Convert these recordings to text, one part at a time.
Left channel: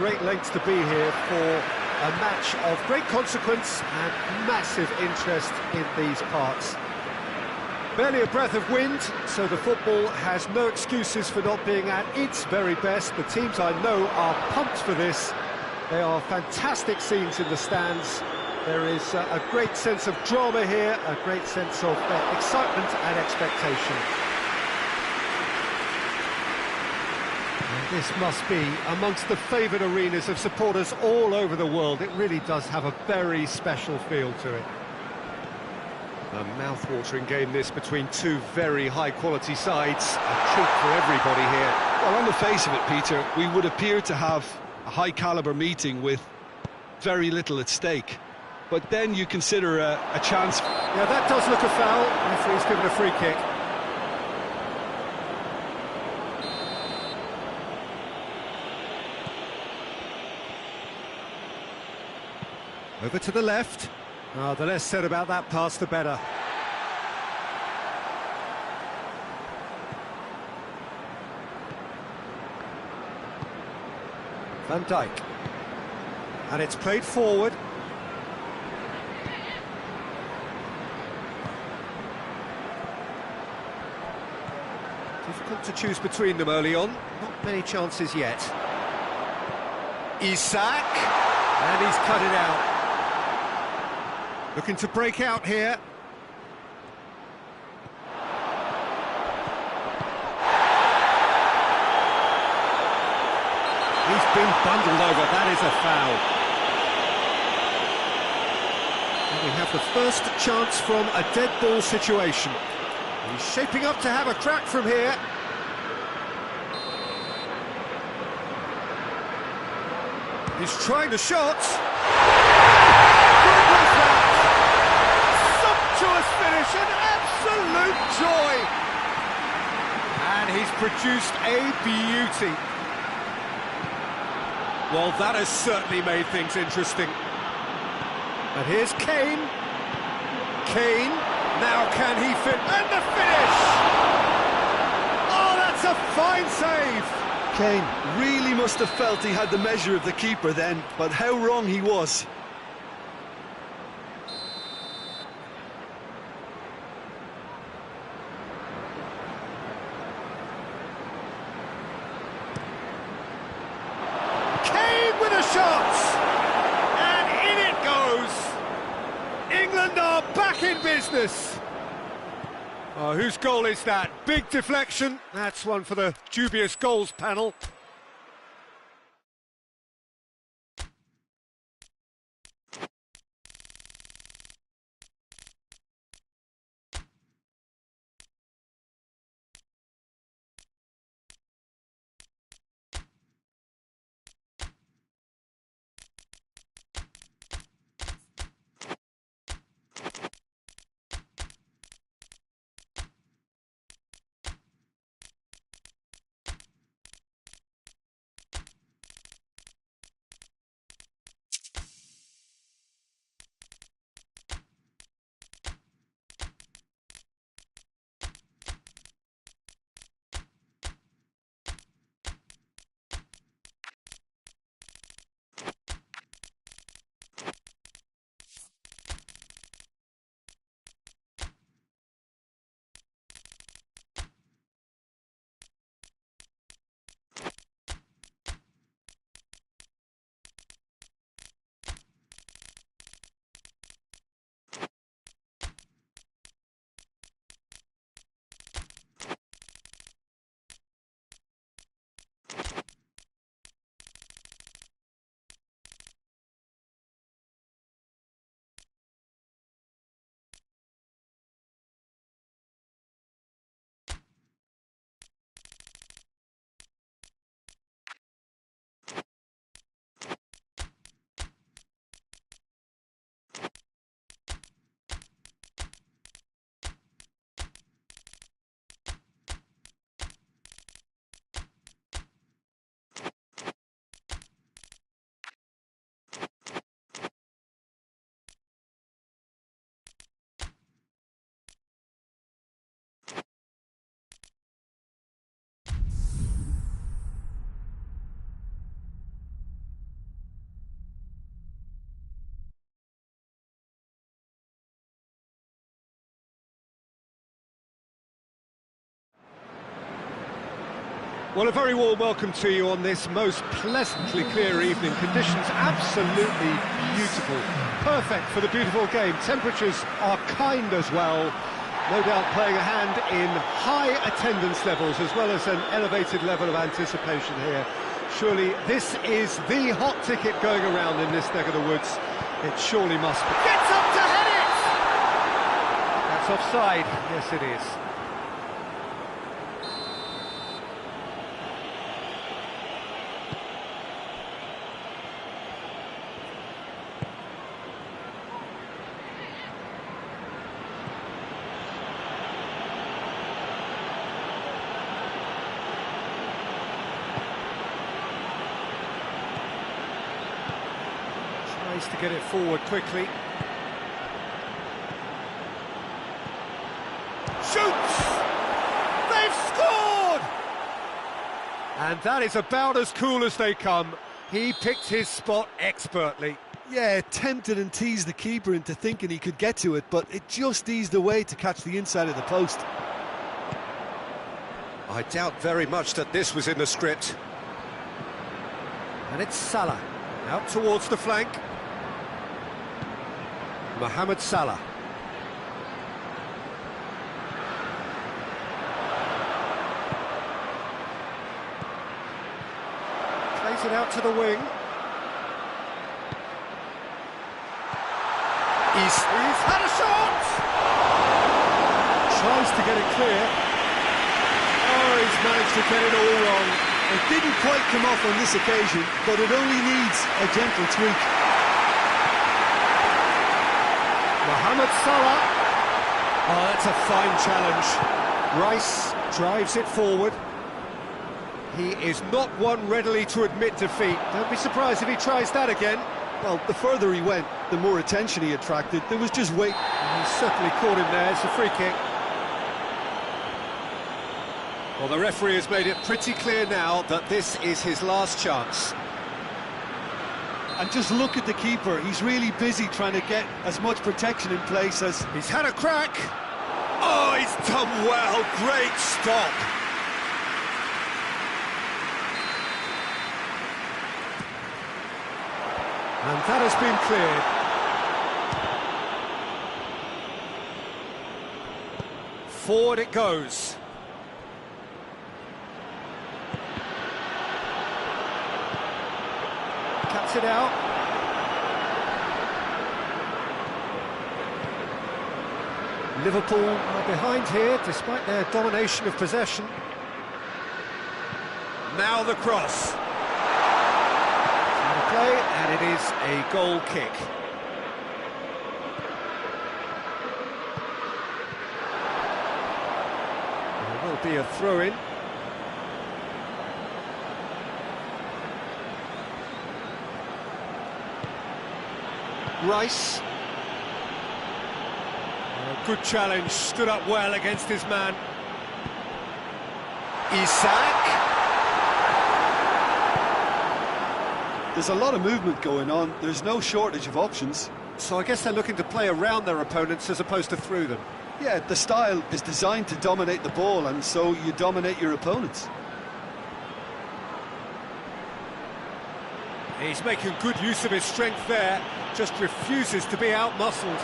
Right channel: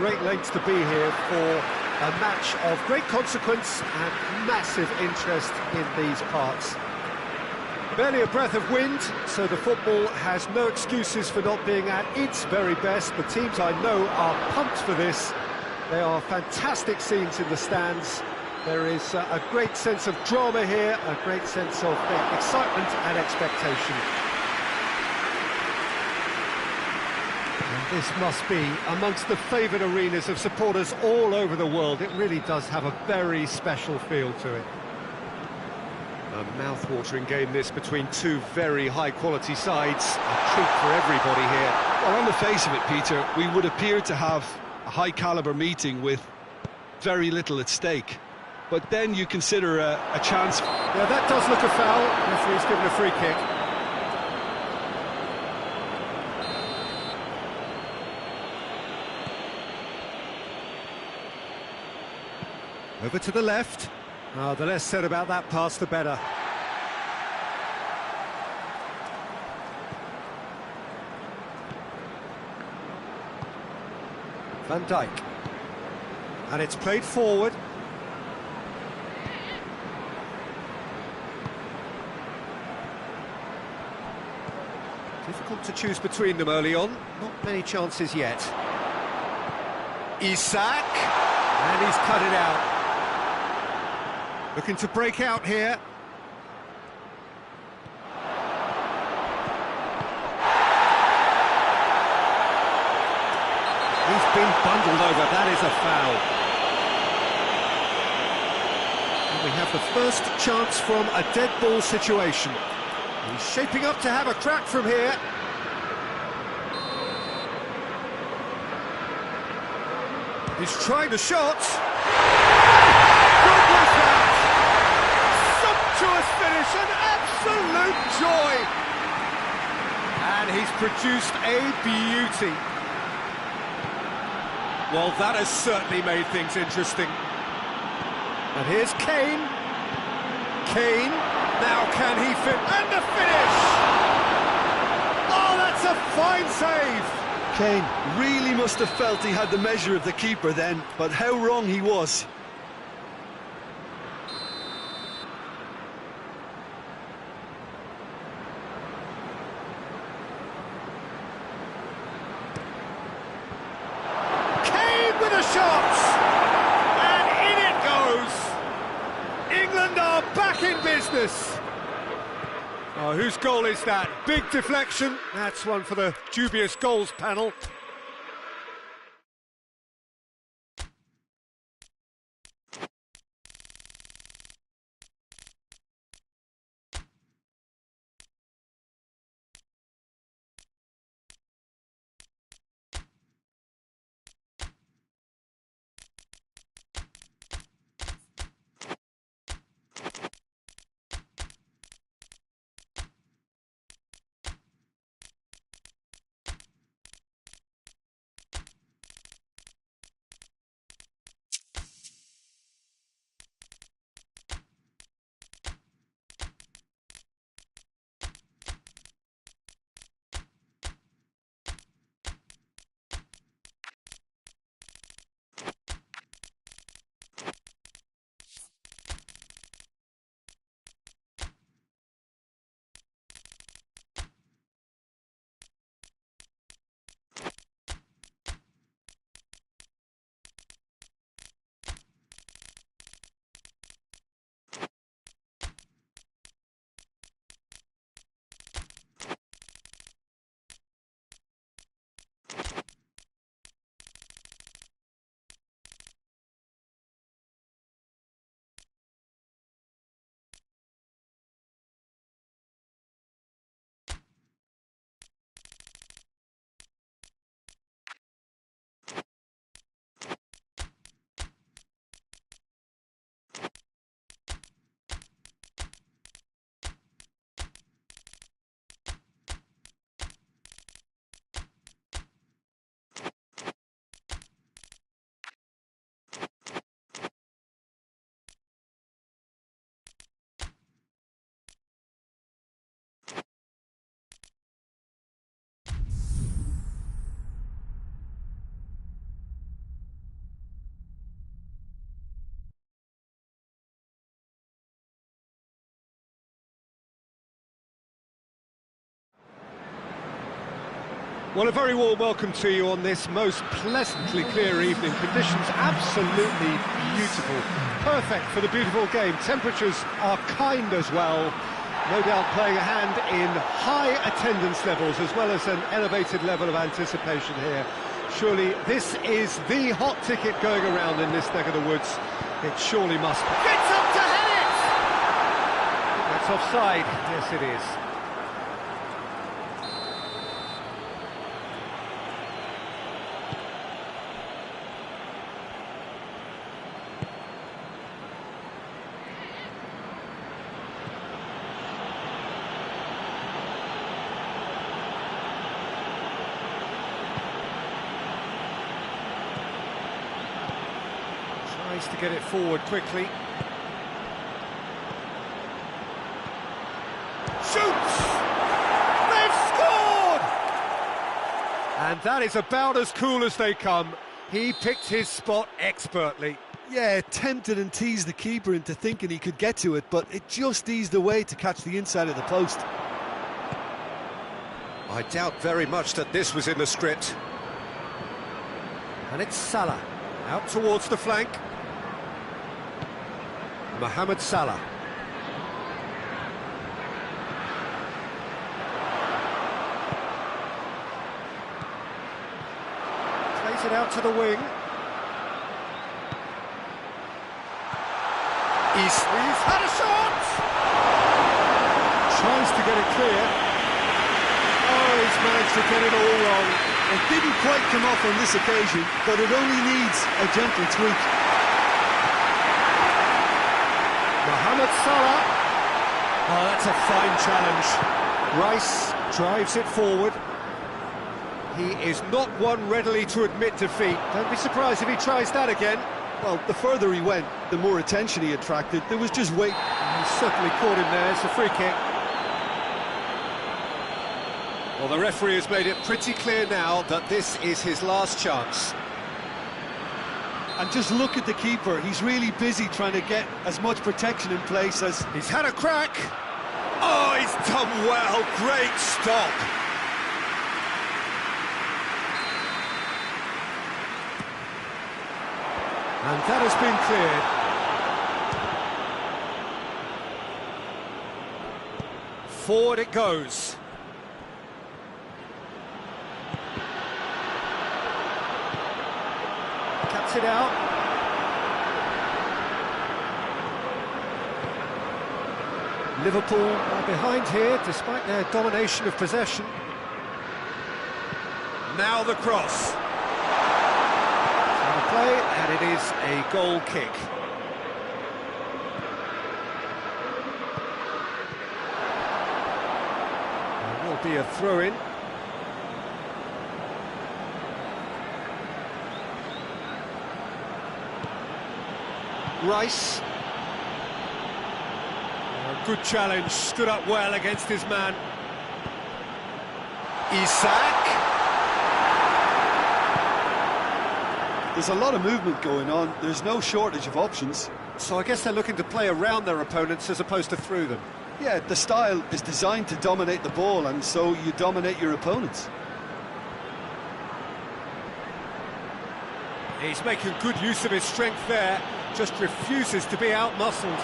great lengths to be here for a match of great consequence and massive interest in these parts. Barely a breath of wind, so the football has no excuses for not being at its very best. The teams I know are pumped for this. There are fantastic scenes in the stands. There is a great sense of drama here, a great sense of excitement and expectation. And this must be amongst the favoured arenas of supporters all over the world. It really does have a very special feel to it. A mouth-watering game this between two very high-quality sides. A treat for everybody here. Well, on the face of it, Peter, we would appear to have a high-caliber meeting with very little at stake. But then you consider a chance... Yeah, that does look a foul. Referee's given a free kick. Over to the left. Oh, the less said about that pass, the better. Van Dijk. And it's played forward. Difficult to choose between them early on. Not many chances yet. Isak. And he's cut it out. Looking to break out here. He's been bundled over, that is a foul. And we have the first chance from a dead ball situation. He's shaping up to have a crack from here. He's trying the shot. Good was that! Sumptuous finish, an absolute joy! And he's produced a beauty. Well, that has certainly made things interesting. And here's Kane. Kane, now can he fit? And the finish! Oh, that's a fine save! Kane really must have felt he had the measure of the keeper then, but how wrong he was. With a shot, and in it goes. England are back in business. Oh, whose goal is that? Big deflection. That's one for the dubious goals panel. Well, a very warm welcome to you on this most pleasantly clear evening. Conditions absolutely beautiful. Perfect for the beautiful game. Temperatures are kind as well. No doubt playing a hand in high attendance levels as well as an elevated level of anticipation here. Surely this is the hot ticket going around in this neck of the woods. It surely must be. Gets up to head it! That's offside. Yes, it is. Tries to get it forward quickly. Shoots! They've scored! And that is about as cool as they come. He picked his spot expertly. Yeah, tempted and teased the keeper into thinking he could get to it, but it just eased away to catch the inside of the post. I doubt very much that this was in the script. And it's Salah, out towards the flank. Mohamed Salah. Plays it out to the wing. He's had a shot! Tries to get it clear. Oh, he's managed to get it all wrong. It didn't quite come off on this occasion, but it only needs a gentle tweak. Mohamed Salah. Oh, that's a fine challenge. Rice drives it forward. He is not one readily to admit defeat. Don't be surprised if he tries that again. Well, the further he went, the more attention he attracted. There was just weight. He certainly caught him there. It's a free kick. Well, the referee has made it pretty clear now that this is his last chance. And just look at the keeper. He's really busy trying to get as much protection in place as... He's had a crack. Oh, he's done well. Great stop. And that has been cleared. Forward it goes. Cuts it out. Liverpool are behind here, despite their domination of possession. Now the cross. Out of play, and it is a goal kick. There will be a throw-in. Rice. Good challenge, stood up well against his man. Isak. There's a lot of movement going on. There's no shortage of options. So I guess they're looking to play around their opponents as opposed to through them. Yeah, the style is designed to dominate the ball, and so you dominate your opponents. He's making good use of his strength there, just refuses to be out-muscled.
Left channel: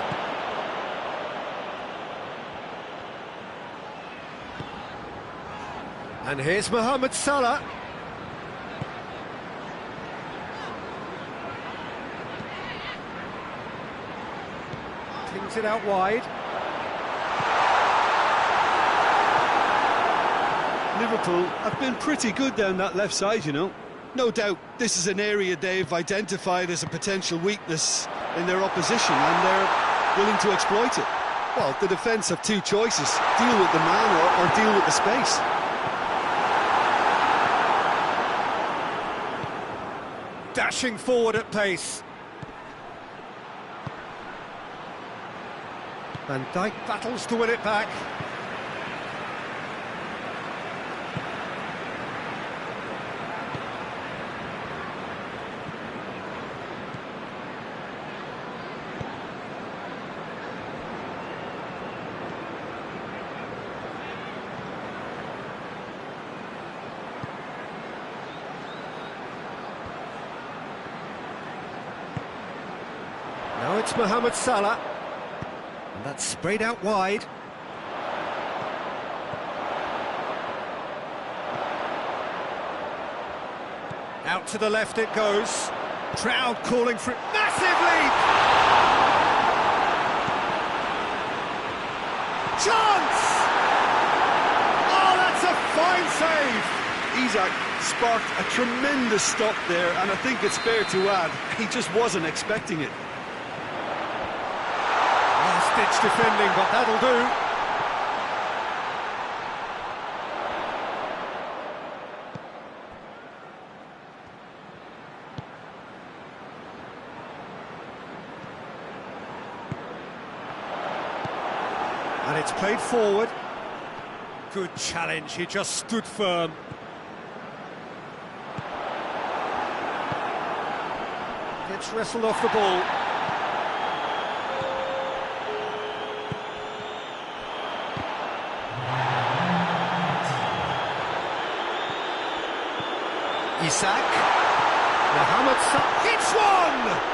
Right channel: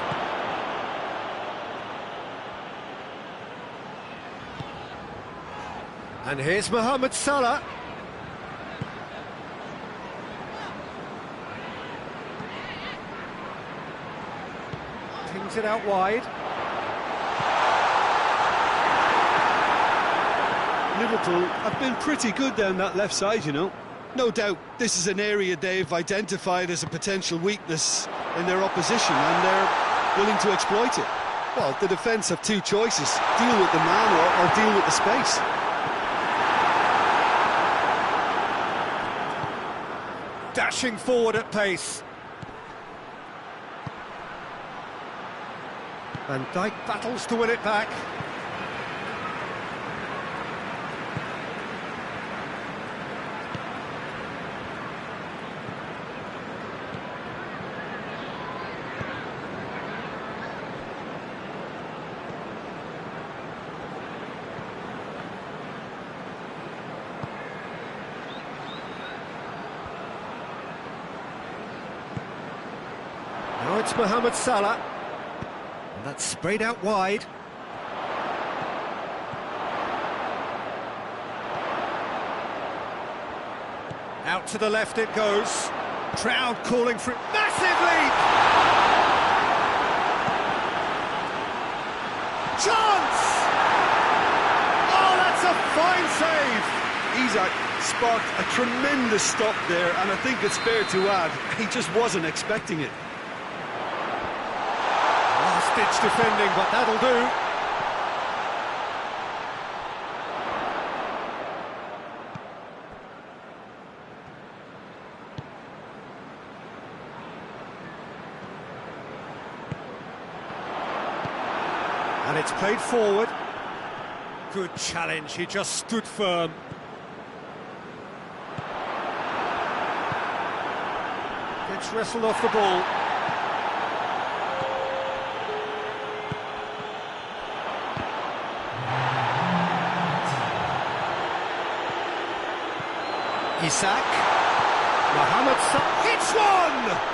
And here's Mohamed Salah. Pings it out wide. Liverpool have been pretty good down that left side, you know. No doubt this is an area they've identified as a potential weakness in their opposition, and they're willing to exploit it. Well, the defence have two choices: deal with the man or deal with the space. Dashing forward at pace. Van Dijk battles to win it back. Now it's Mohamed Salah. And that's sprayed out wide. Out to the left it goes. Crowd calling for it. Massive lead! Chance! Oh, that's a fine save! Isak sparked a tremendous stop there, and I think it's fair to add, he just wasn't expecting it. Last-ditch defending, but that'll do. And it's played forward. Good challenge, he just stood firm. Gets wrestled off the ball. Isak. Mohamed Salah hits one!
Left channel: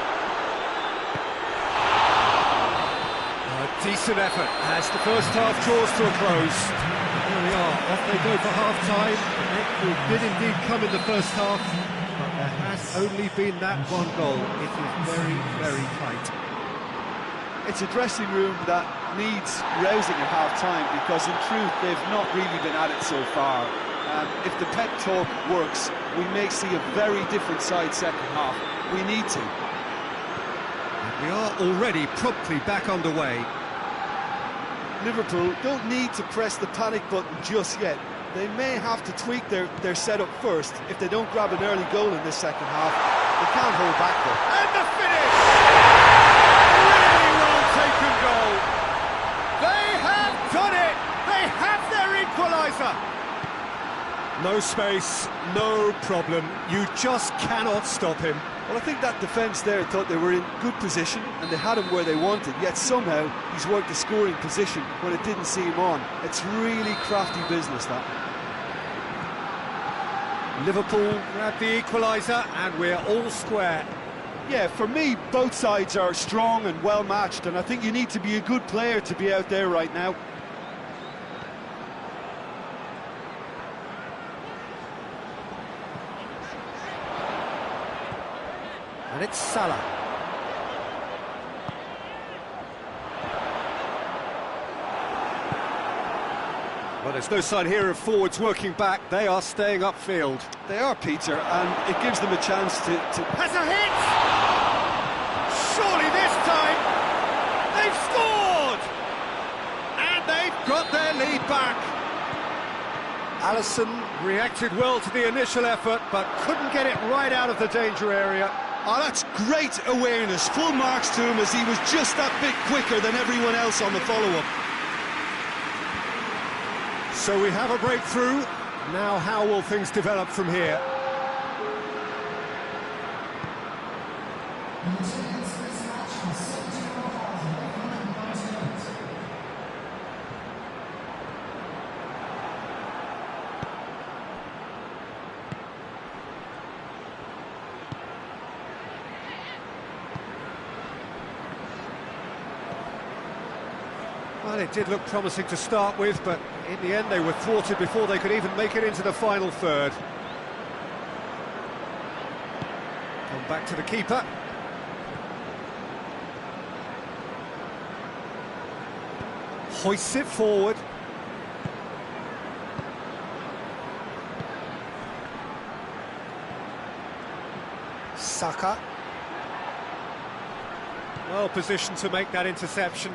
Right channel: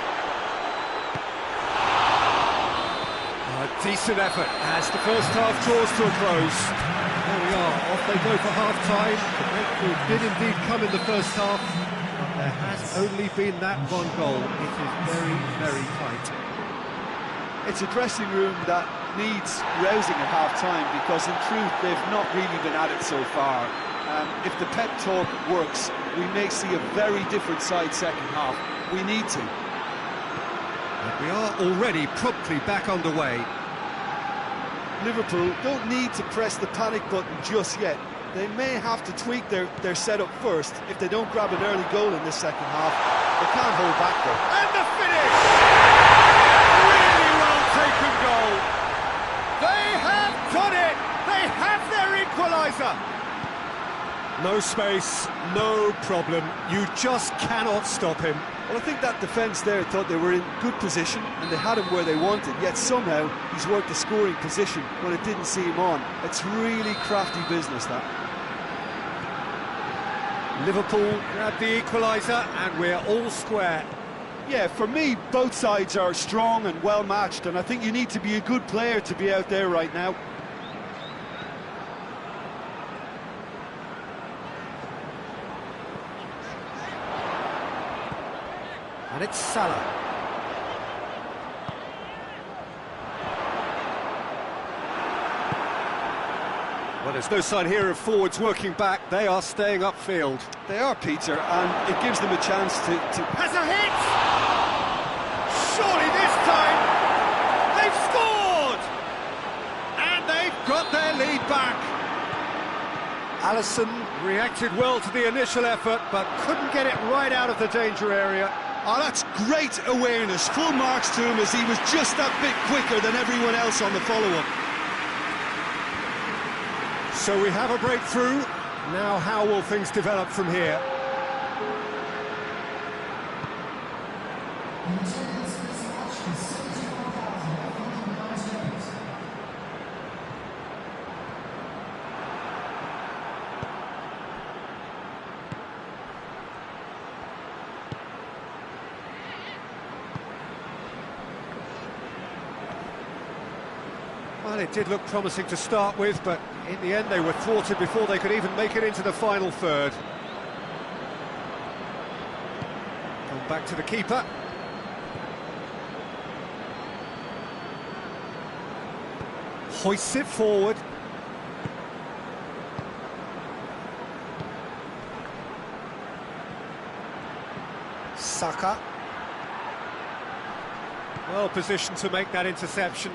A decent effort as the first half draws to a close. There we are, off they go for half-time. The breakthrough did indeed come in the first half, but there has only been that one goal. It is very, very tight. It's a dressing room that needs rousing at half-time, because in truth they've not really been at it so far. If the pep talk works, we may see a very different side second half. We need to. And we are already promptly back underway. Liverpool don't need to press the panic button just yet. They may have to tweak their setup first. If they don't grab an early goal in this second half, they can't hold back though. And the finish! Really well taken goal. They have done it! They have their equaliser! No space, no problem. You just cannot stop him. Well, I think that defence there thought they were in good position and they had him where they wanted, yet somehow he's worked the scoring position when it didn't see him on. It's really crafty business, that. Liverpool grab the equaliser and we're all square. Yeah, for me, both sides are strong and well matched, and I think you need to be a good player to be out there right now. And it's Salah. Well, there's no sign here of forwards working back. They are staying upfield. They are, Peter, and it gives them a chance to... Has a hit! Surely this time they've scored! And they've got their lead back. Alisson reacted well to the initial effort, but couldn't get it right out of the danger area. Oh, that's great awareness. Full marks to him, as he was just that bit quicker than everyone else on the follow-up. So we have a breakthrough. Now how will things develop from here? Well, it did look promising to start with, but in the end they were thwarted before they could even make it into the final third. Come back to the keeper. Hoists it forward. Saka. Well positioned to make that interception.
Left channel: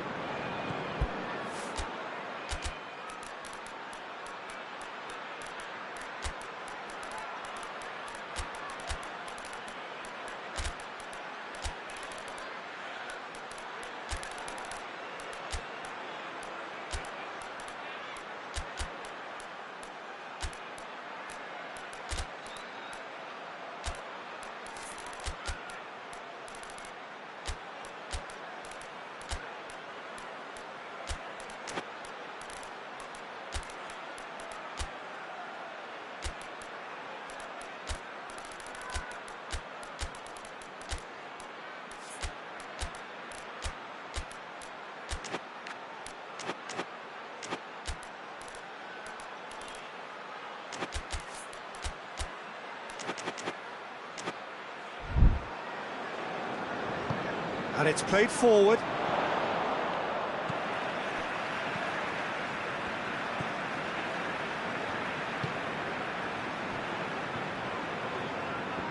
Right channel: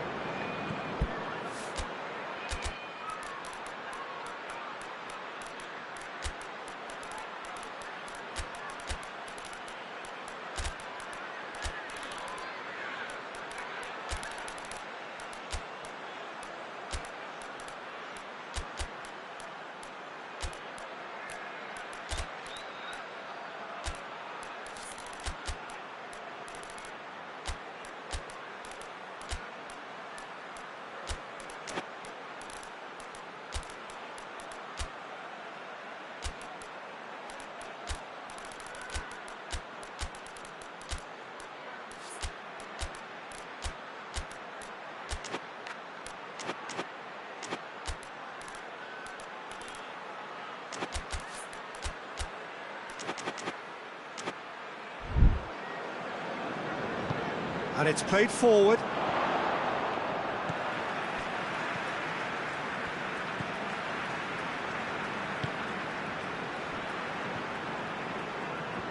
And it's played forward.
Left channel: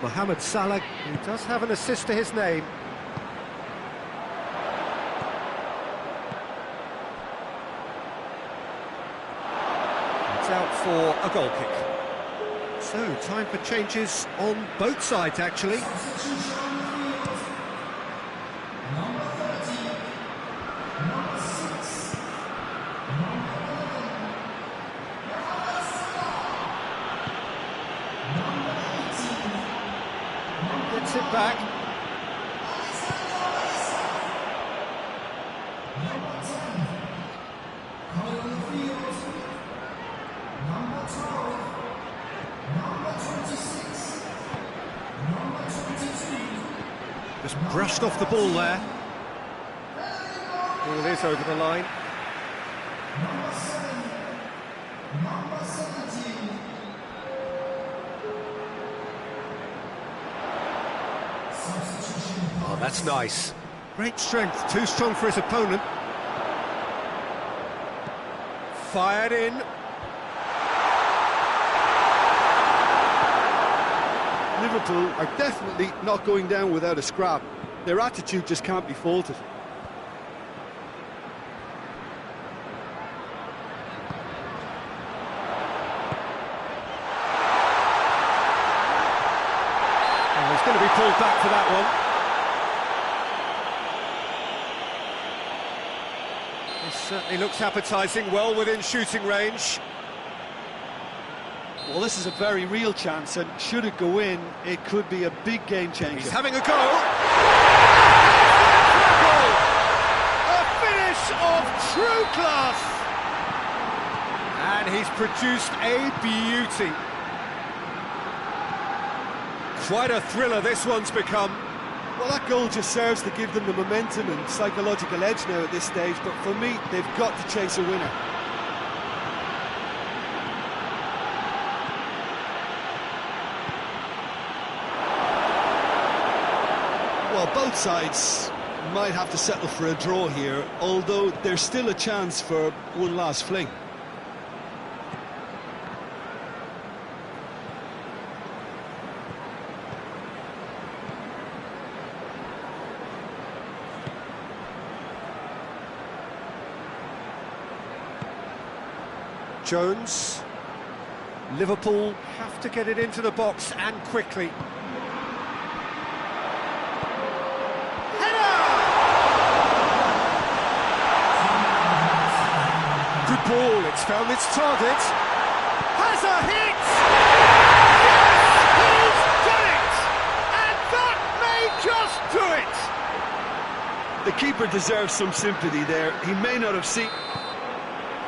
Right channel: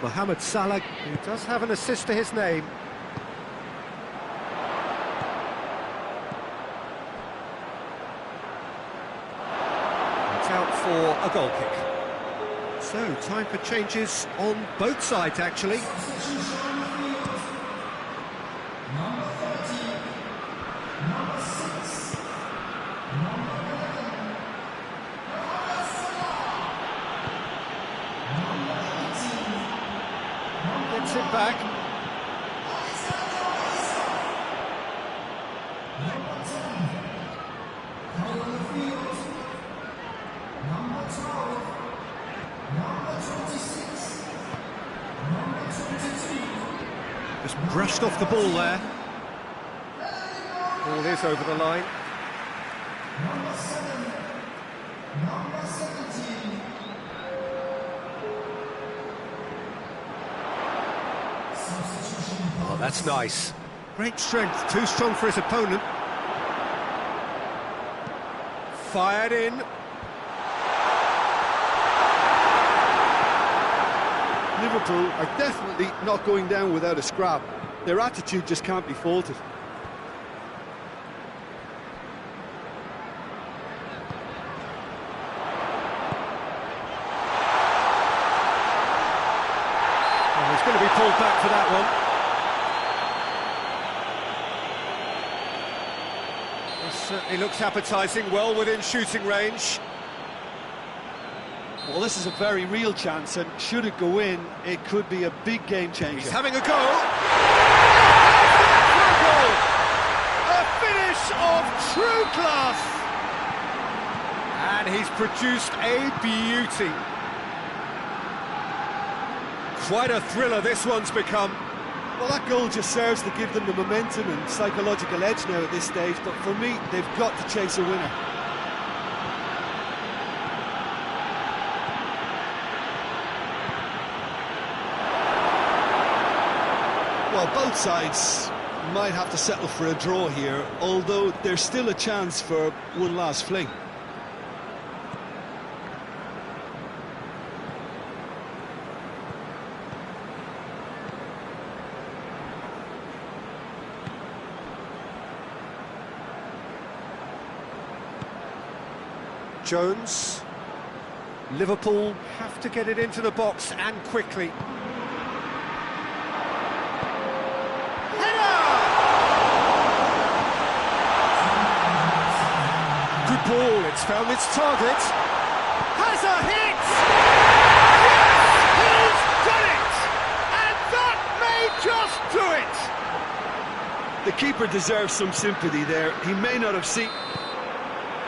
Mohamed Salah, who does have an assist to his name. It's out for a goal kick. So, time for changes on both sides, actually. Gets it back. Just brushed off the ball there. Ball is over the line. Oh, that's nice. Great strength, too strong for his opponent. Fired in. Liverpool are definitely not going down without a scrap. Their attitude just can't be faulted. Oh, he's going to be pulled back for that one. This certainly looks appetising, well within shooting range. Well, this is a very real chance, and should it go in, it could be a big game changer. He's having a go. A finish of true class. And he's produced a beauty. Quite a thriller this one's become. Well, that goal just serves to give them the momentum and psychological edge now at this stage, but for me, they've got to chase a winner. Well, both sides might have to settle for a draw here, although there's still a chance for one last fling. Jones. Liverpool have to get it into the box and quickly. Good ball, it's found its target. Has a hit! Yes, he's done it! And that may just do it! The keeper deserves some sympathy there. He may not have seen...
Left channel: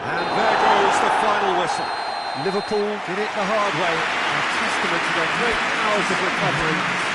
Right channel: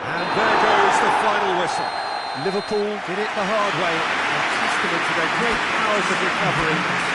And there goes the final whistle. Liverpool did it the hard way, a testament to their great powers of recovery.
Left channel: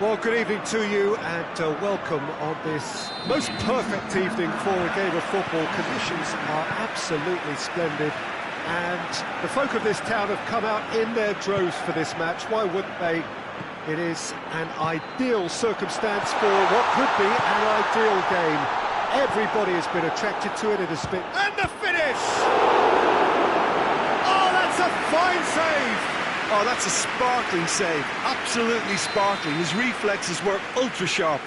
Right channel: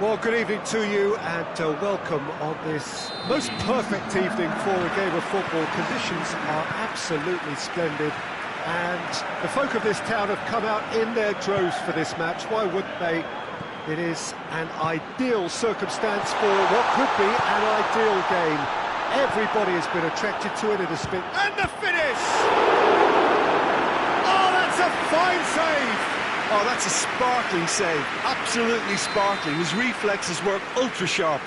Well, good evening to you and welcome on this most perfect evening for a game of football. Conditions are absolutely splendid and the folk of this town have come out in their droves for this match. Why wouldn't they? It is an ideal circumstance for what could be an ideal game. Everybody has been attracted to it. It has been... And the finish! Oh, that's a fine save! Oh, that's a sparkling save, absolutely sparkling. His reflexes work ultra sharp.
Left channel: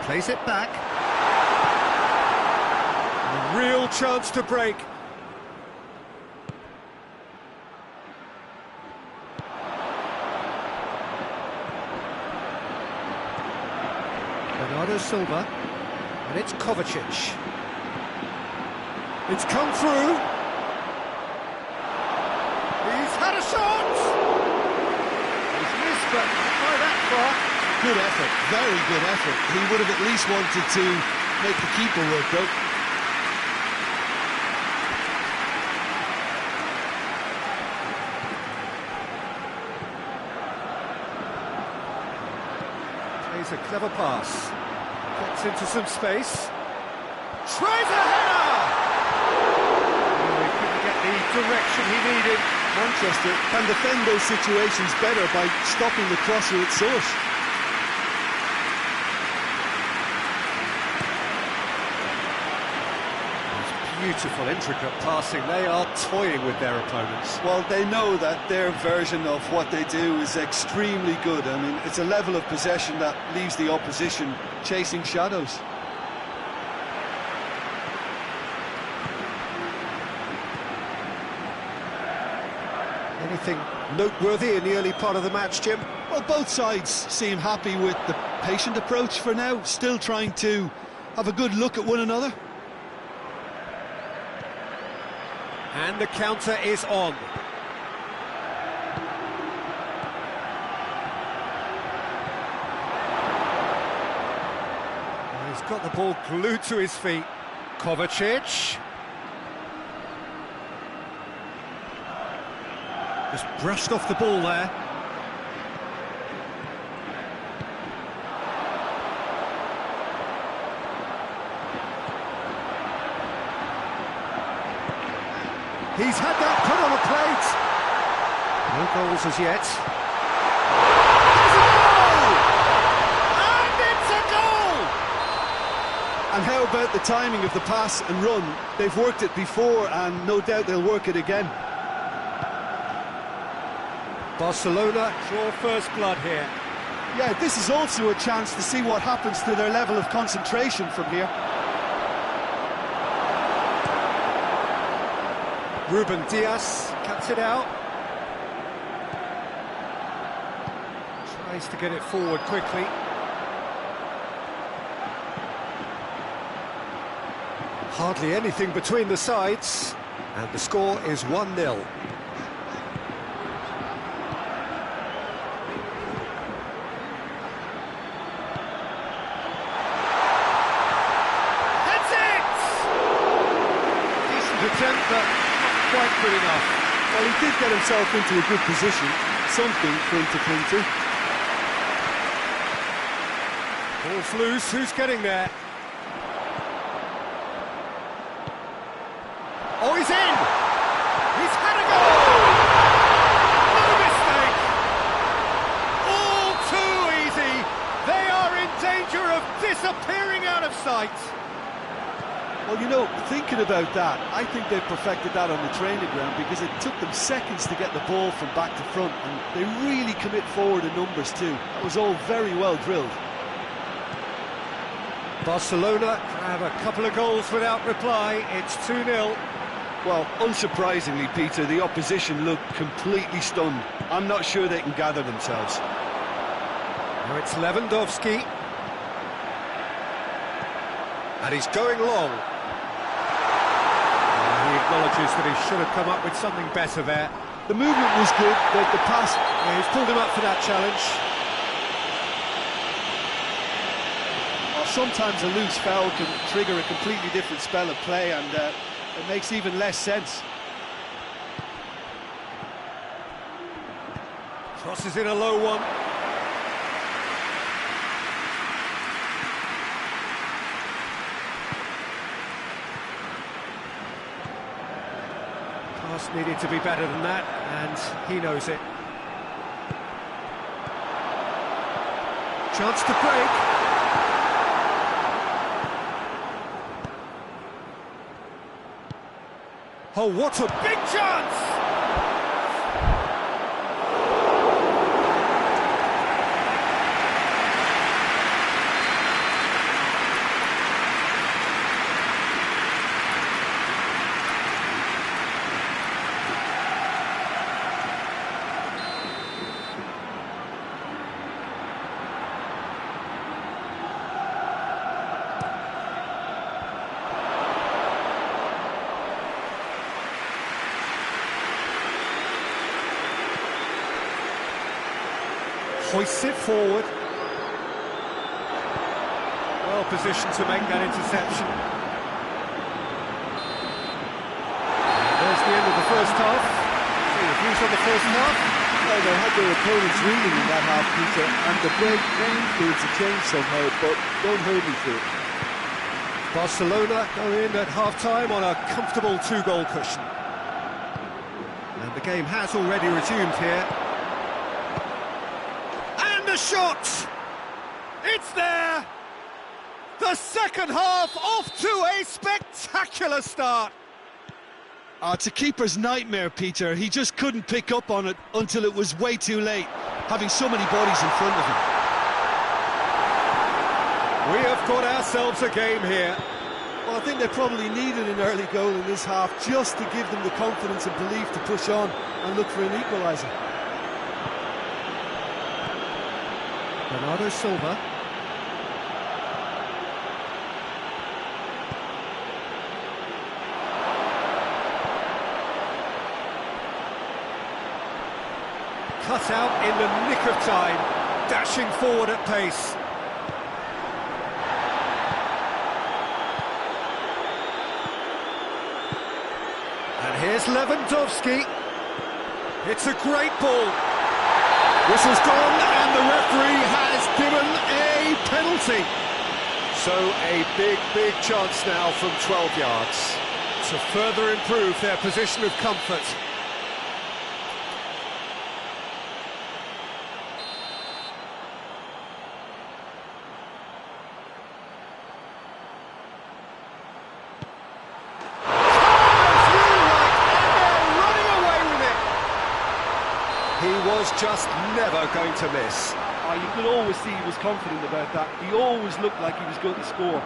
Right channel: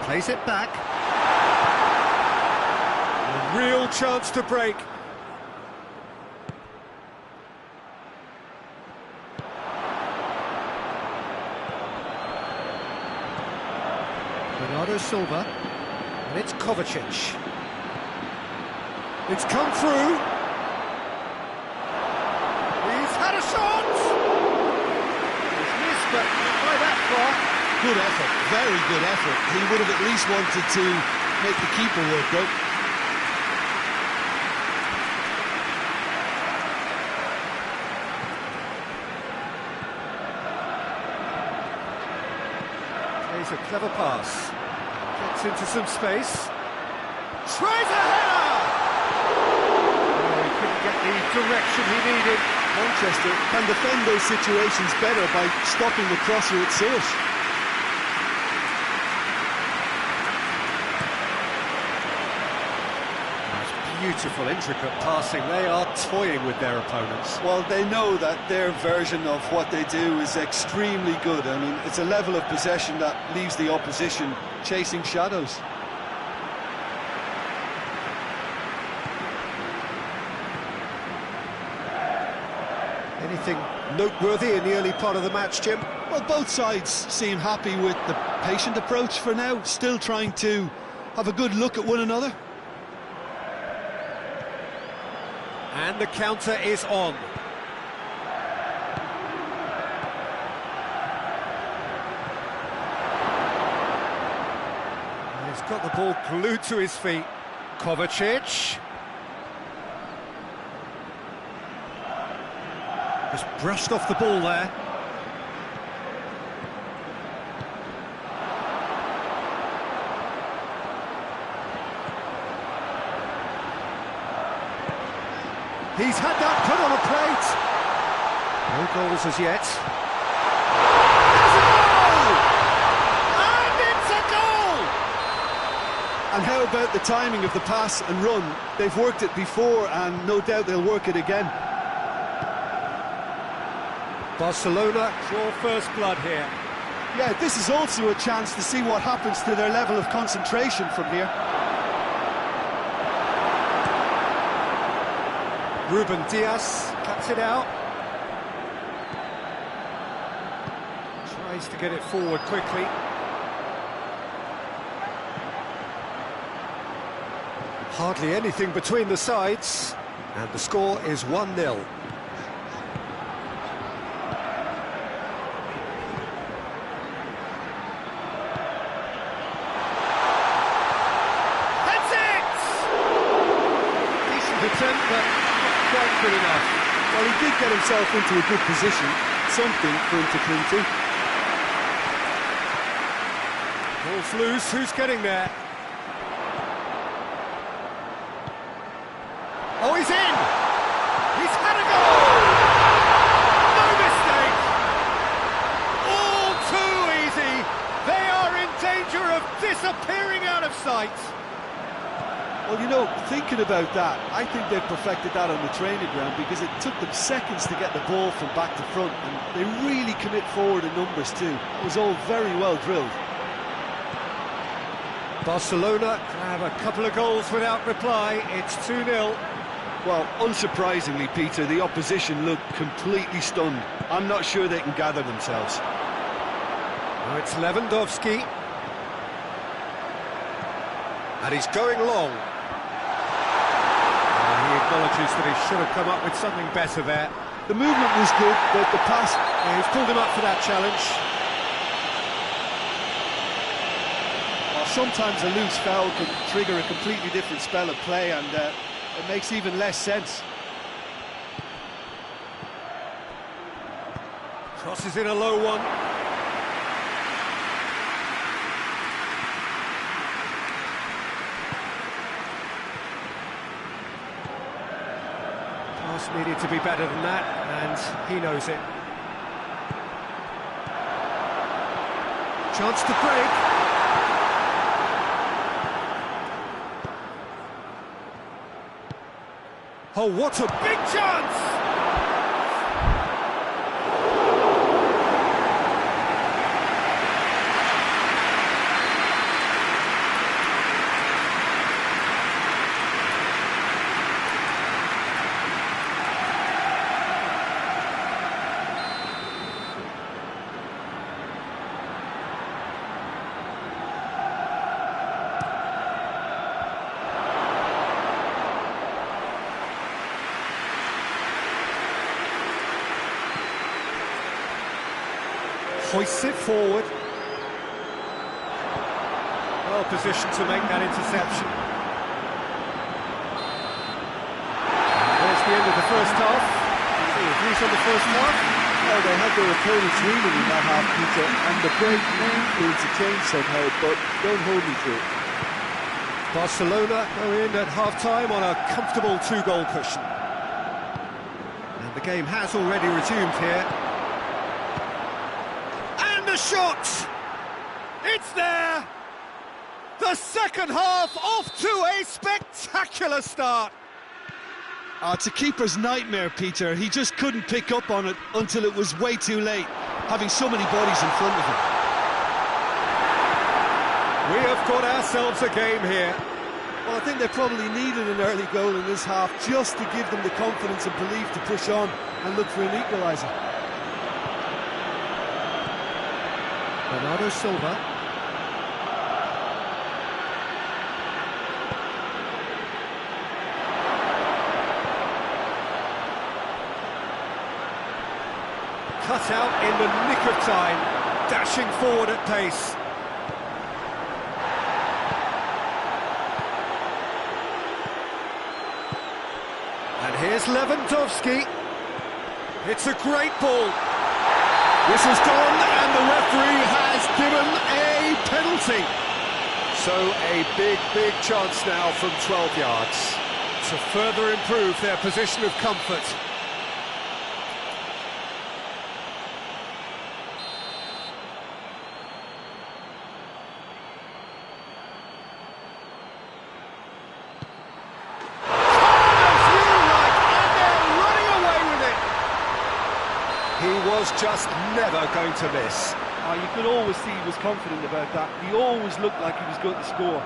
Plays it back. A real chance to break. Bernardo Silva, and it's Kovacic. It's come through. He's had a shot. He's missed, but not by that far. Good effort, very good effort. He would have at least wanted to make the keeper work, though. Plays a clever pass, gets into some space, tries a header! Oh, he couldn't get the direction he needed. Manchester can defend those situations better by stopping the crosser at source. Beautiful, intricate passing. They are toying with their opponents. Well, they know that their version of what they do is extremely good. I mean, it's a level of possession that leaves the opposition chasing shadows. Anything noteworthy in the early part of the match, Jim? Well, both sides seem happy with the patient approach for now, still trying to have a good look at one another. And the counter is on. He's got the ball glued to his feet. Kovacic. Just brushed off the ball there. He's had that put on a plate. No goals as yet. There's a goal! And it's a goal! And how about the timing of the pass and run? They've worked it before and no doubt they'll work it again. Barcelona draw first blood here. Yeah, this is also a chance to see what happens to their level of concentration from here. Ruben Diaz cuts it out. Tries to get it forward quickly. Hardly anything between the sides. And the score is 1-0. That's it! Decent attempt, but quite good enough. Well, he did get himself into a good position, something for him to cling to. Ball's loose, who's getting there? Oh, he's in! He's had a goal! No mistake! All too easy! They are in danger of disappearing out of sight! Well, you know, thinking about that, I think they've perfected that on the training ground because it took them seconds to get the ball from back to front and they really commit forward in numbers too. That was all very well drilled. Barcelona grab a couple of goals without reply. It's 2-0. Well, unsurprisingly, Peter, the opposition look completely stunned. I'm not sure they can gather themselves. Now it's Lewandowski. And he's going long. He acknowledges that he should have come up with something better there. The movement was good, but the pass... Yeah, he's pulled him up for that challenge. Well, sometimes a loose foul can trigger a completely different spell of play, and it makes even less sense. Crosses in a low one. Pass needed to be better than that, and he knows it. Chance to break. Oh, what a big chance! Hoists it forward. Well positioned to make that interception. And there's the end of the first half. See your views on the first half? Well, they had their opponents reeling in that half, Peter, and the break may influence a change somehow, but don't hold me to it. Barcelona go in at half-time on a comfortable 2-goal cushion. And the game has already resumed here. The shot! It's there! The second half off to a spectacular start! Oh, it's a keeper's nightmare, Peter. He just couldn't pick up on it until it was way too late, having so many bodies in front of him. We have got ourselves a game here. Well, I think they probably needed an early goal in this half just to give them the confidence and belief to push on and look for an equaliser. Bernardo Silva. Cut out in the nick of time, dashing forward at pace. And here's Lewandowski. It's a great ball. Whistle's gone, and the referee has given a penalty. So a big chance now from 12 yards to further improve their position of comfort. He was just never going to miss. Oh, you could always see he was confident about that. He always looked like he was going to score.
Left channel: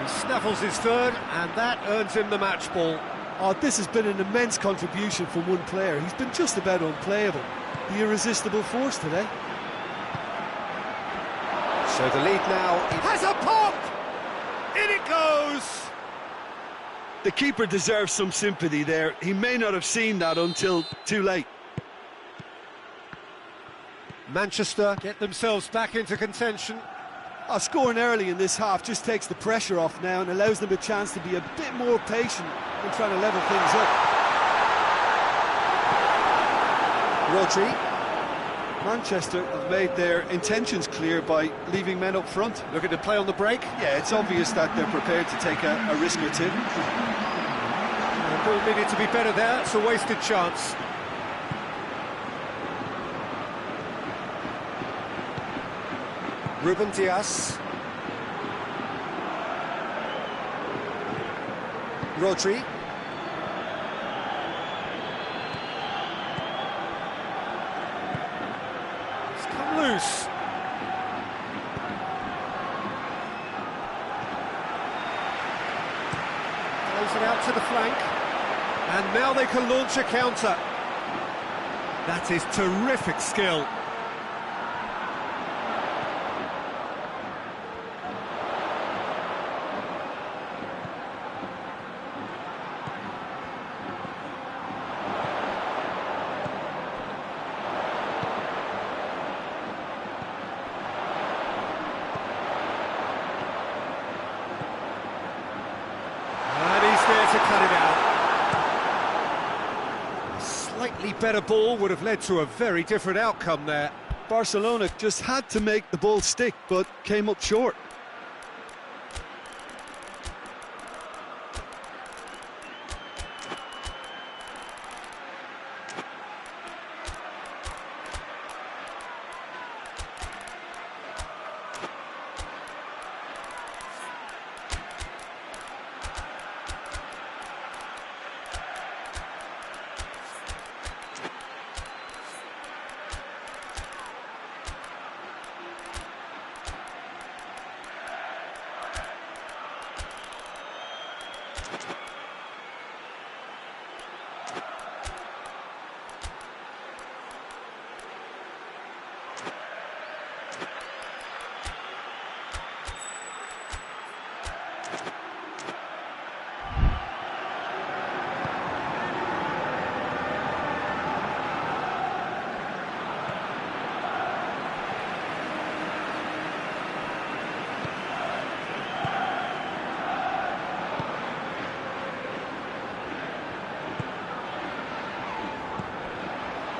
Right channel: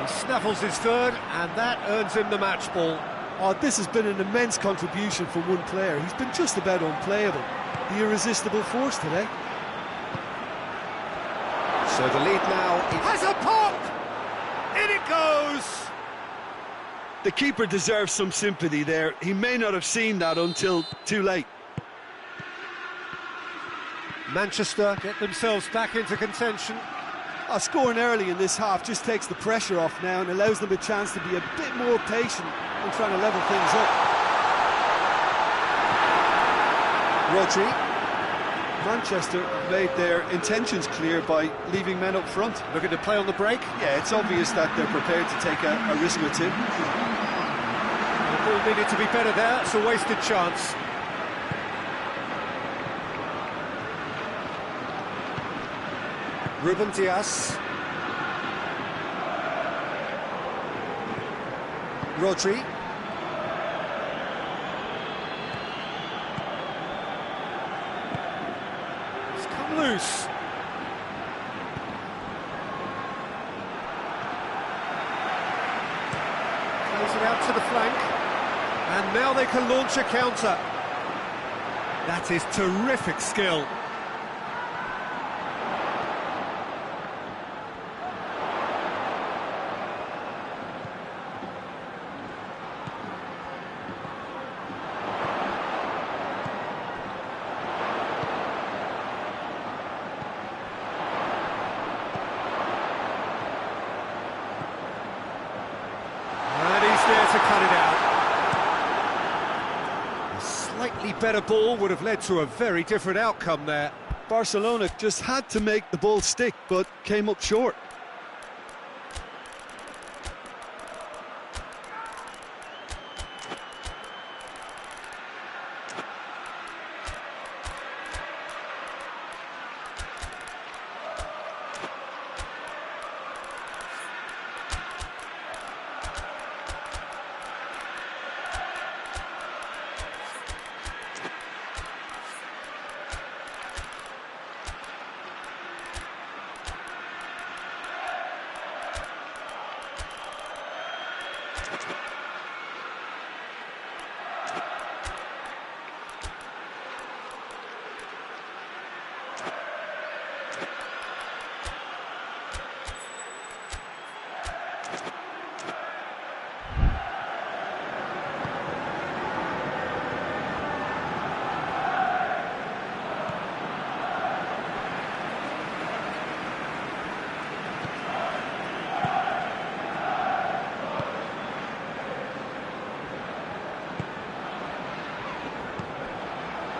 He snaffles his third, and that earns him the match ball. Oh, this has been an immense contribution from one player. He's been just about unplayable. The irresistible force today. So the lead now has a pop! In it goes! The keeper deserves some sympathy there. He may not have seen that until too late. Manchester get themselves back into contention. Scoring early in this half just takes the pressure off now and allows them a chance to be a bit more patient in trying to level things up. Rodri. Manchester have made their intentions clear by leaving men up front. Looking to play on the break. Yeah, it's obvious that they're prepared to take a risk or two. The ball needed to be better there. It's a wasted chance. Ruben Dias. Rodri. It's come loose. Plays it out to the flank. And now they can launch a counter. That is terrific skill. to cut it out. A slightly better ball would have led to a very different outcome there. Barcelona just had to make the ball stick, but came up short.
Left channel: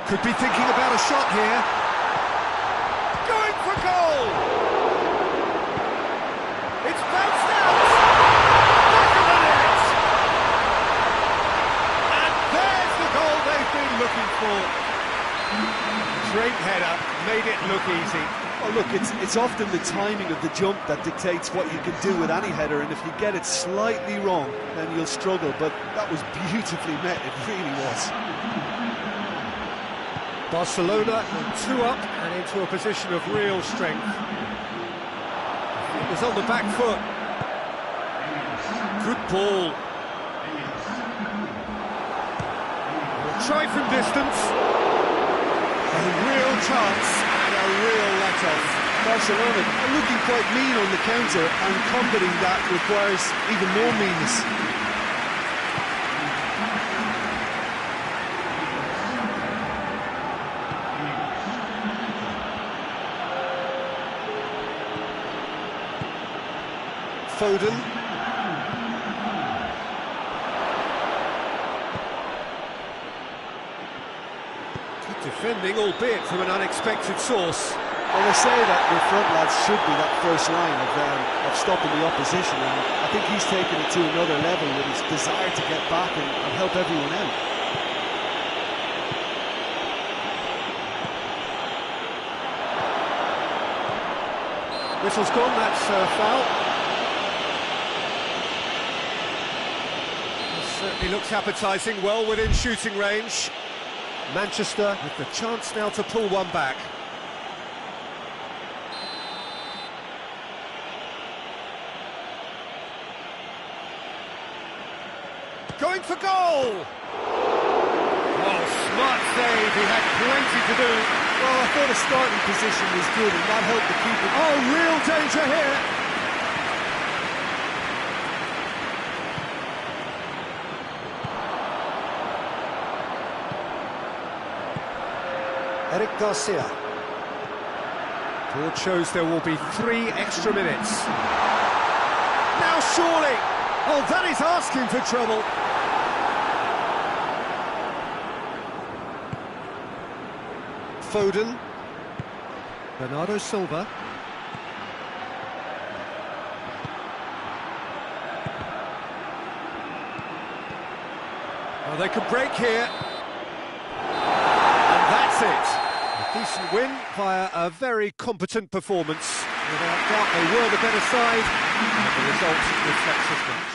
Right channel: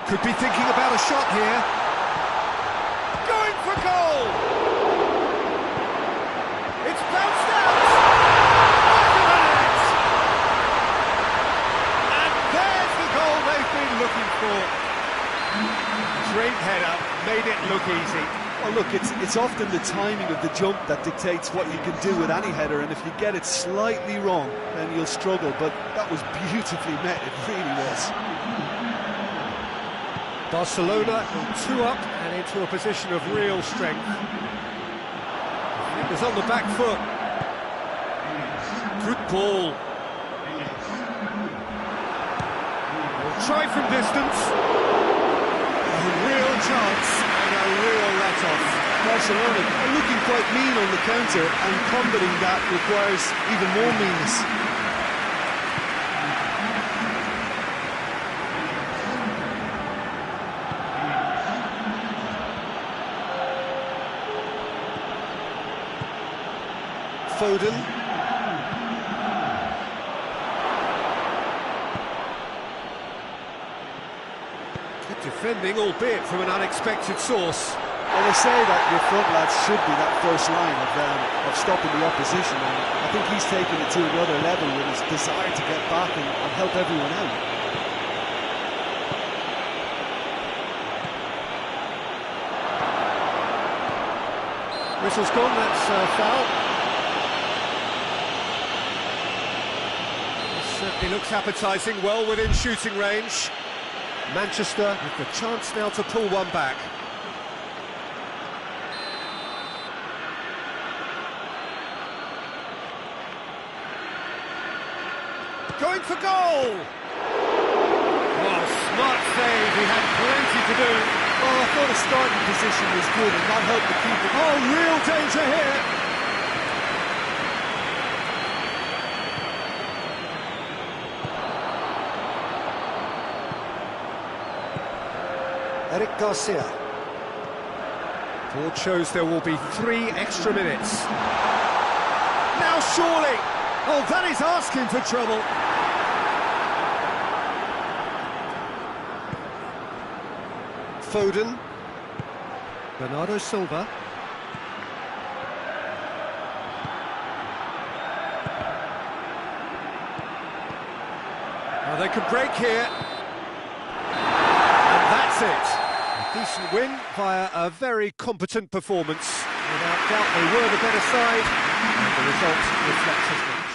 Could be thinking about a shot here. Going for goal! It's bounced out! Back of the net! And there's the goal they've been looking for. Straight header, made it look easy. Well, look, it's often the timing of the jump that dictates what you can do with any header, and if you get it slightly wrong, then you'll struggle, but that was beautifully met, it really was. Barcelona go 2 up and into a position of real strength. Defenders on the back foot. Good ball. They'll try from distance. A real chance and a real let-off. Barcelona are looking quite mean on the counter, and combating that requires even more meanness. Foden. Good defending, albeit from an unexpected source. Well, they say that your front lads should be that first line of stopping the opposition, and I think he's taken it to another level with his desire to get back and help everyone out. Whistle's gone, that's a foul. Certainly looks appetising, well within shooting range. Manchester with the chance now to pull one back. Going for goal! Oh, smart save, he had plenty to do. Well, I thought his starting position was good and that helped the keeper. Oh, real danger here! Eric Garcia. Board shows there will be 3 extra minutes. Now surely! Oh, that is asking for trouble. Foden. Bernardo Silva. Oh, they could break here. And that's it. A decent win via a very competent performance. Without doubt, they were the better side, and the result reflects as much.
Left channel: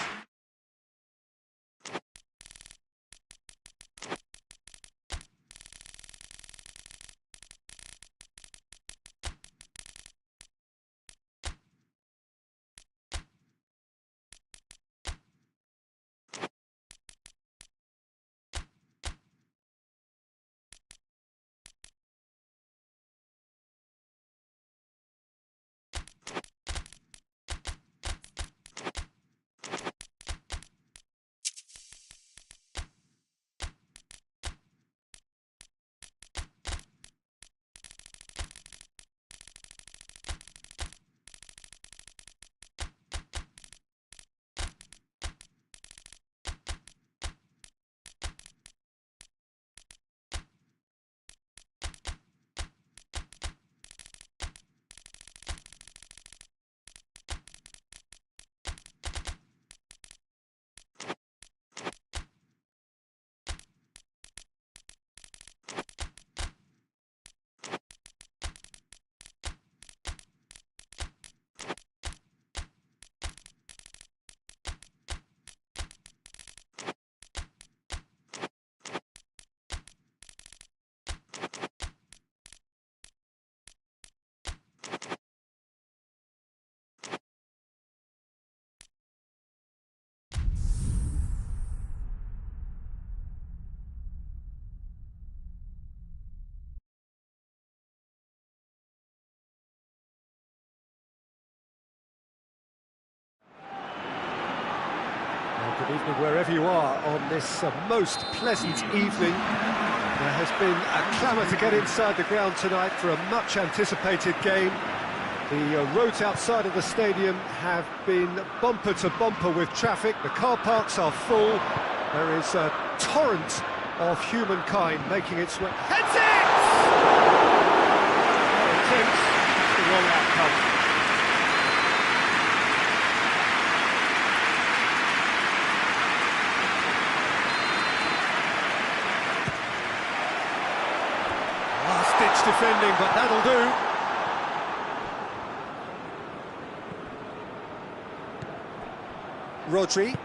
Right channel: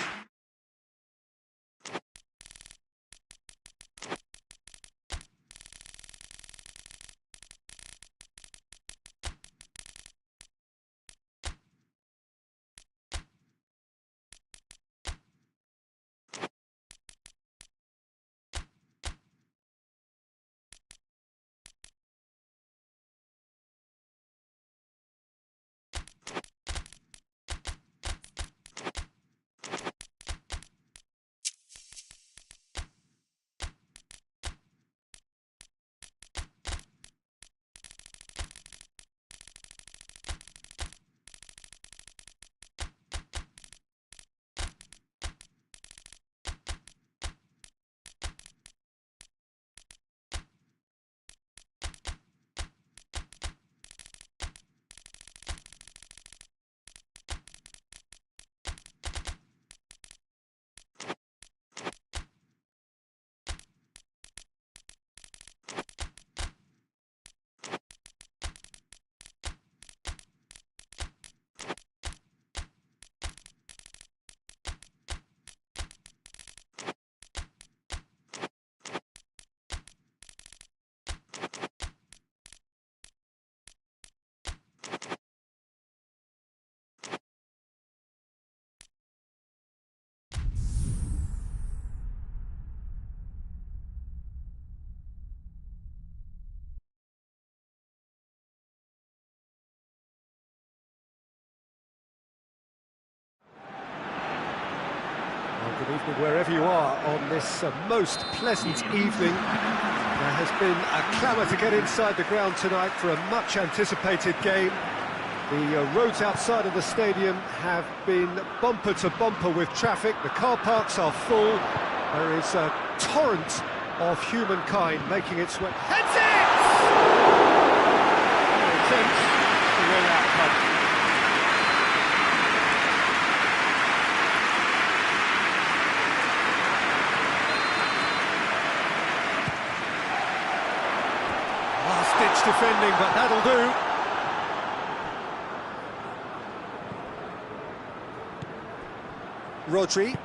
Good evening wherever you are on this most pleasant evening. There has been a clamour to get inside the ground tonight for a much-anticipated game. The roads outside of the stadium have been bumper to bumper with traffic. The car parks are full. There is a torrent of humankind making its way. Heads it! Oh, attempts. The wrong outcome. Last-ditch defending, but that'll do. Rodri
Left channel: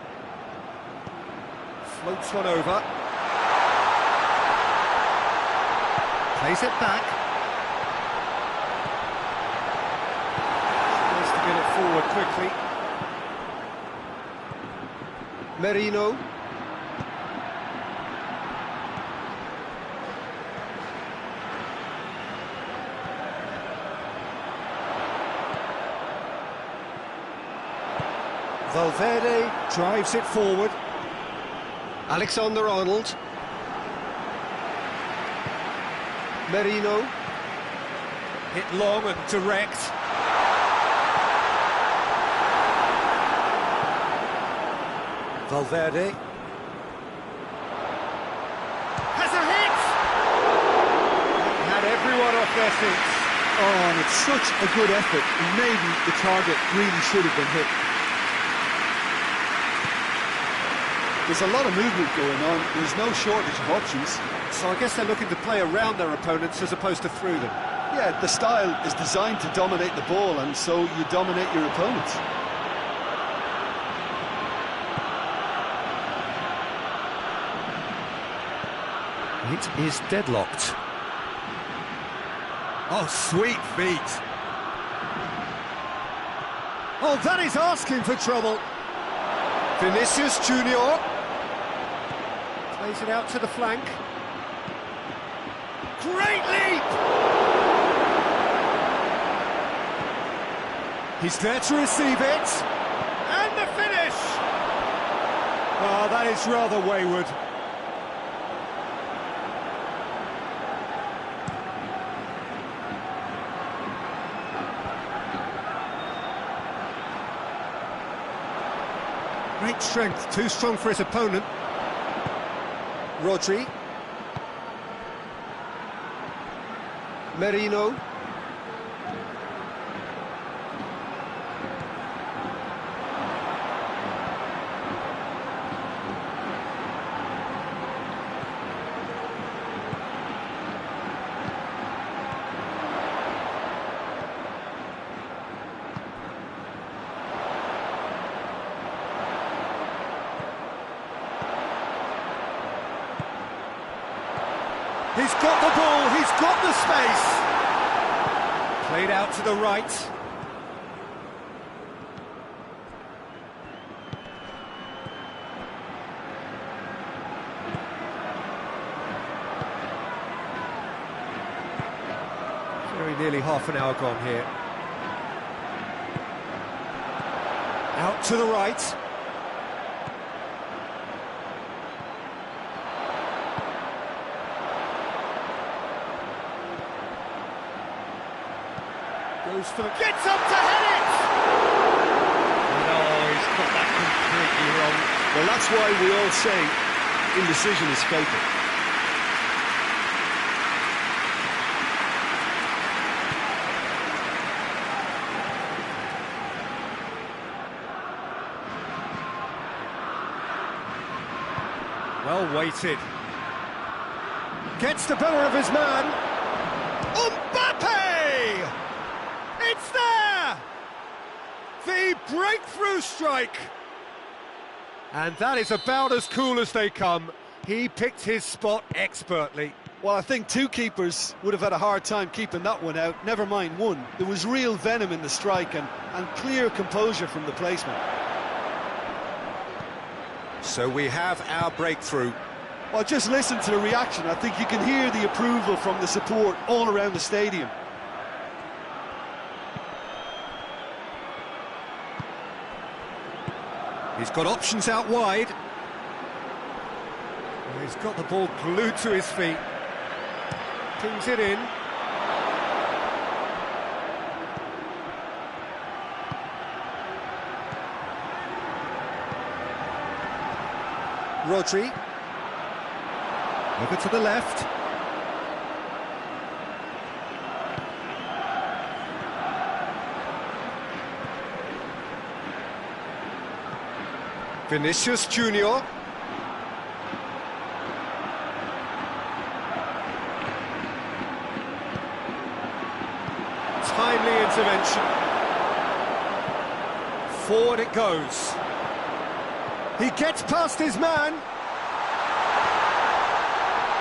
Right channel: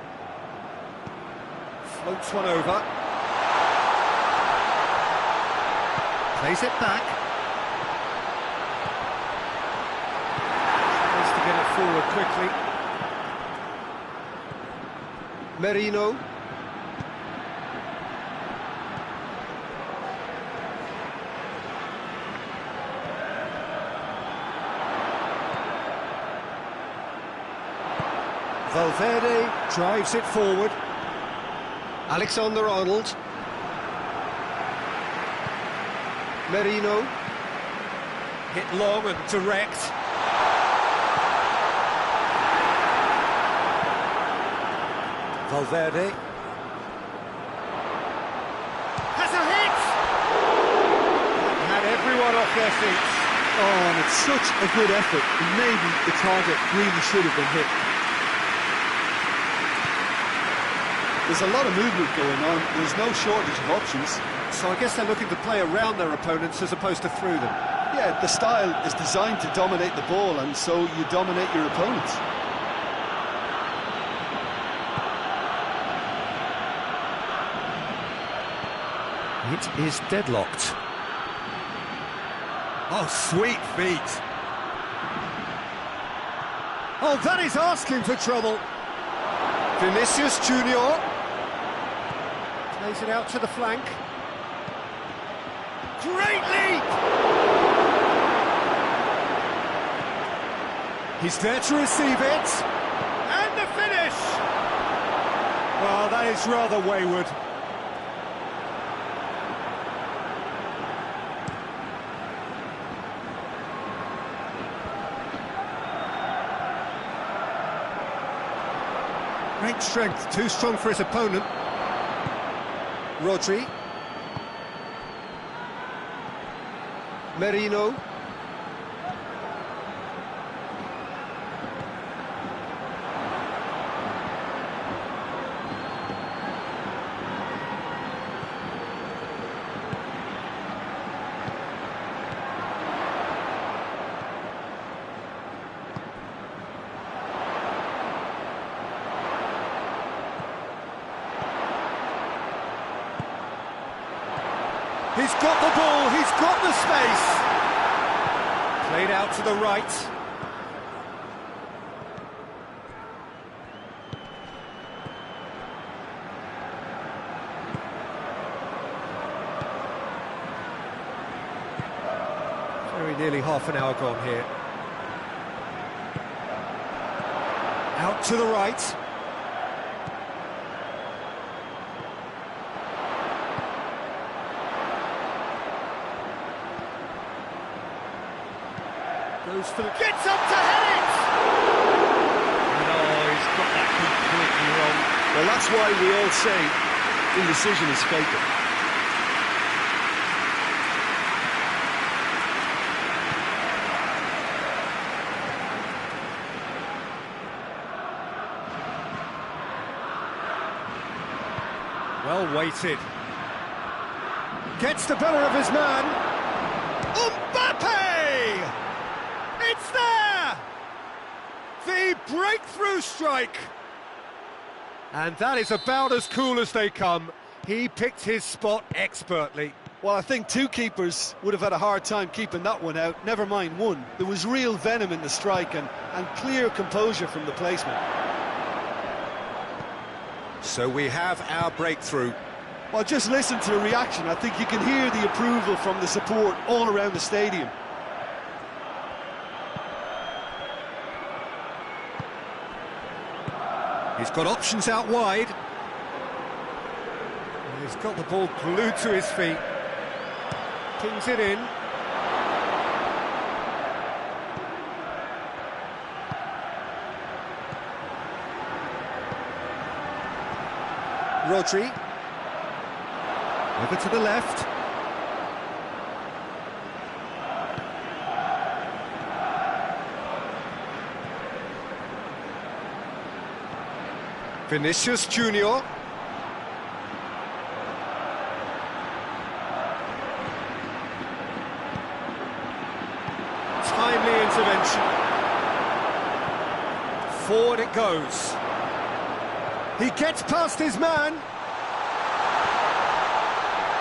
floats one over, plays it back, tries to get it forward quickly. Merino. Valverde drives it forward. Alexander-Arnold. Merino. Hit long and direct. Valverde. Has a hit! That had everyone off their seats. Oh, and it's such a good effort. And maybe the target really should have been hit. There's a lot of movement going on. There's no shortage of options. So I guess they're looking to play around their opponents as opposed to through them. Yeah, the style is designed to dominate the ball, and so you dominate your opponents. It is deadlocked. Oh, sweet feet. Oh, that is asking for trouble. Vinicius Junior plays it out to the flank. Great leap! He's there to receive it. And the finish! Oh, that is rather wayward. Great strength, too strong for his opponent. Rodri. Merino. He's got the ball, he's got the space. Played out to the right. Very nearly half an hour gone here. Out to the right. Goes for the... Gets up to head it! And oh, he's got that completely wrong. Well, that's why we all say indecision is fatal. Well weighted. Gets the better of his man. Mbappe! It's there! The breakthrough strike! And that is about as cool as they come. He picked his spot expertly. Well, I think two keepers would have had a hard time keeping that one out, never mind one. There was real venom in the strike and clear composure from the placement. So we have our breakthrough. Well, just listen to the reaction. I think you can hear the approval from the support all around the stadium. He's got options out wide. He's got the ball glued to his feet. Pings it in. Rodri. Over to the left. Vinicius Junior. Timely intervention. Forward it goes. He gets past his man.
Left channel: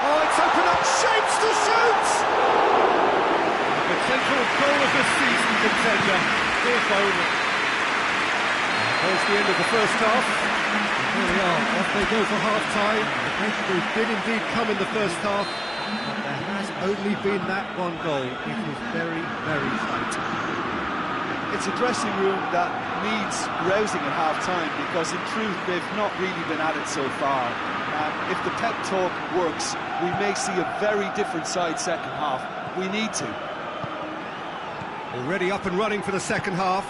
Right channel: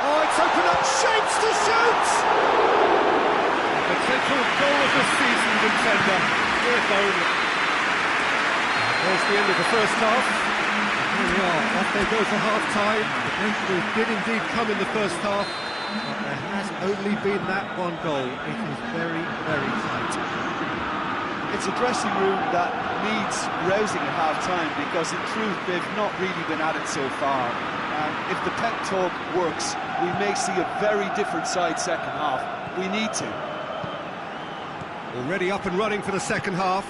Oh, it's opened up shapes to shoot! The potential goal of the season contender, if only. There's the end of the first half. And here we are, off they go for half-time. The breakthrough did indeed come in the first half, but there has only been that one goal. It is very, very tight. It's a dressing room that needs rousing at half-time, because in truth they've not really been at it so far. If the pep talk works, we may see a very different side second half. We need to. Already up and running for the second half.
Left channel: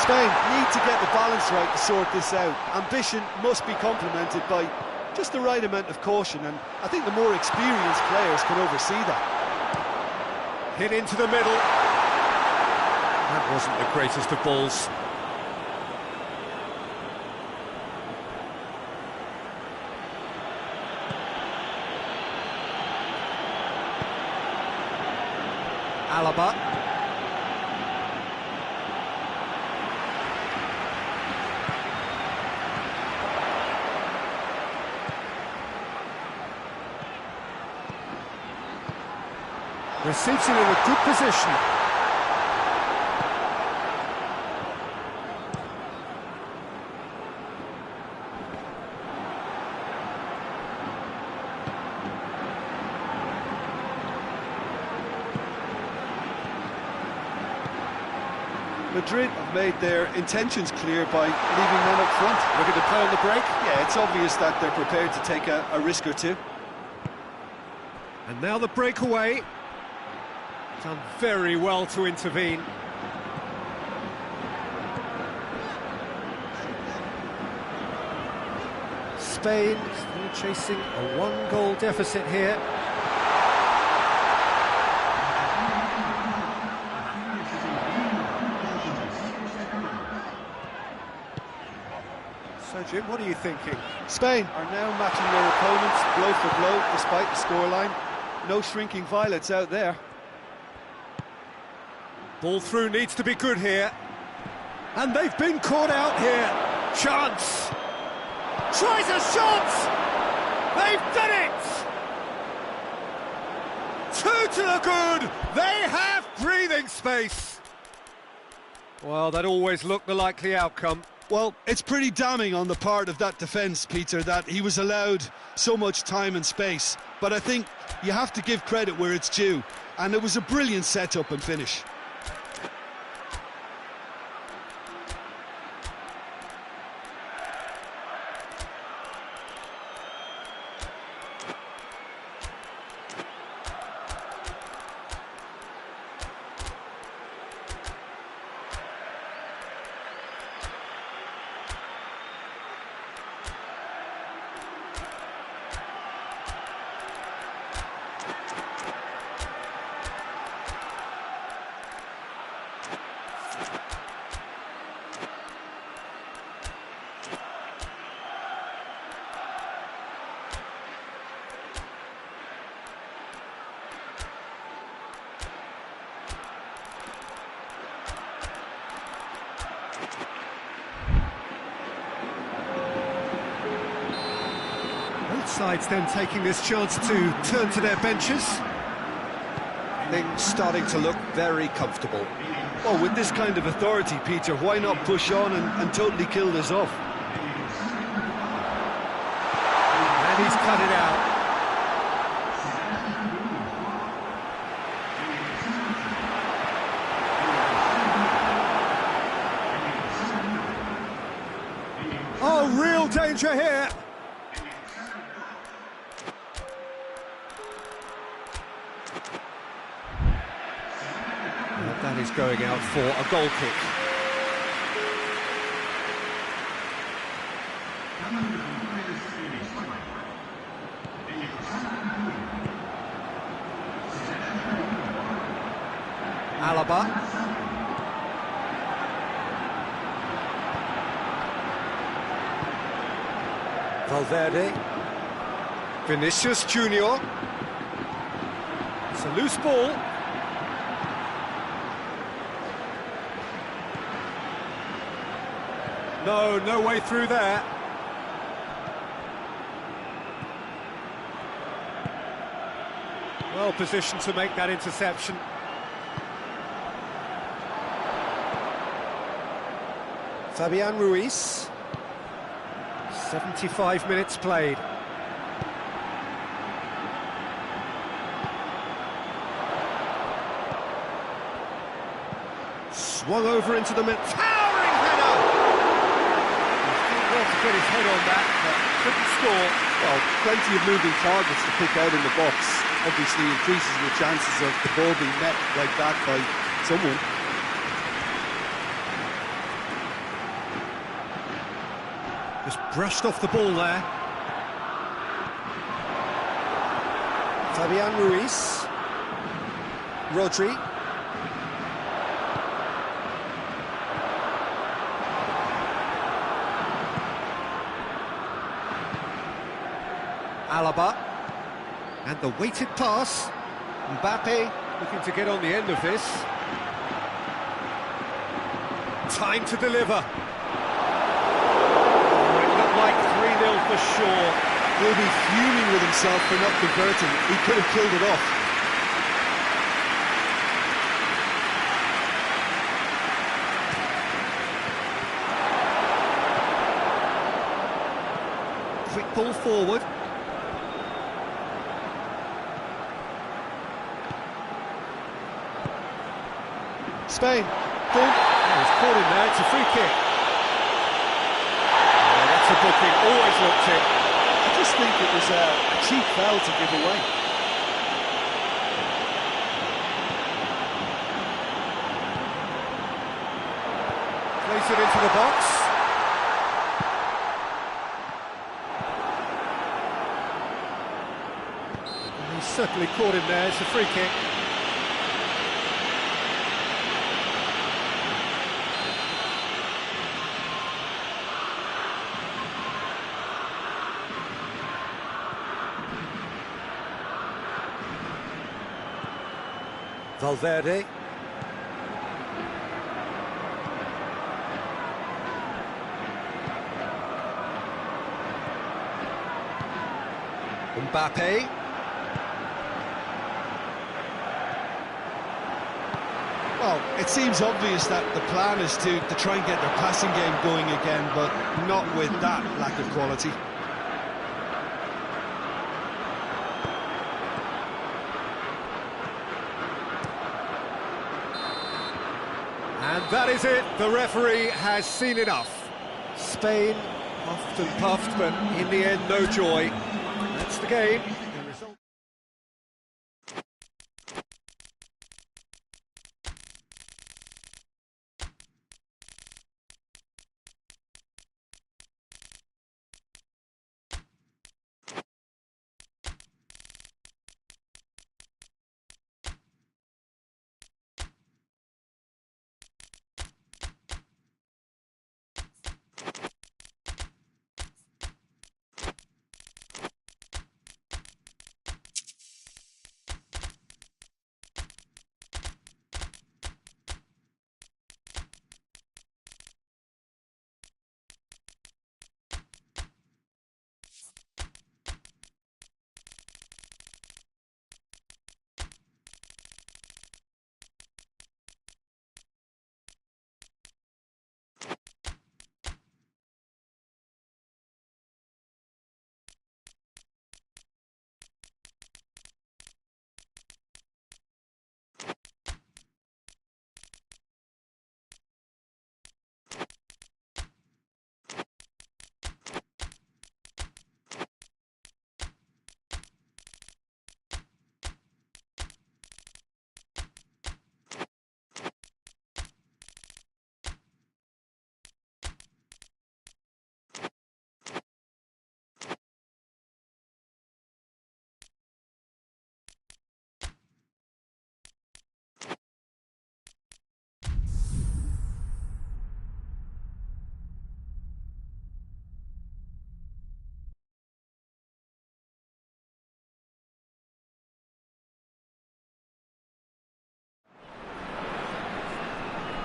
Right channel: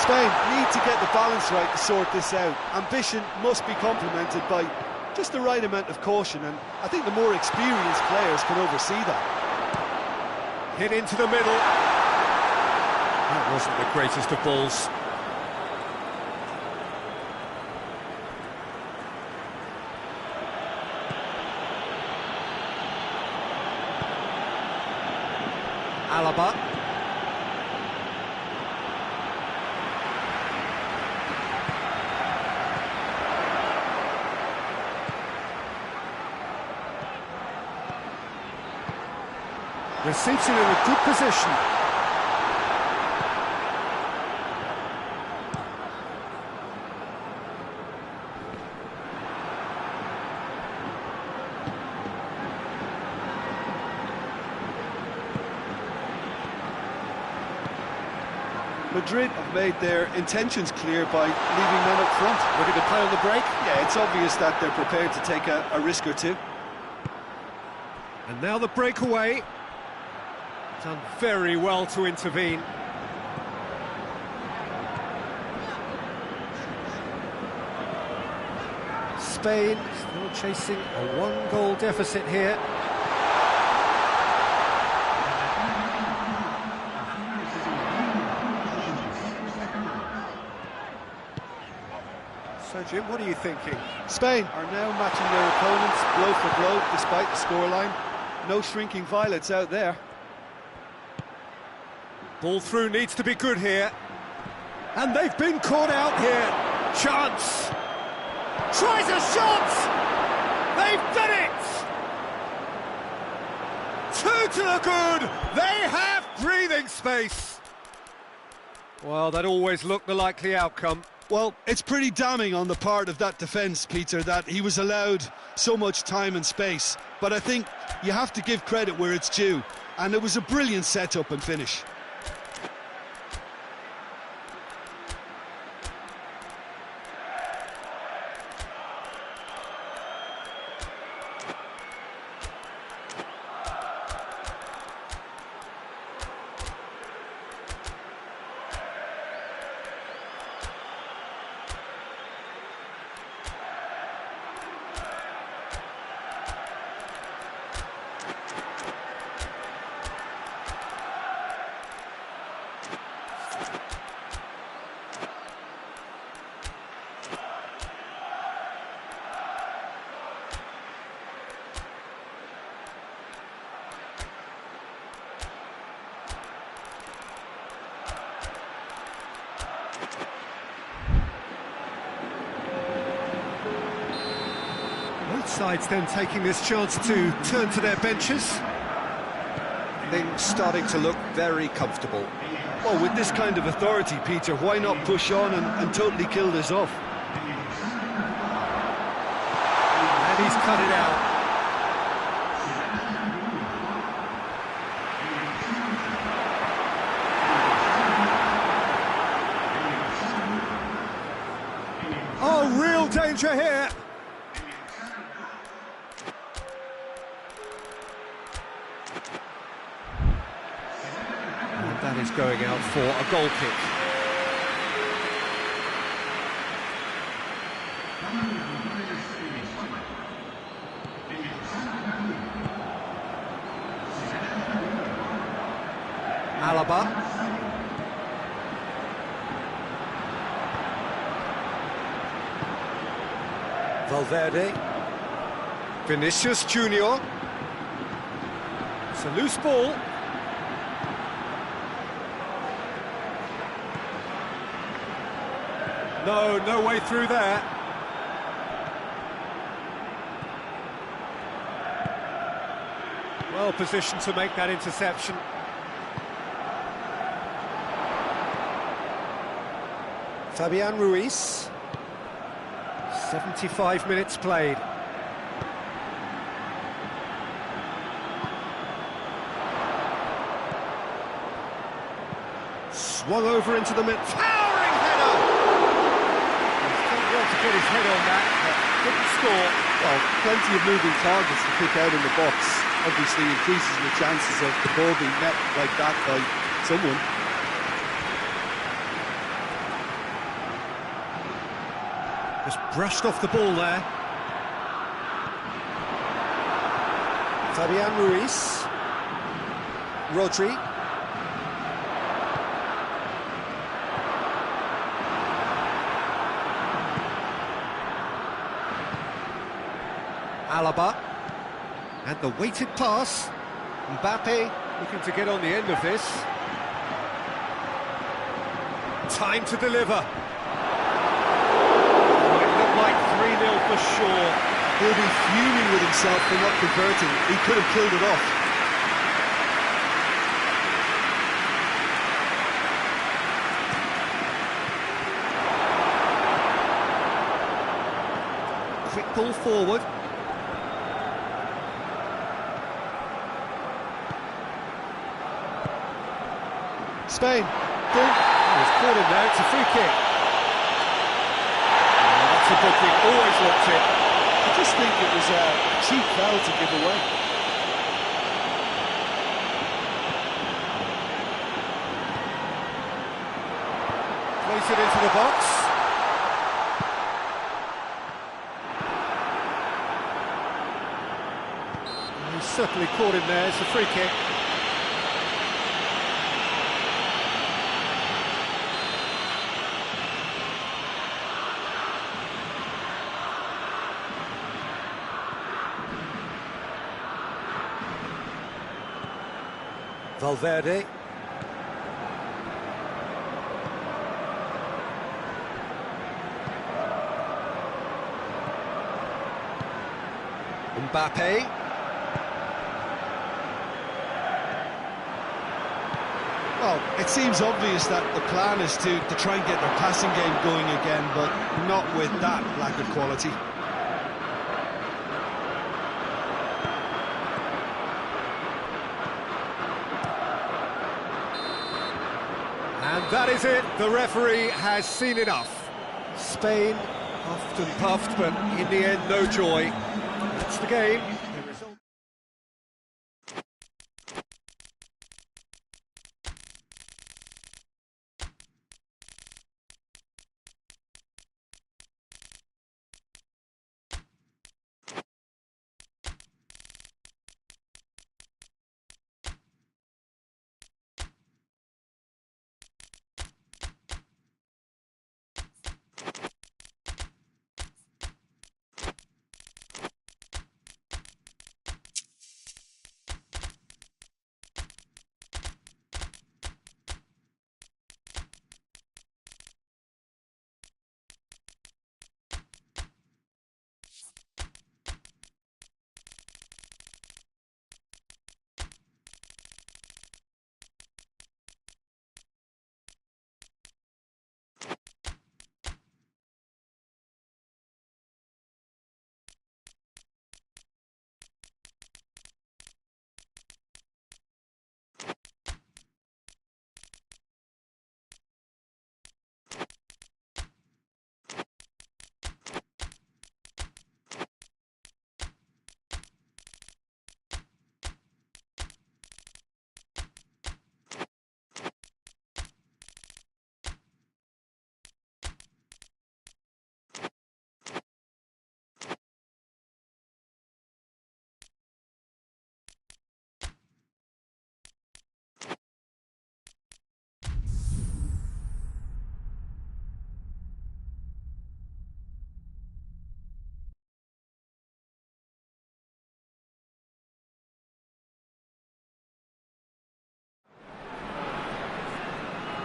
Spain need to get the balance right to sort this out. Ambition must be complemented by just the right amount of caution, and I think the more experienced players can oversee that. Hit into the middle. That wasn't the greatest of balls. Alaba. Receives it in a good position. Madrid have made their intentions clear by leaving men up front. Looking to play on the break. Yeah, it's obvious that they're prepared to take a risk or two. And now the breakaway. Done very well to intervene. Spain still chasing a one-goal deficit here. So, Jim, what are you thinking? Spain are now matching their opponents blow for blow, despite the scoreline. No shrinking violets out there. Ball through needs to be good here. And they've been caught out here. Chance. Tries a shot. They've done it. Two to the good. They have breathing space. Well, that always looked the likely outcome. Well, it's pretty damning on the part of that defence, Peter, that he was allowed so much time and space. But I think you have to give credit where it's due. And it was a brilliant setup and finish. Both sides then taking this chance to turn to their benches. Things starting to look very comfortable. Well, with this kind of authority, Peter, why not push on and totally kill this off? And he's cut it out. danger here. And that is going out for a goal kick. Alaba. Valverde. Vinicius Junior. It's a loose ball. No way through there. Well positioned to make that interception. Fabian Ruiz. 75 minutes played. Swung over into the mid. Towering header! Well to get his head on that, but couldn't score. Well, plenty of moving targets to pick out in the box. Obviously increases the chances of the ball being met like that by someone. Just brushed off the ball there. Fabian Ruiz. Rodri. Alaba, and the weighted pass. Mbappe looking to get on the end of this. Time to deliver. Oh, it looked like 3-0 for sure. He'll be fuming with himself for not converting. He could have killed it off. Quick ball forward. Spain. Doan. Oh, he's caught in there, it's a free kick. Oh, that's a booking, always looked it. I just think it was a cheap foul to give away. Place it into the box. He's certainly caught him there, it's a free kick. Valverde. Mbappe. Well, it seems obvious that the plan is to try and get their passing game going again, but not with that lack of quality. And that is it, the referee has seen enough. Spain puffed and puffed, but in the end, no joy. That's the game. The result.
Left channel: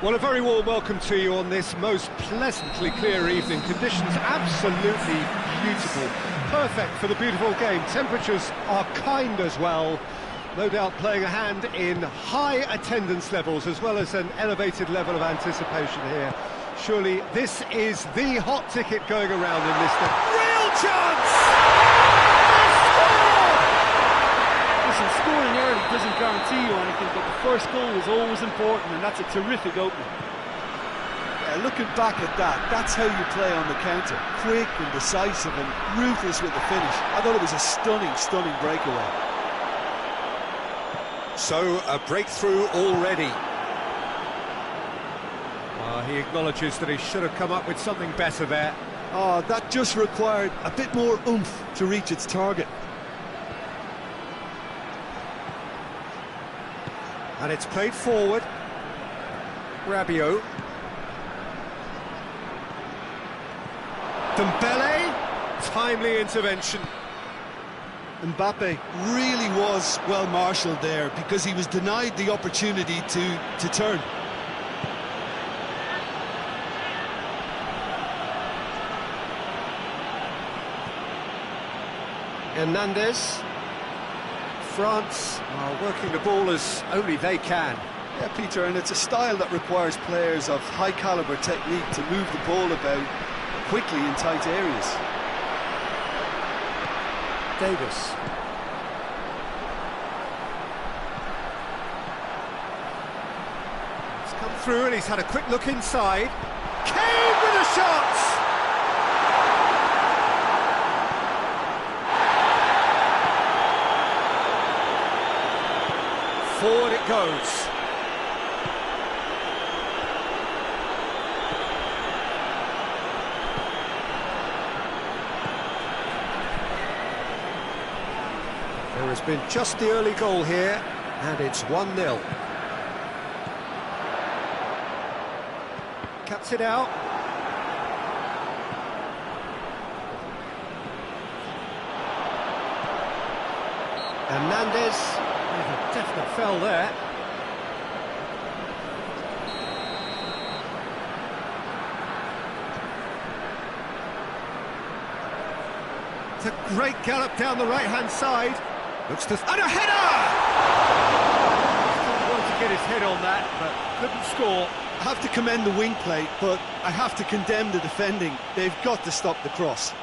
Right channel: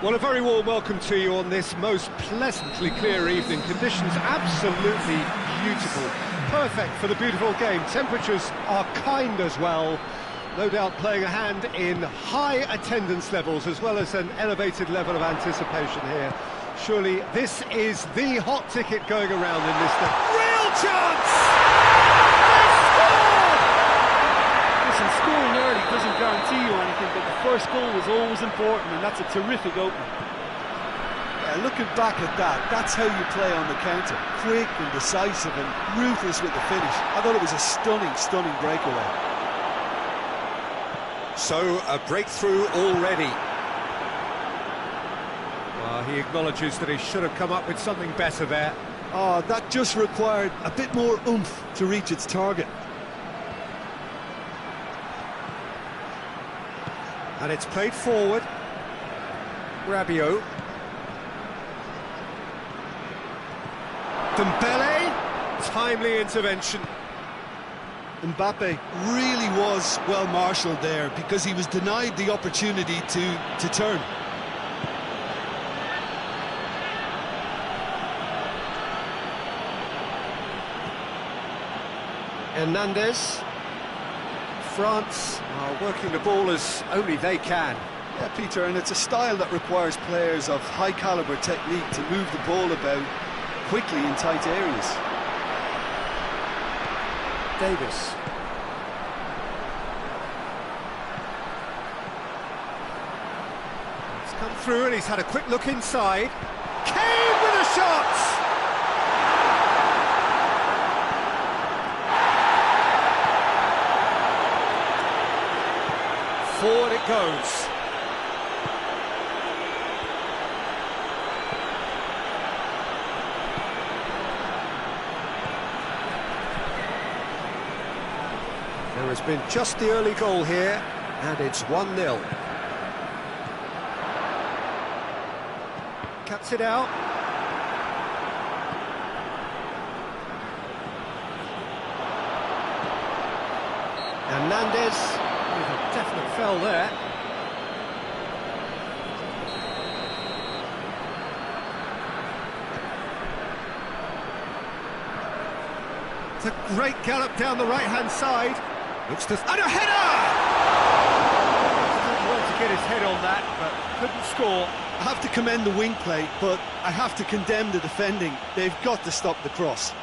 Well, a very warm welcome to you on this most pleasantly clear evening. Conditions absolutely beautiful. Perfect for the beautiful game. Temperatures are kind as well. No doubt playing a hand in high attendance levels as well as an elevated level of anticipation here. Surely this is the hot ticket going around in this day. Real chance! They've scored! Listen, scoring early doesn't guarantee you anything, but the first goal is always important, and that's a terrific opening. Yeah, looking back at that, that's how you play on the counter. Quick and decisive and ruthless with the finish. I thought it was a stunning breakaway. So, a breakthrough already. Well, he acknowledges that he should have come up with something better there. Oh, that just required a bit more oomph to reach its target. And it's played forward. Rabiot. Dembele. Timely intervention. Mbappe really was well marshalled there because he was denied the opportunity to turn. Hernandez. France are working the ball as only they can. Yeah, Peter, and it's a style that requires players of high caliber technique to move the ball about quickly in tight areas. Davis. It's come through and he's had a quick look inside. Kane with a shot! Forward it goes. There has been just the early goal here, and it's 1-0. Cuts it out. Hernandez with a definite foul there. It's a great gallop down the right-hand side. Looks to... and a header! Still well to get his head on that, but couldn't score. I have to commend the wing play, but I have to condemn the defending. They've got to stop the cross.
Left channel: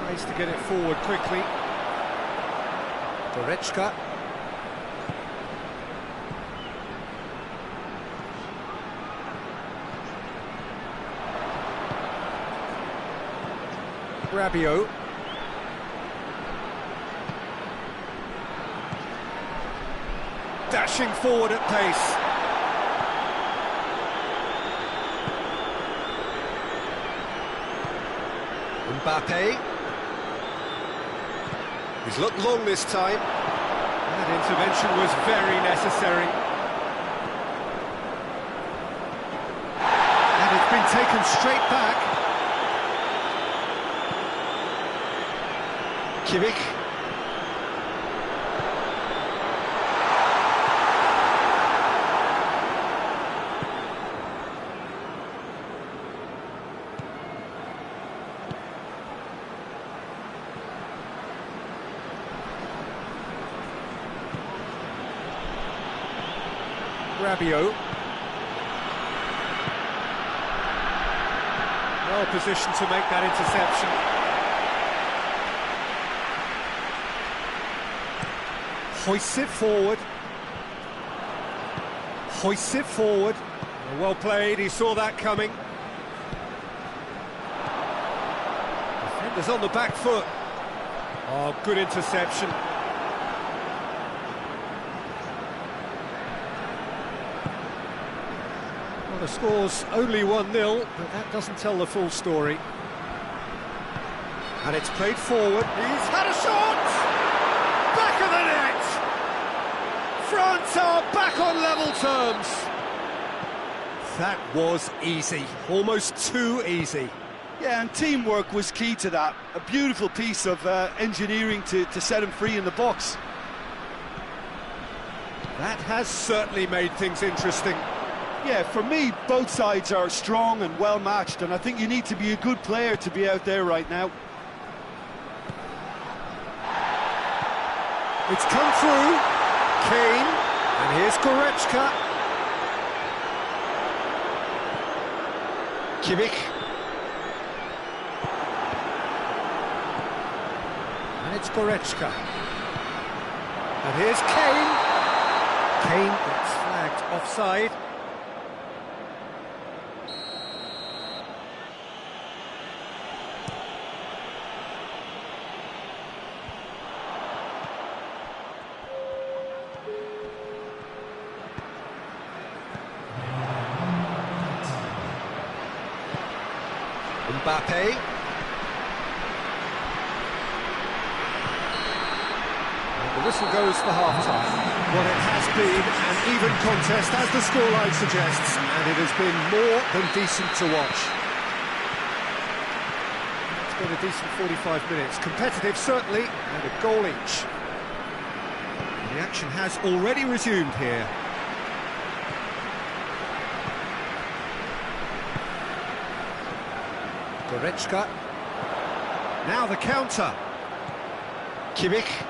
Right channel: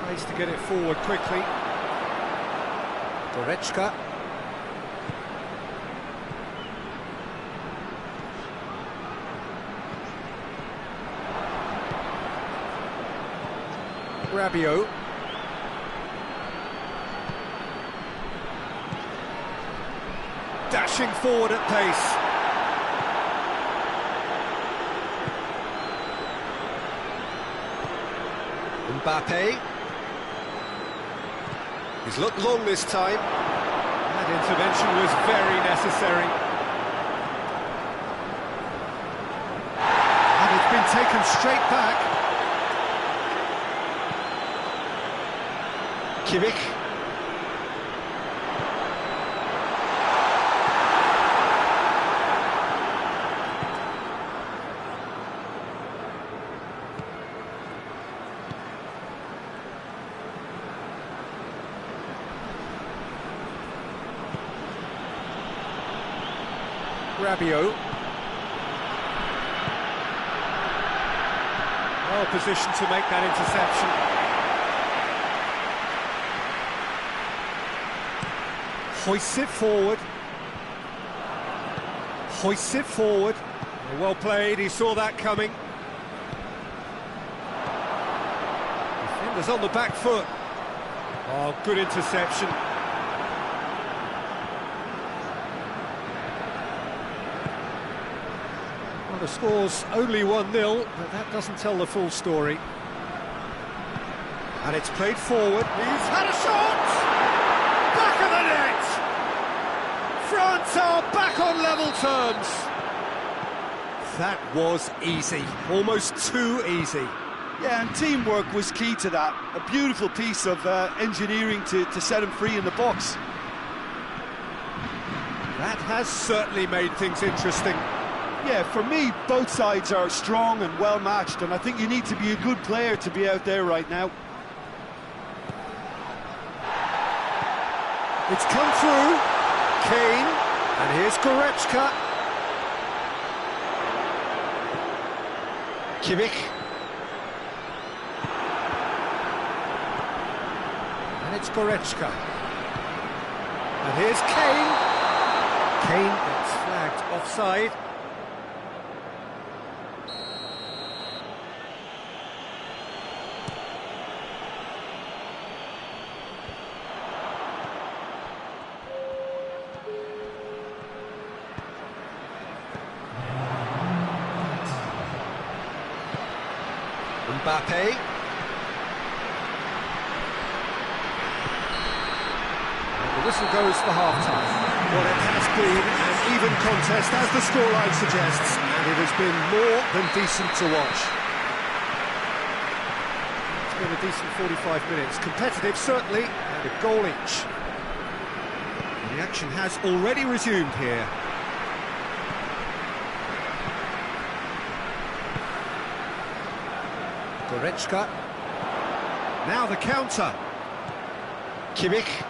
Tries to get it forward quickly. Goretzka. Rabiot. Dashing forward at pace. Mbappe. He's looked long this time. That intervention was very necessary. And it's been taken straight back. Kimmich. Rabiot. Well positioned to make that interception. Hoists it forward. Hoists it forward. Well played, he saw that coming. Defender's on the back foot. Oh, good interception. Well, the score's only 1-0, but that doesn't tell the full story. And it's played forward. He's had a shot! Back of the net! France are back on level terms. That was easy, almost too easy. Yeah, and teamwork was key to that. A beautiful piece of engineering to set him free in the box. That has certainly made things interesting. Yeah, for me, both sides are strong and well matched, and I think you need to be a good player to be out there right now. It's come through. Kane, and here's Goretzka. Kimmich. And it's Goretzka. And here's Kane. Kane gets flagged offside. Mbappe. And the whistle goes for half-time. Well, it has been an even contest, as the scoreline suggests, and it has been more than decent to watch. It's been a decent 45 minutes. Competitive, certainly, and a goal each. The action has already resumed here. Goretzka. Now the counter. Kimmich.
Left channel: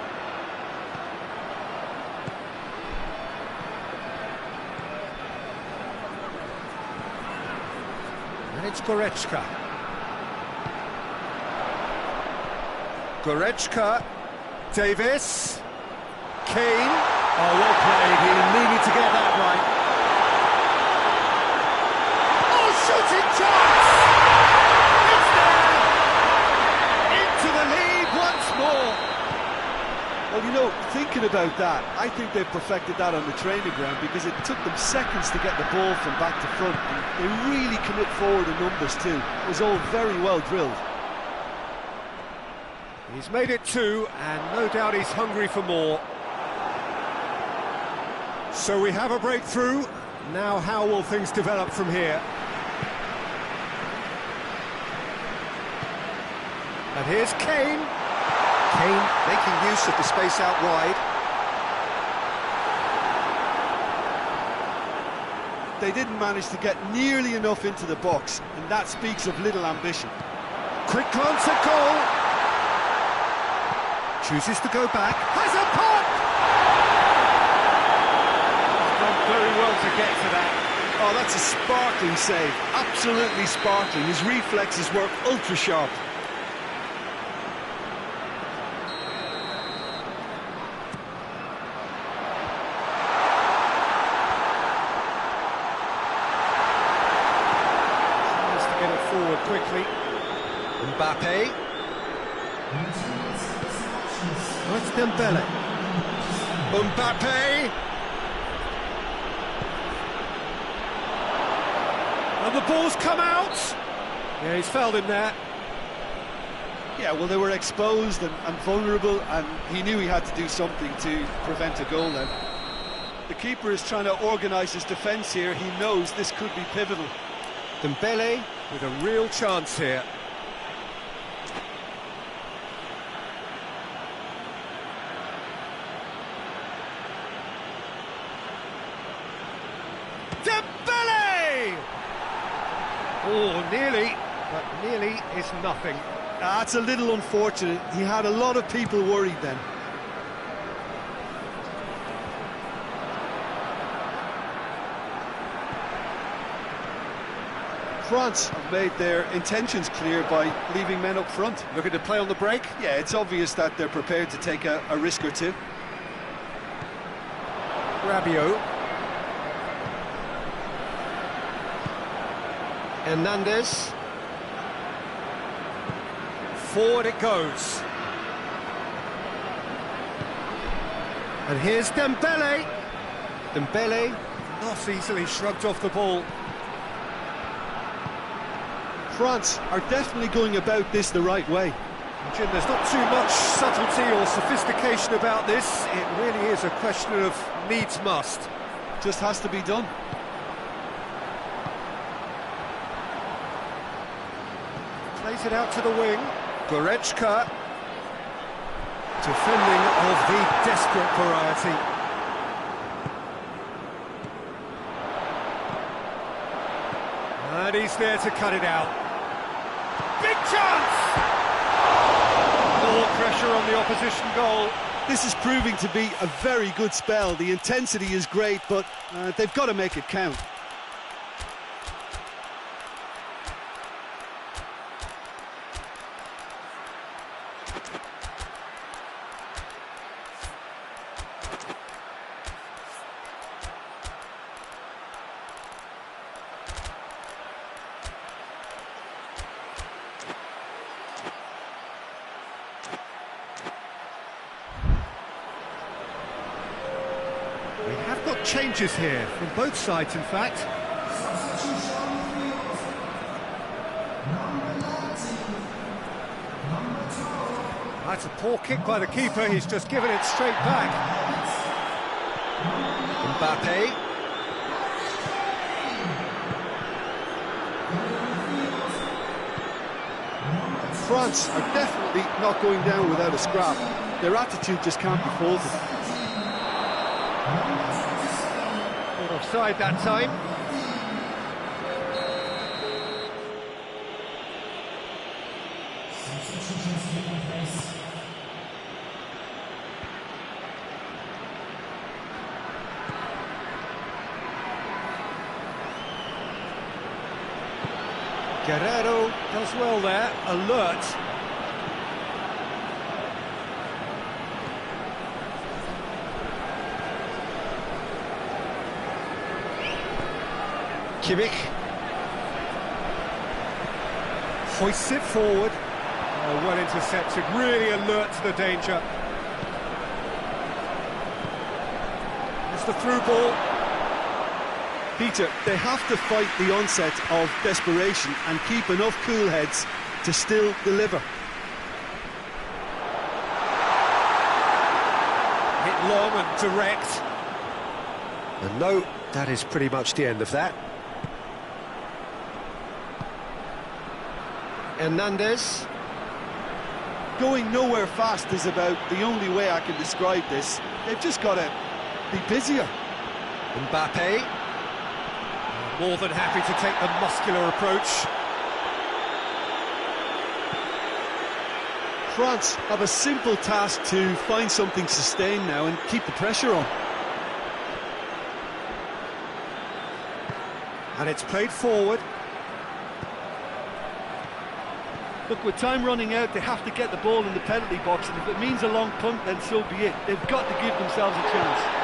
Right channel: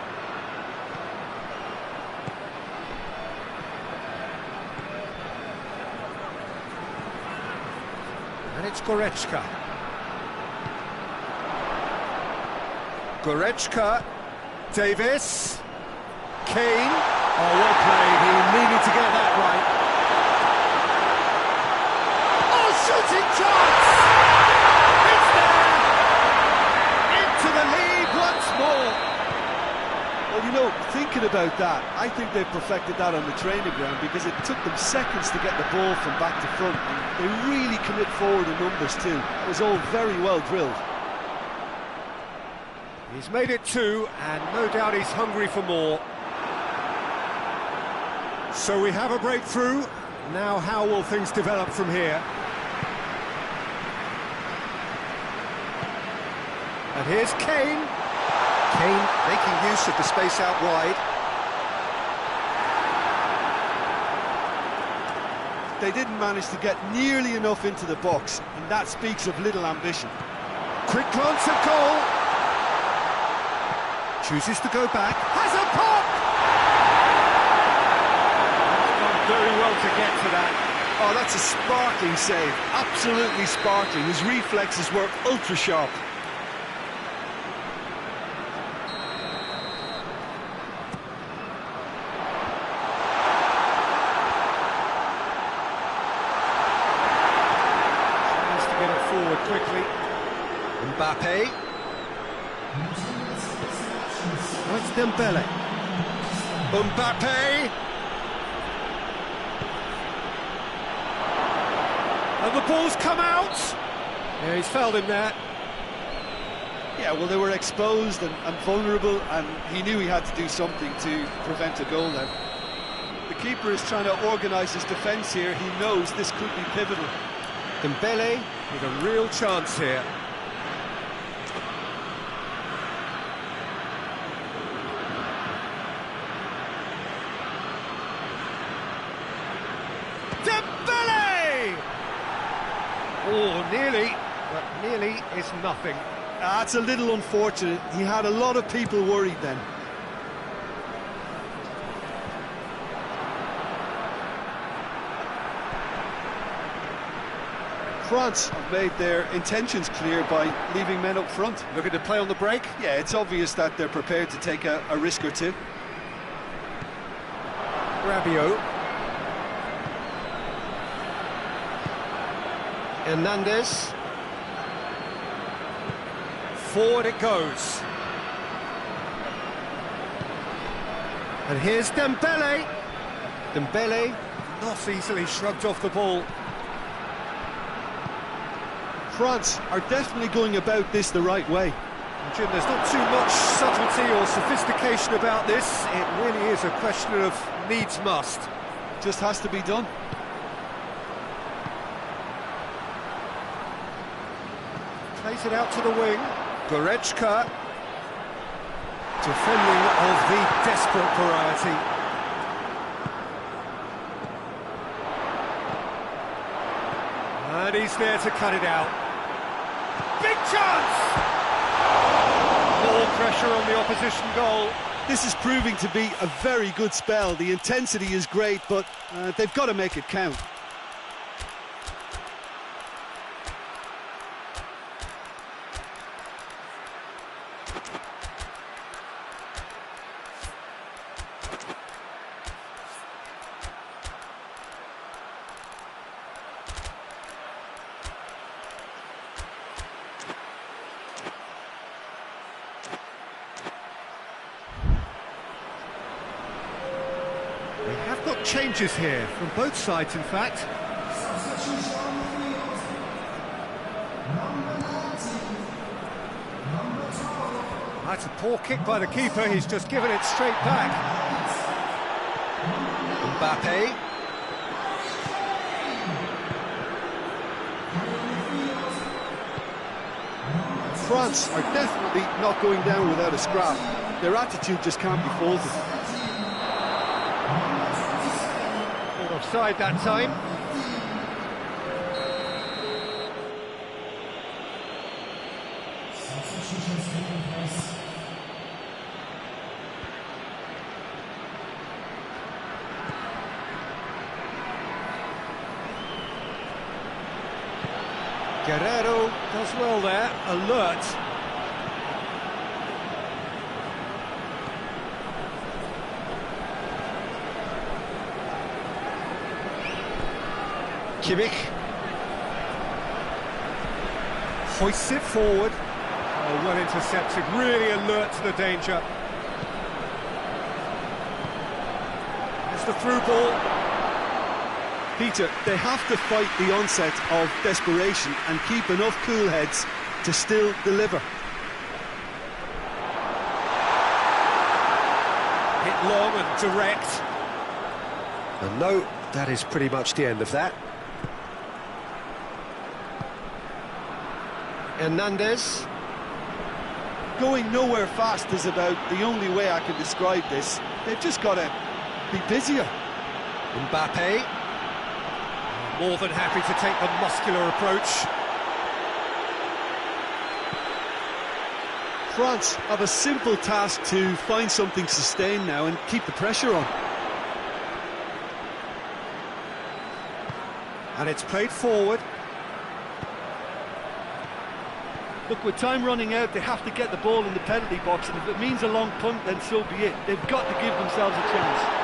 And it's Goretzka. Goretzka. Davis. Kane. Oh, well played. He needed to get that right. Oh, shooting chance! Into the lead once more. Well, you know, thinking about that, I think they've perfected that on the training ground, because it took them seconds to get the ball from back to front, and they really commit forward in numbers too. It was all very well drilled. He's made it 2, and no doubt he's hungry for more. So we have a breakthrough. Now how will things develop from here? And here's Kane. Kane making use of the space out wide. They didn't manage to get nearly enough into the box, and that speaks of little ambition. Quick glance at goal. Chooses to go back. Has a pop! He's done very well to get to that. Oh, that's a sparkling save. Absolutely sparkling. His reflexes were ultra sharp. Get it forward quickly. Mbappe. Oh, it's Dembele. Mbappe. And the ball's come out. Yeah, he's fouled him there. Yeah, well, they were exposed and vulnerable, and he knew he had to do something to prevent a goal then. The keeper is trying to organise his defence here. He knows this could be pivotal. Dembele with a real chance here. Dembele! Oh, nearly, but nearly is nothing. That's a little unfortunate. He had a lot of people worried then. France have made their intentions clear by leaving men up front. Looking to play on the break? Yeah, it's obvious that they're prepared to take a risk or two. Rabiot. Hernandez. Forward it goes. And here's Dembele. Dembele not easily shrugged off the ball. France are definitely going about this the right way. Jim, there's not too much subtlety or sophistication about this. It really is a question of needs must. Just has to be done. Plays it out to the wing. Goretzka. Defending of the desperate variety. And he's there to cut it out. Big chance! More pressure on the opposition goal. This is proving to be a very good spell. The intensity is great, but they've got to make it count. We have got changes here, from both sides in fact. That's a poor kick by the keeper, he's just given it straight back. Mbappe. France are definitely not going down without a scrap. Their attitude just can't be faulted. Not offside that time. Guerrero does well there, alert. Kimmich hoists it forward. Oh, well intercepted, really alert to the danger. It's the through ball. Peter, they have to fight the onset of desperation and keep enough cool heads to still deliver. Hit long and direct. And no, that is pretty much the end of that. Hernandez. Going nowhere fast is about the only way I can describe this. They've just got to be busier. Mbappe. More than happy to take the muscular approach. France have a simple task to find something sustained now and keep the pressure on. And it's played forward. Look, with time running out, they have to get the ball in the penalty box, and if it means a long punt, then so be it. They've got to give themselves a chance.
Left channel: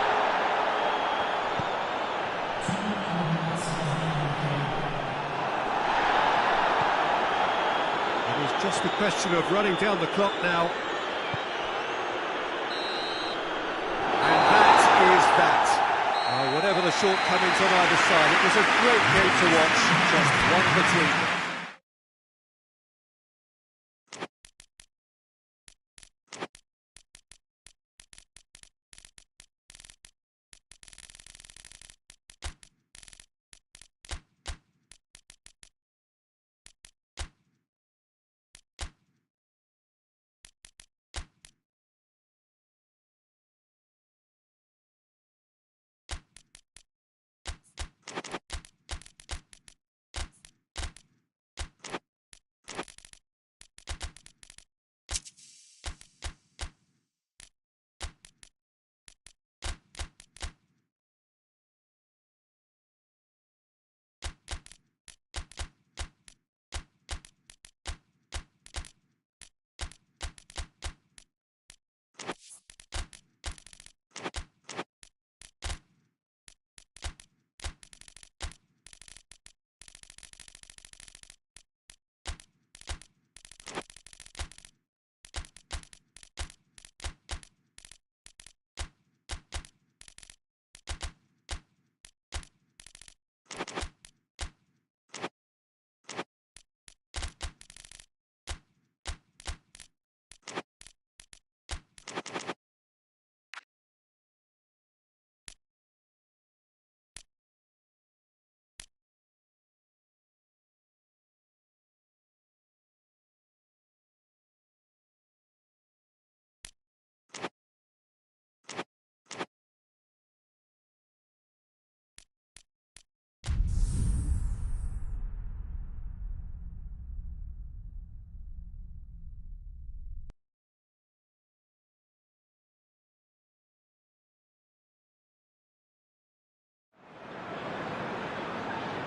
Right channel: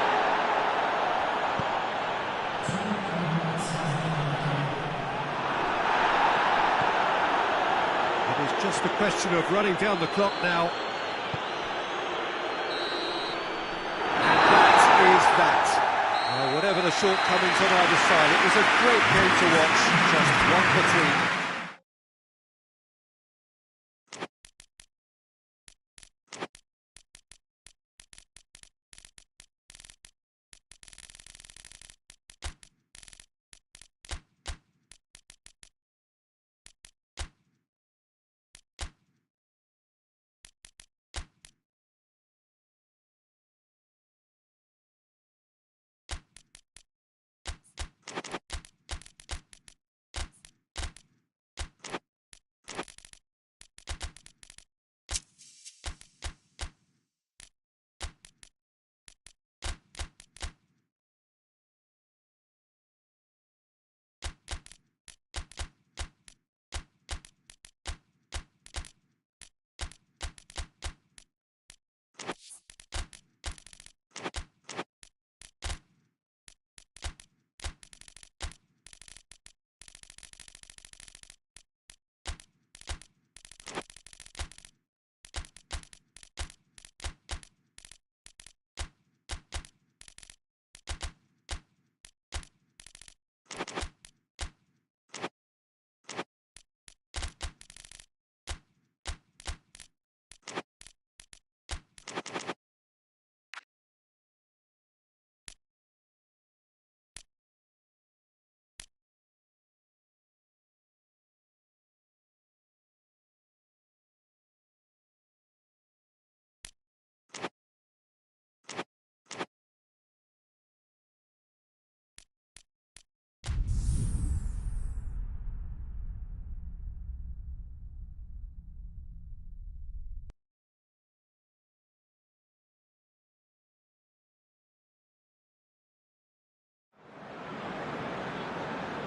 It's just a question of running down the clock now. And that is that. Whatever the shortcomings on either side, it was a great game to watch, just one between them.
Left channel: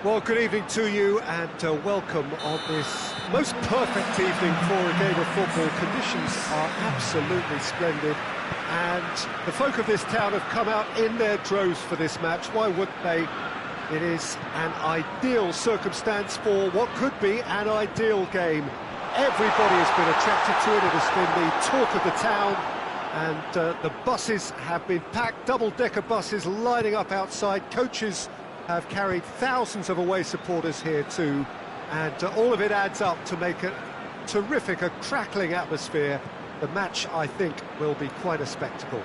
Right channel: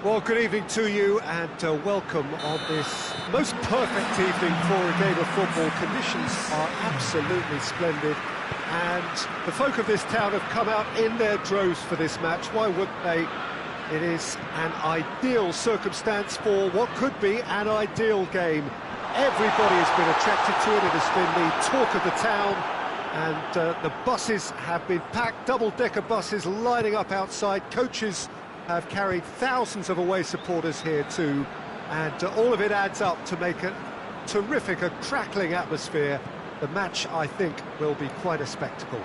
Well, good evening to you and welcome on this most perfect evening for a game of football. Conditions are absolutely splendid and the folk of this town have come out in their droves for this match. Why wouldn't they? It is an ideal circumstance for what could be an ideal game. Everybody has been attracted to it. It has been the talk of the town and the buses have been packed, double-decker buses lining up outside. Coaches have carried thousands of away supporters here too, and all of it adds up to make a terrific, a crackling atmosphere. The match, I think, will be quite a spectacle.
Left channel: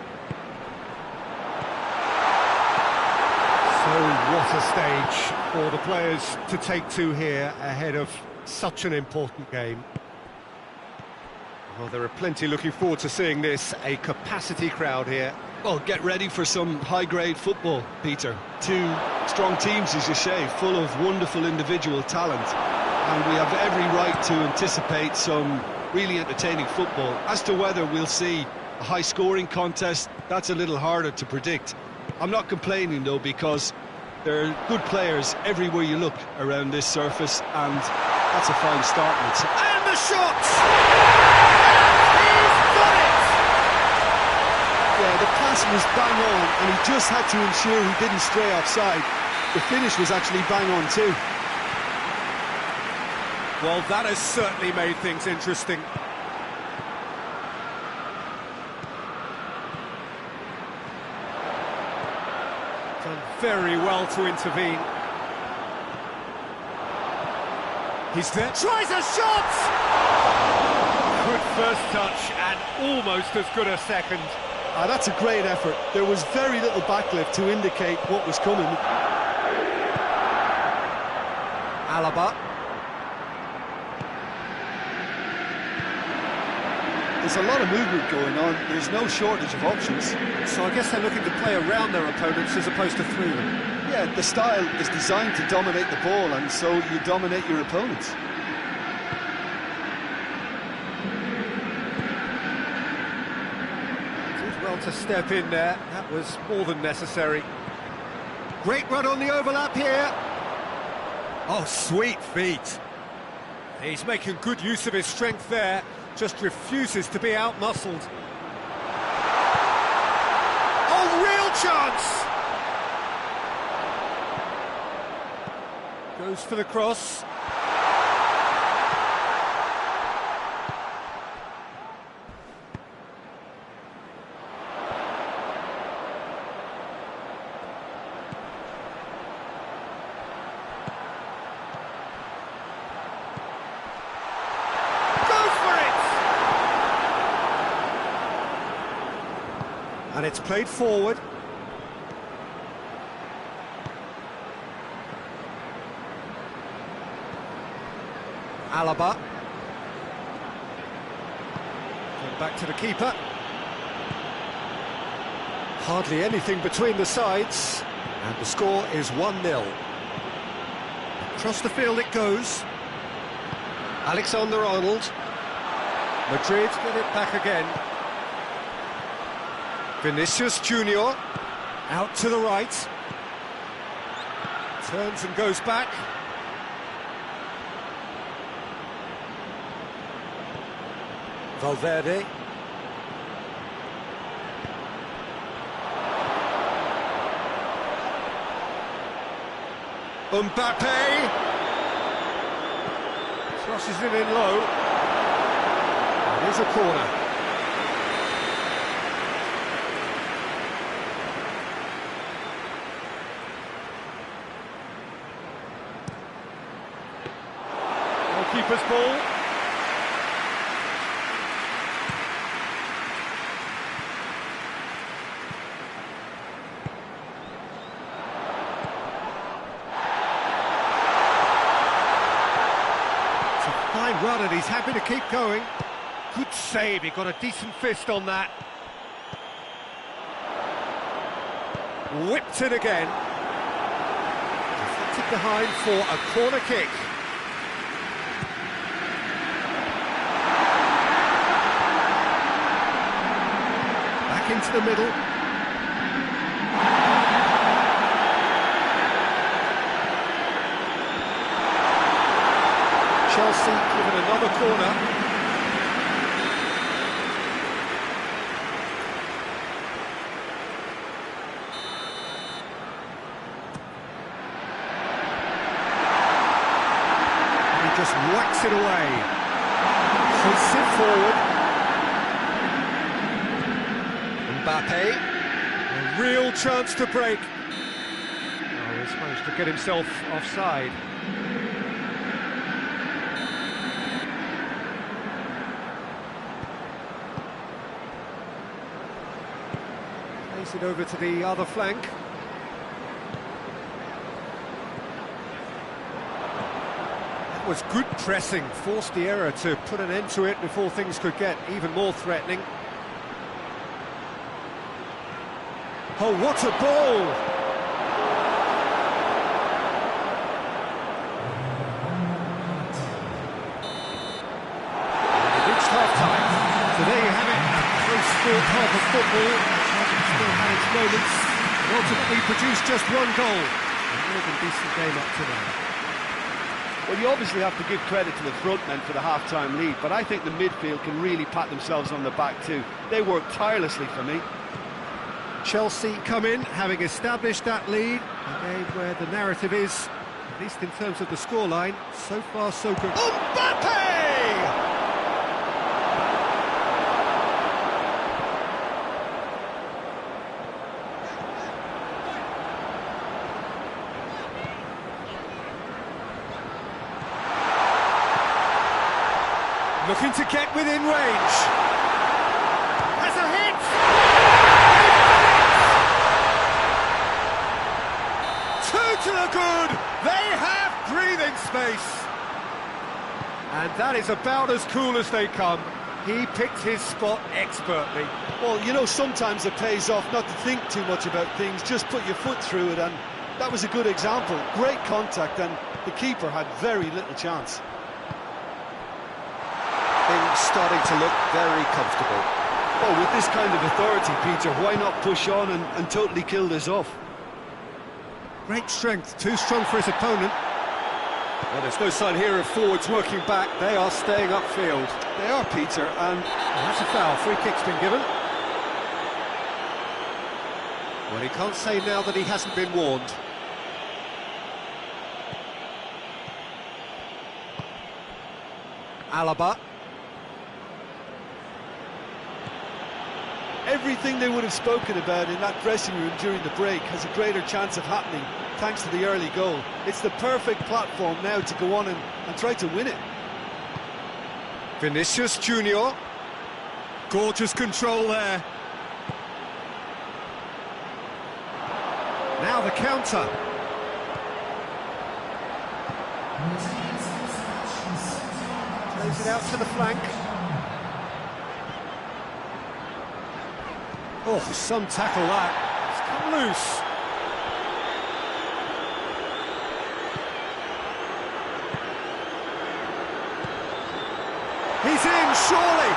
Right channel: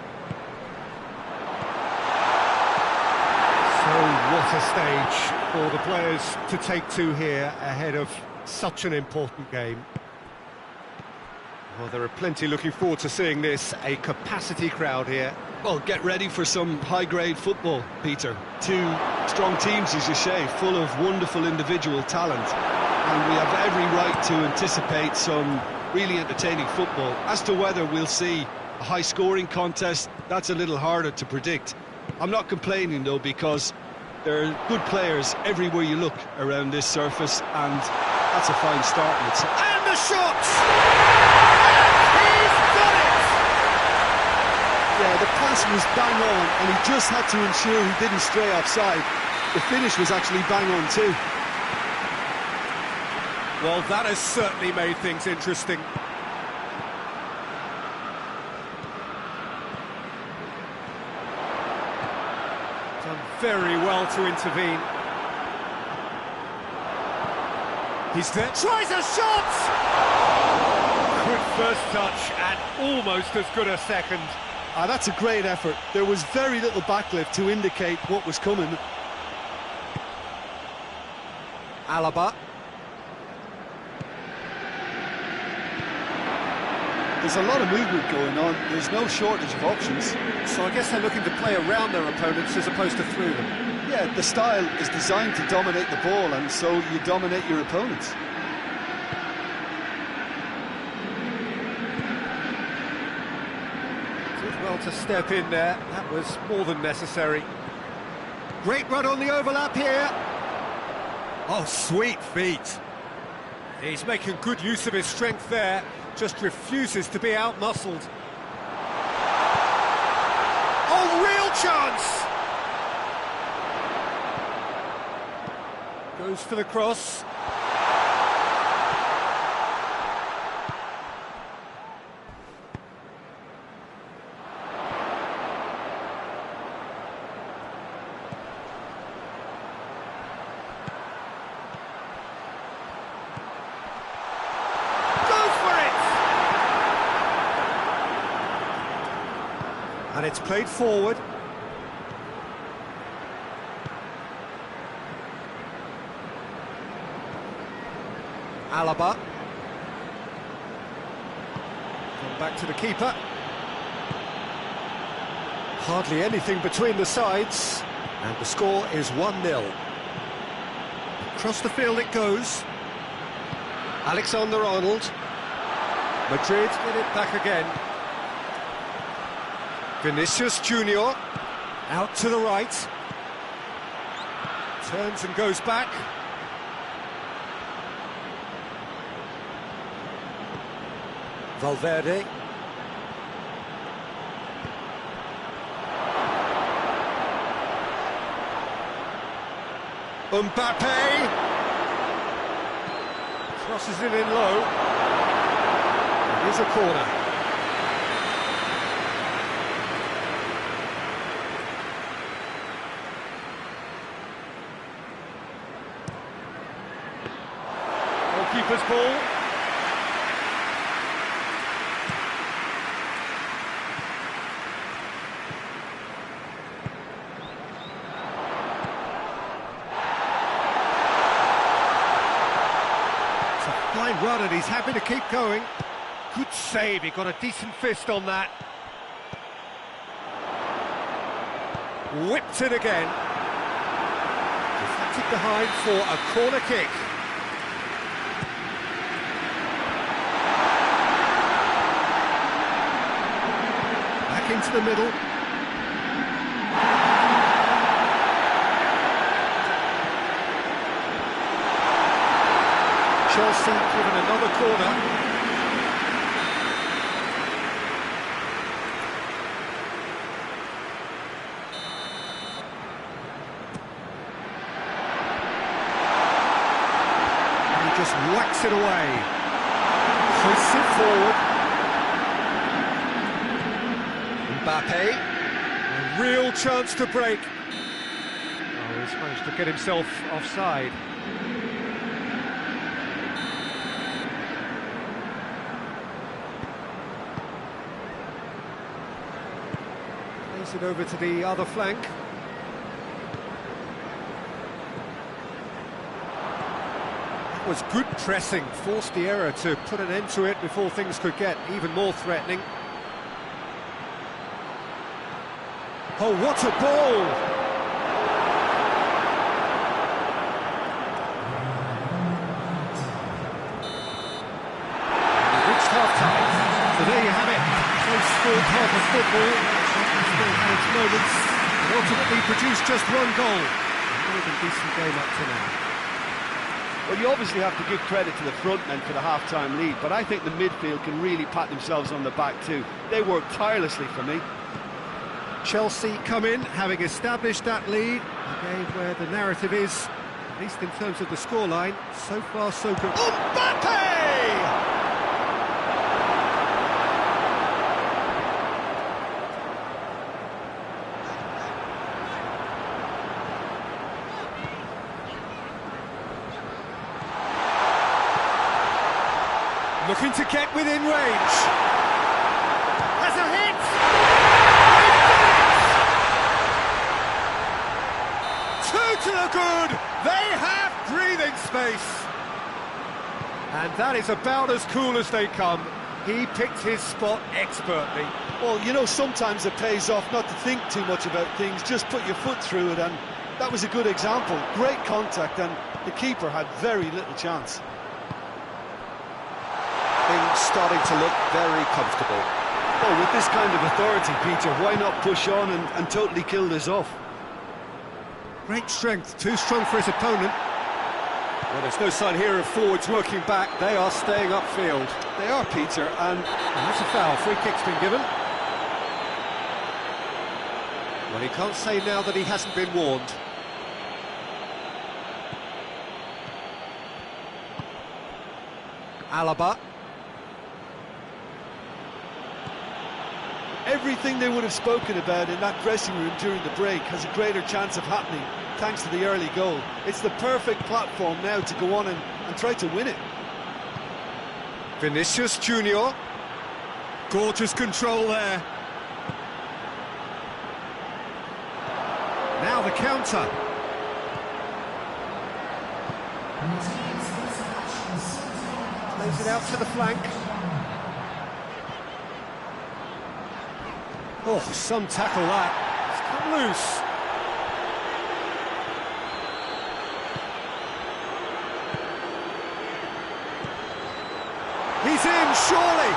So what a stage for the players to take to here ahead of such an important game. Well, there are plenty looking forward to seeing this, a capacity crowd here. Well, get ready for some high-grade football, Peter. Two strong teams, as you say, full of wonderful individual talent. And we have every right to anticipate some really entertaining football. As to whether we'll see a high-scoring contest, that's a little harder to predict. I'm not complaining, though, because there are good players everywhere you look around this surface, and that's a fine start. And the shot! And he's got it! Yeah, the pass was bang on, and he just had to ensure he didn't stray offside. The finish was actually bang on too. Well, that has certainly made things interesting. Done very well to intervene. He's there. Tries a shot! Good first touch and almost as good a second. That's a great effort. There was very little backlift to indicate what was coming. Alaba. There's a lot of movement going on. There's no shortage of options. So I guess they're looking to play around their opponents as opposed to through them. Yeah, the style is designed to dominate the ball, and so you dominate your opponents. Did well to step in there. That was more than necessary. Great run on the overlap here. Oh, sweet feet. He's making good use of his strength there. Just refuses to be out-muscled. Oh, real chance! Goes for the cross. And it's played forward. Alaba. Gone back to the keeper. Hardly anything between the sides. And the score is 1-0. Across the field it goes. Alexander-Arnold. Madrid get it back again. Vinicius Junior, out to the right, turns and goes back. Valverde. Mbappe. Crosses it in low. It is a corner. Keeper's ball. It's a fine run and he's happy to keep going. Good save, he got a decent fist on that. Whipped it again. Deflected behind for a corner kick. Into the middle. Chelsea given another corner. And he just whacks it away. Hoists it forward. Mbappe. A real chance to break. Oh, he's managed to get himself offside. Plays it over to the other flank. That was good pressing, forced the error to put an end to it before things could get even more threatening. Oh, what a ball! And we reached half-time. So there you have it, a close-fought half of football. Still had its moments, but ultimately produced just one goal. A more than decent game up to now. Well, you obviously have to give credit to the front men for the half-time lead, but I think the midfield can really pat themselves on the back too. They worked tirelessly for me. Chelsea come in, having established that lead. A game where the narrative is, at least in terms of the scoreline, so far so good. Mbappe! Looking to get within range. Has a hit! Two to the good! They have breathing space! And that is about as cool as they come. He picked his spot expertly. Well, you know, sometimes it pays off not to think too much about things, just put your foot through it, and that was a good example. Great contact, and the keeper had very little chance. Things starting to look very comfortable. Well, with this kind of authority, Peter, why not push on and totally kill this off? Great strength, too strong for his opponent. Well, there's no sign here of forwards working back. They are staying upfield. They are, Peter, and that's a foul. Free kick's been given. Well, he can't say now that he hasn't been warned. Alaba. everything they would have spoken about in that dressing room during the break has a greater chance of happening thanks to the early goal. It's the perfect platform now to go on and try to win it. Vinicius Junior. Gorgeous control there. Now the counter. Plays it out to the flank. Oh, some tackle that. It's come loose. He's in, surely.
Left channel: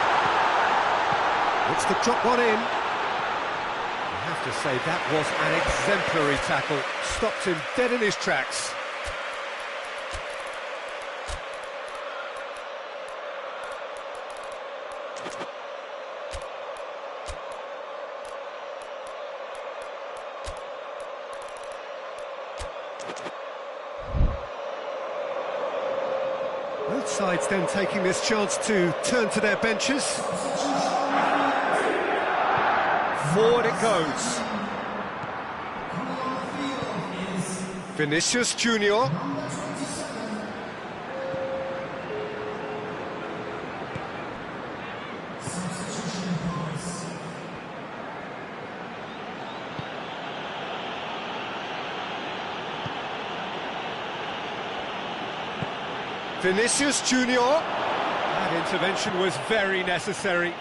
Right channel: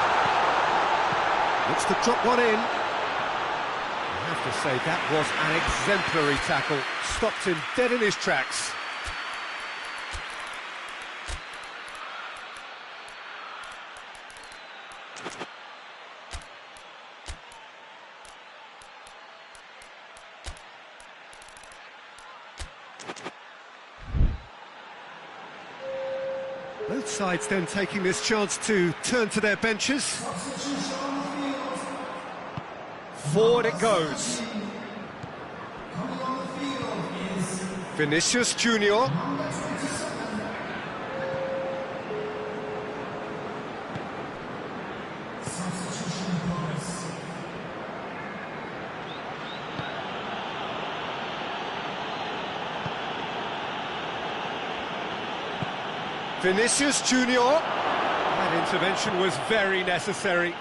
Looks to drop one in. I have to say, that was an exemplary tackle. Stopped him dead in his tracks. Both sides then taking this chance to turn to their benches. Forward it goes. Vinicius Junior. Vinicius Junior. That intervention was very necessary.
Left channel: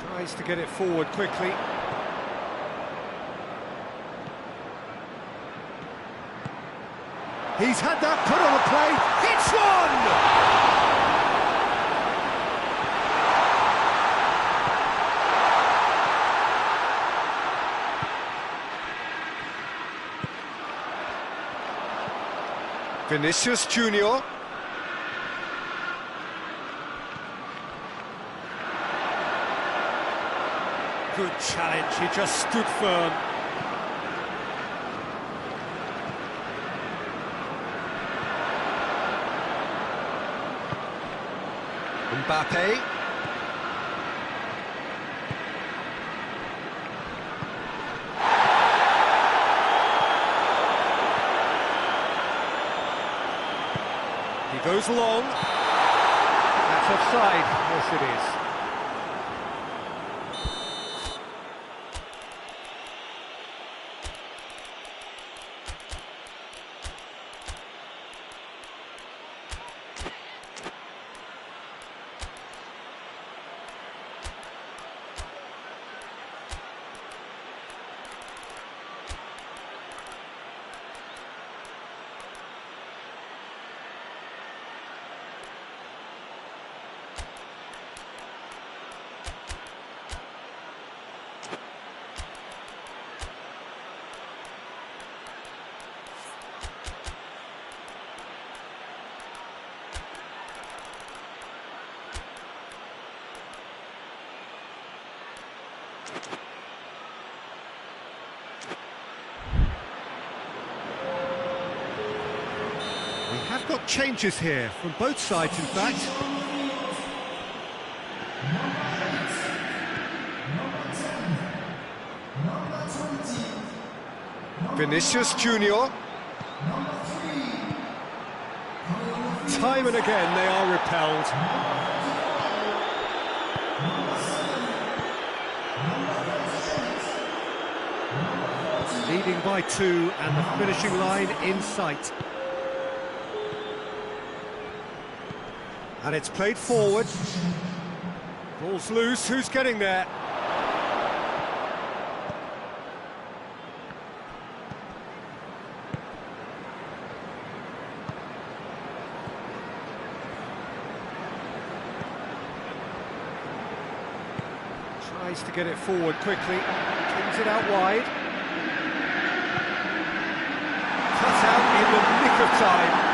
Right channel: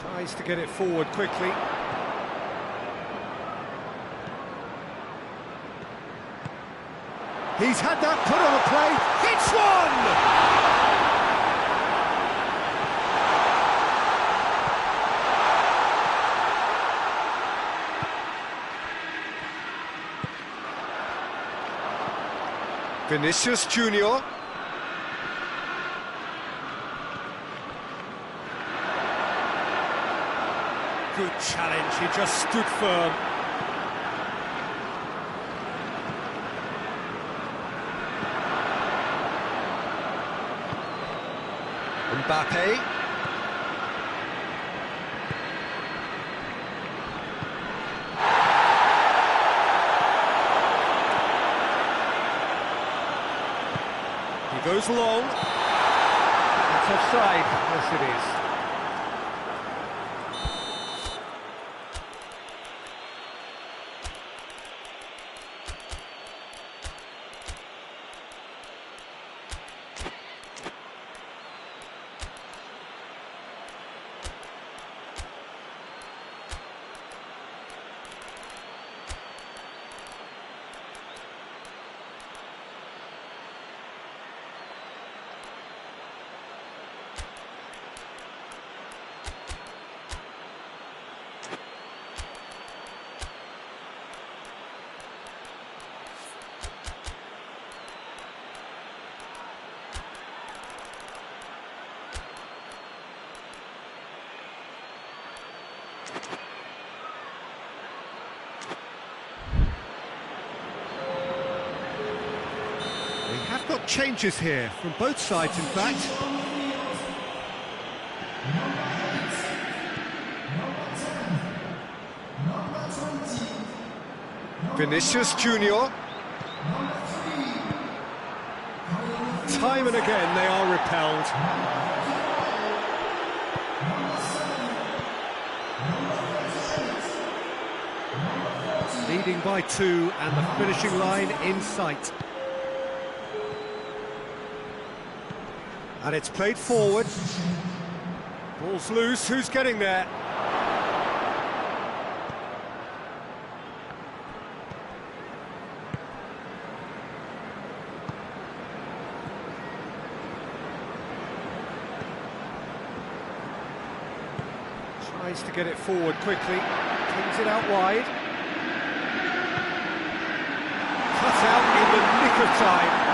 Tries to get it forward quickly. He's had that put on a play. Hits one! Vinicius Junior. Good challenge, he just stood firm. Mbappe. He goes long. That's offside. Yes, it is. We have got changes here, from both sides in fact. Vinicius Junior. Time and again they are repelled. Leading by 2 and the finishing line in sight. And it's played forward. Ball's loose, who's getting there? Tries to get it forward quickly, kings it out wide. Cut out in the nick of time.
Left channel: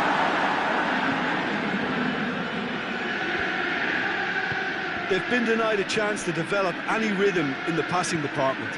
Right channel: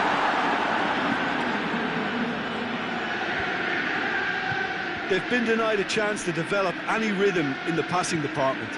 They've been denied a chance to develop any rhythm in the passing department.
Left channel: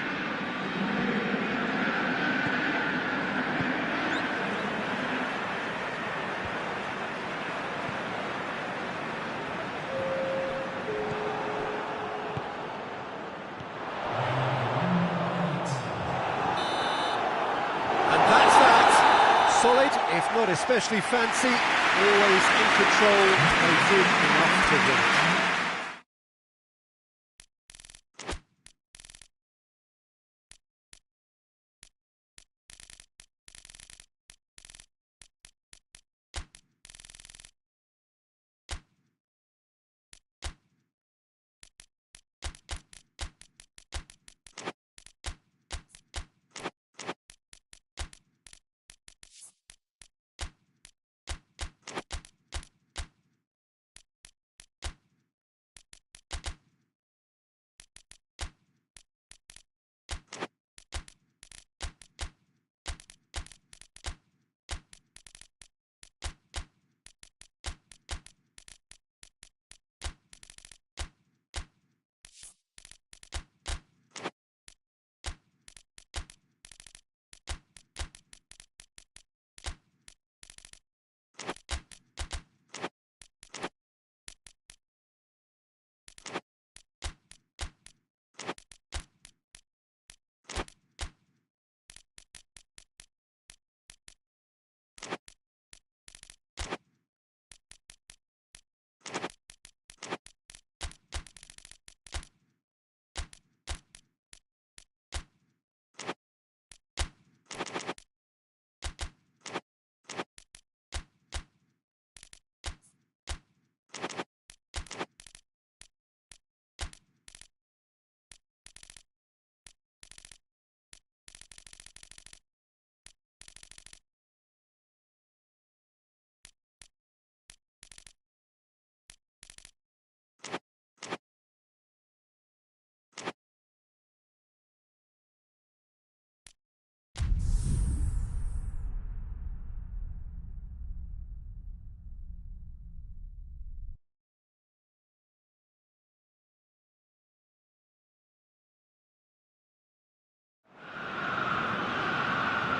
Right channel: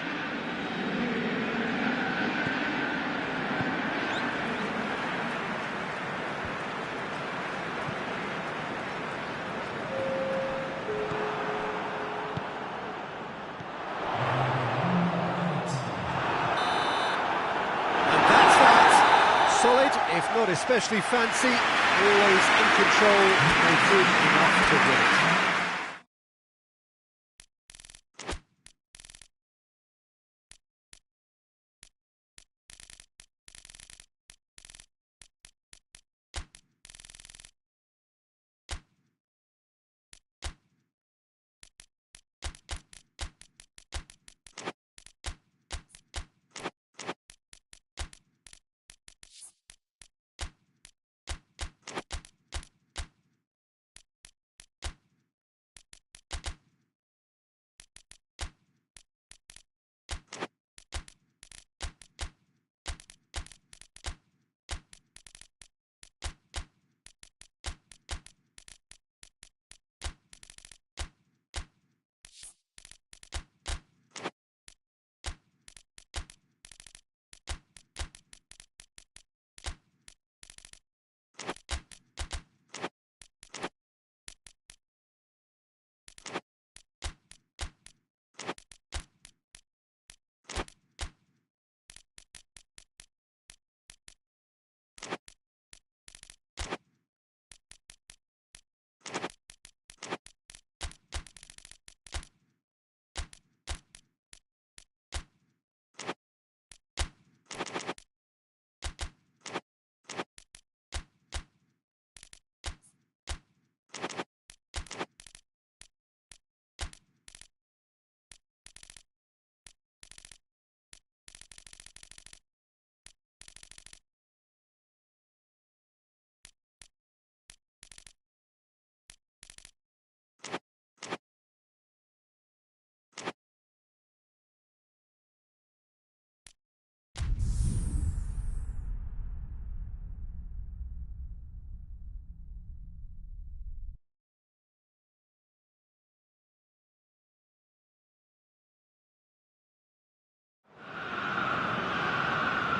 And that's that. Solid, if not especially fancy, always in control. They did enough to win it.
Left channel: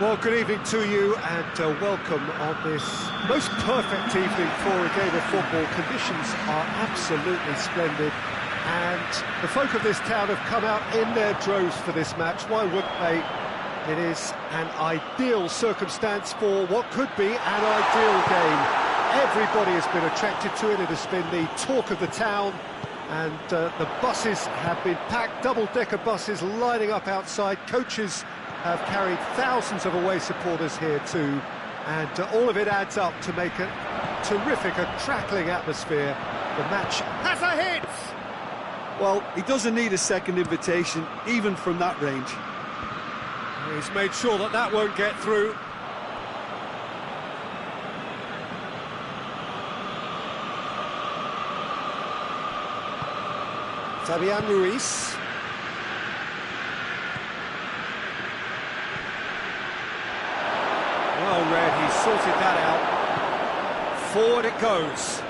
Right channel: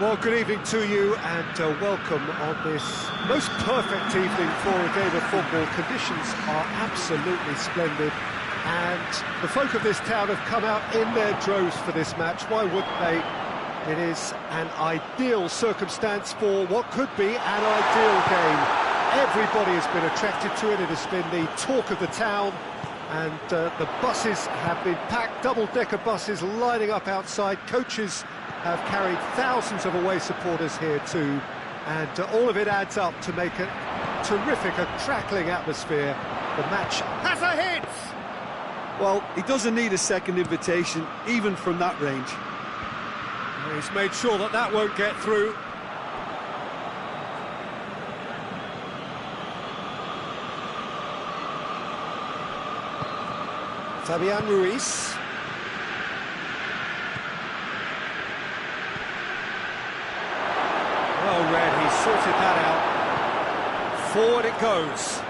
Well, good evening to you and welcome on this most perfect evening for a game of football. Conditions are absolutely splendid and the folk of this town have come out in their droves for this match. Why wouldn't they? It is an ideal circumstance for what could be an ideal game. Everybody has been attracted to it. It has been the talk of the town, and the buses have been packed, double-decker buses lining up outside. Coaches have carried thousands of away supporters here too, and all of it adds up to make a terrific, a crackling atmosphere. The match has a hit! Well, he doesn't need a second invitation, even from that range. He's made sure that that won't get through. Fabian Ruiz. Well read, he's sorted that out. Forward it goes.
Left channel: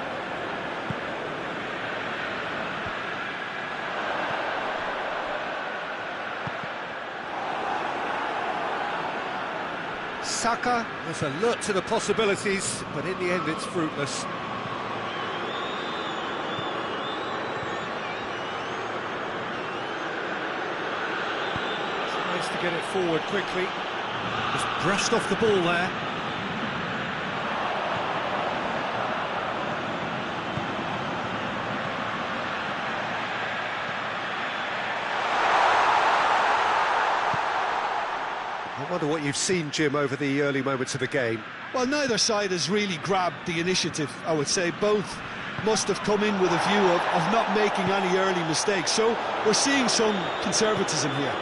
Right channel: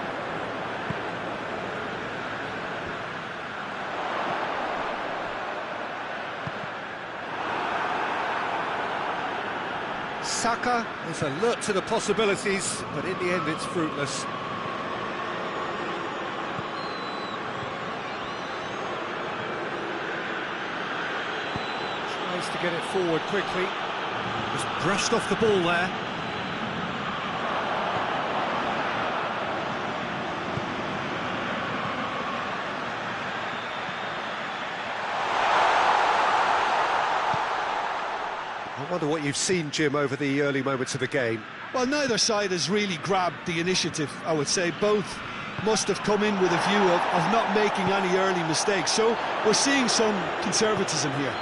Saka was alert to the possibilities, but in the end it's fruitless. Tries to get it forward quickly. Just brushed off the ball there. I wonder what you've seen, Jim, over the early moments of the game. Well, neither side has really grabbed the initiative, I would say. Both must have come in with a view of not making any early mistakes. So we're seeing some conservatism here.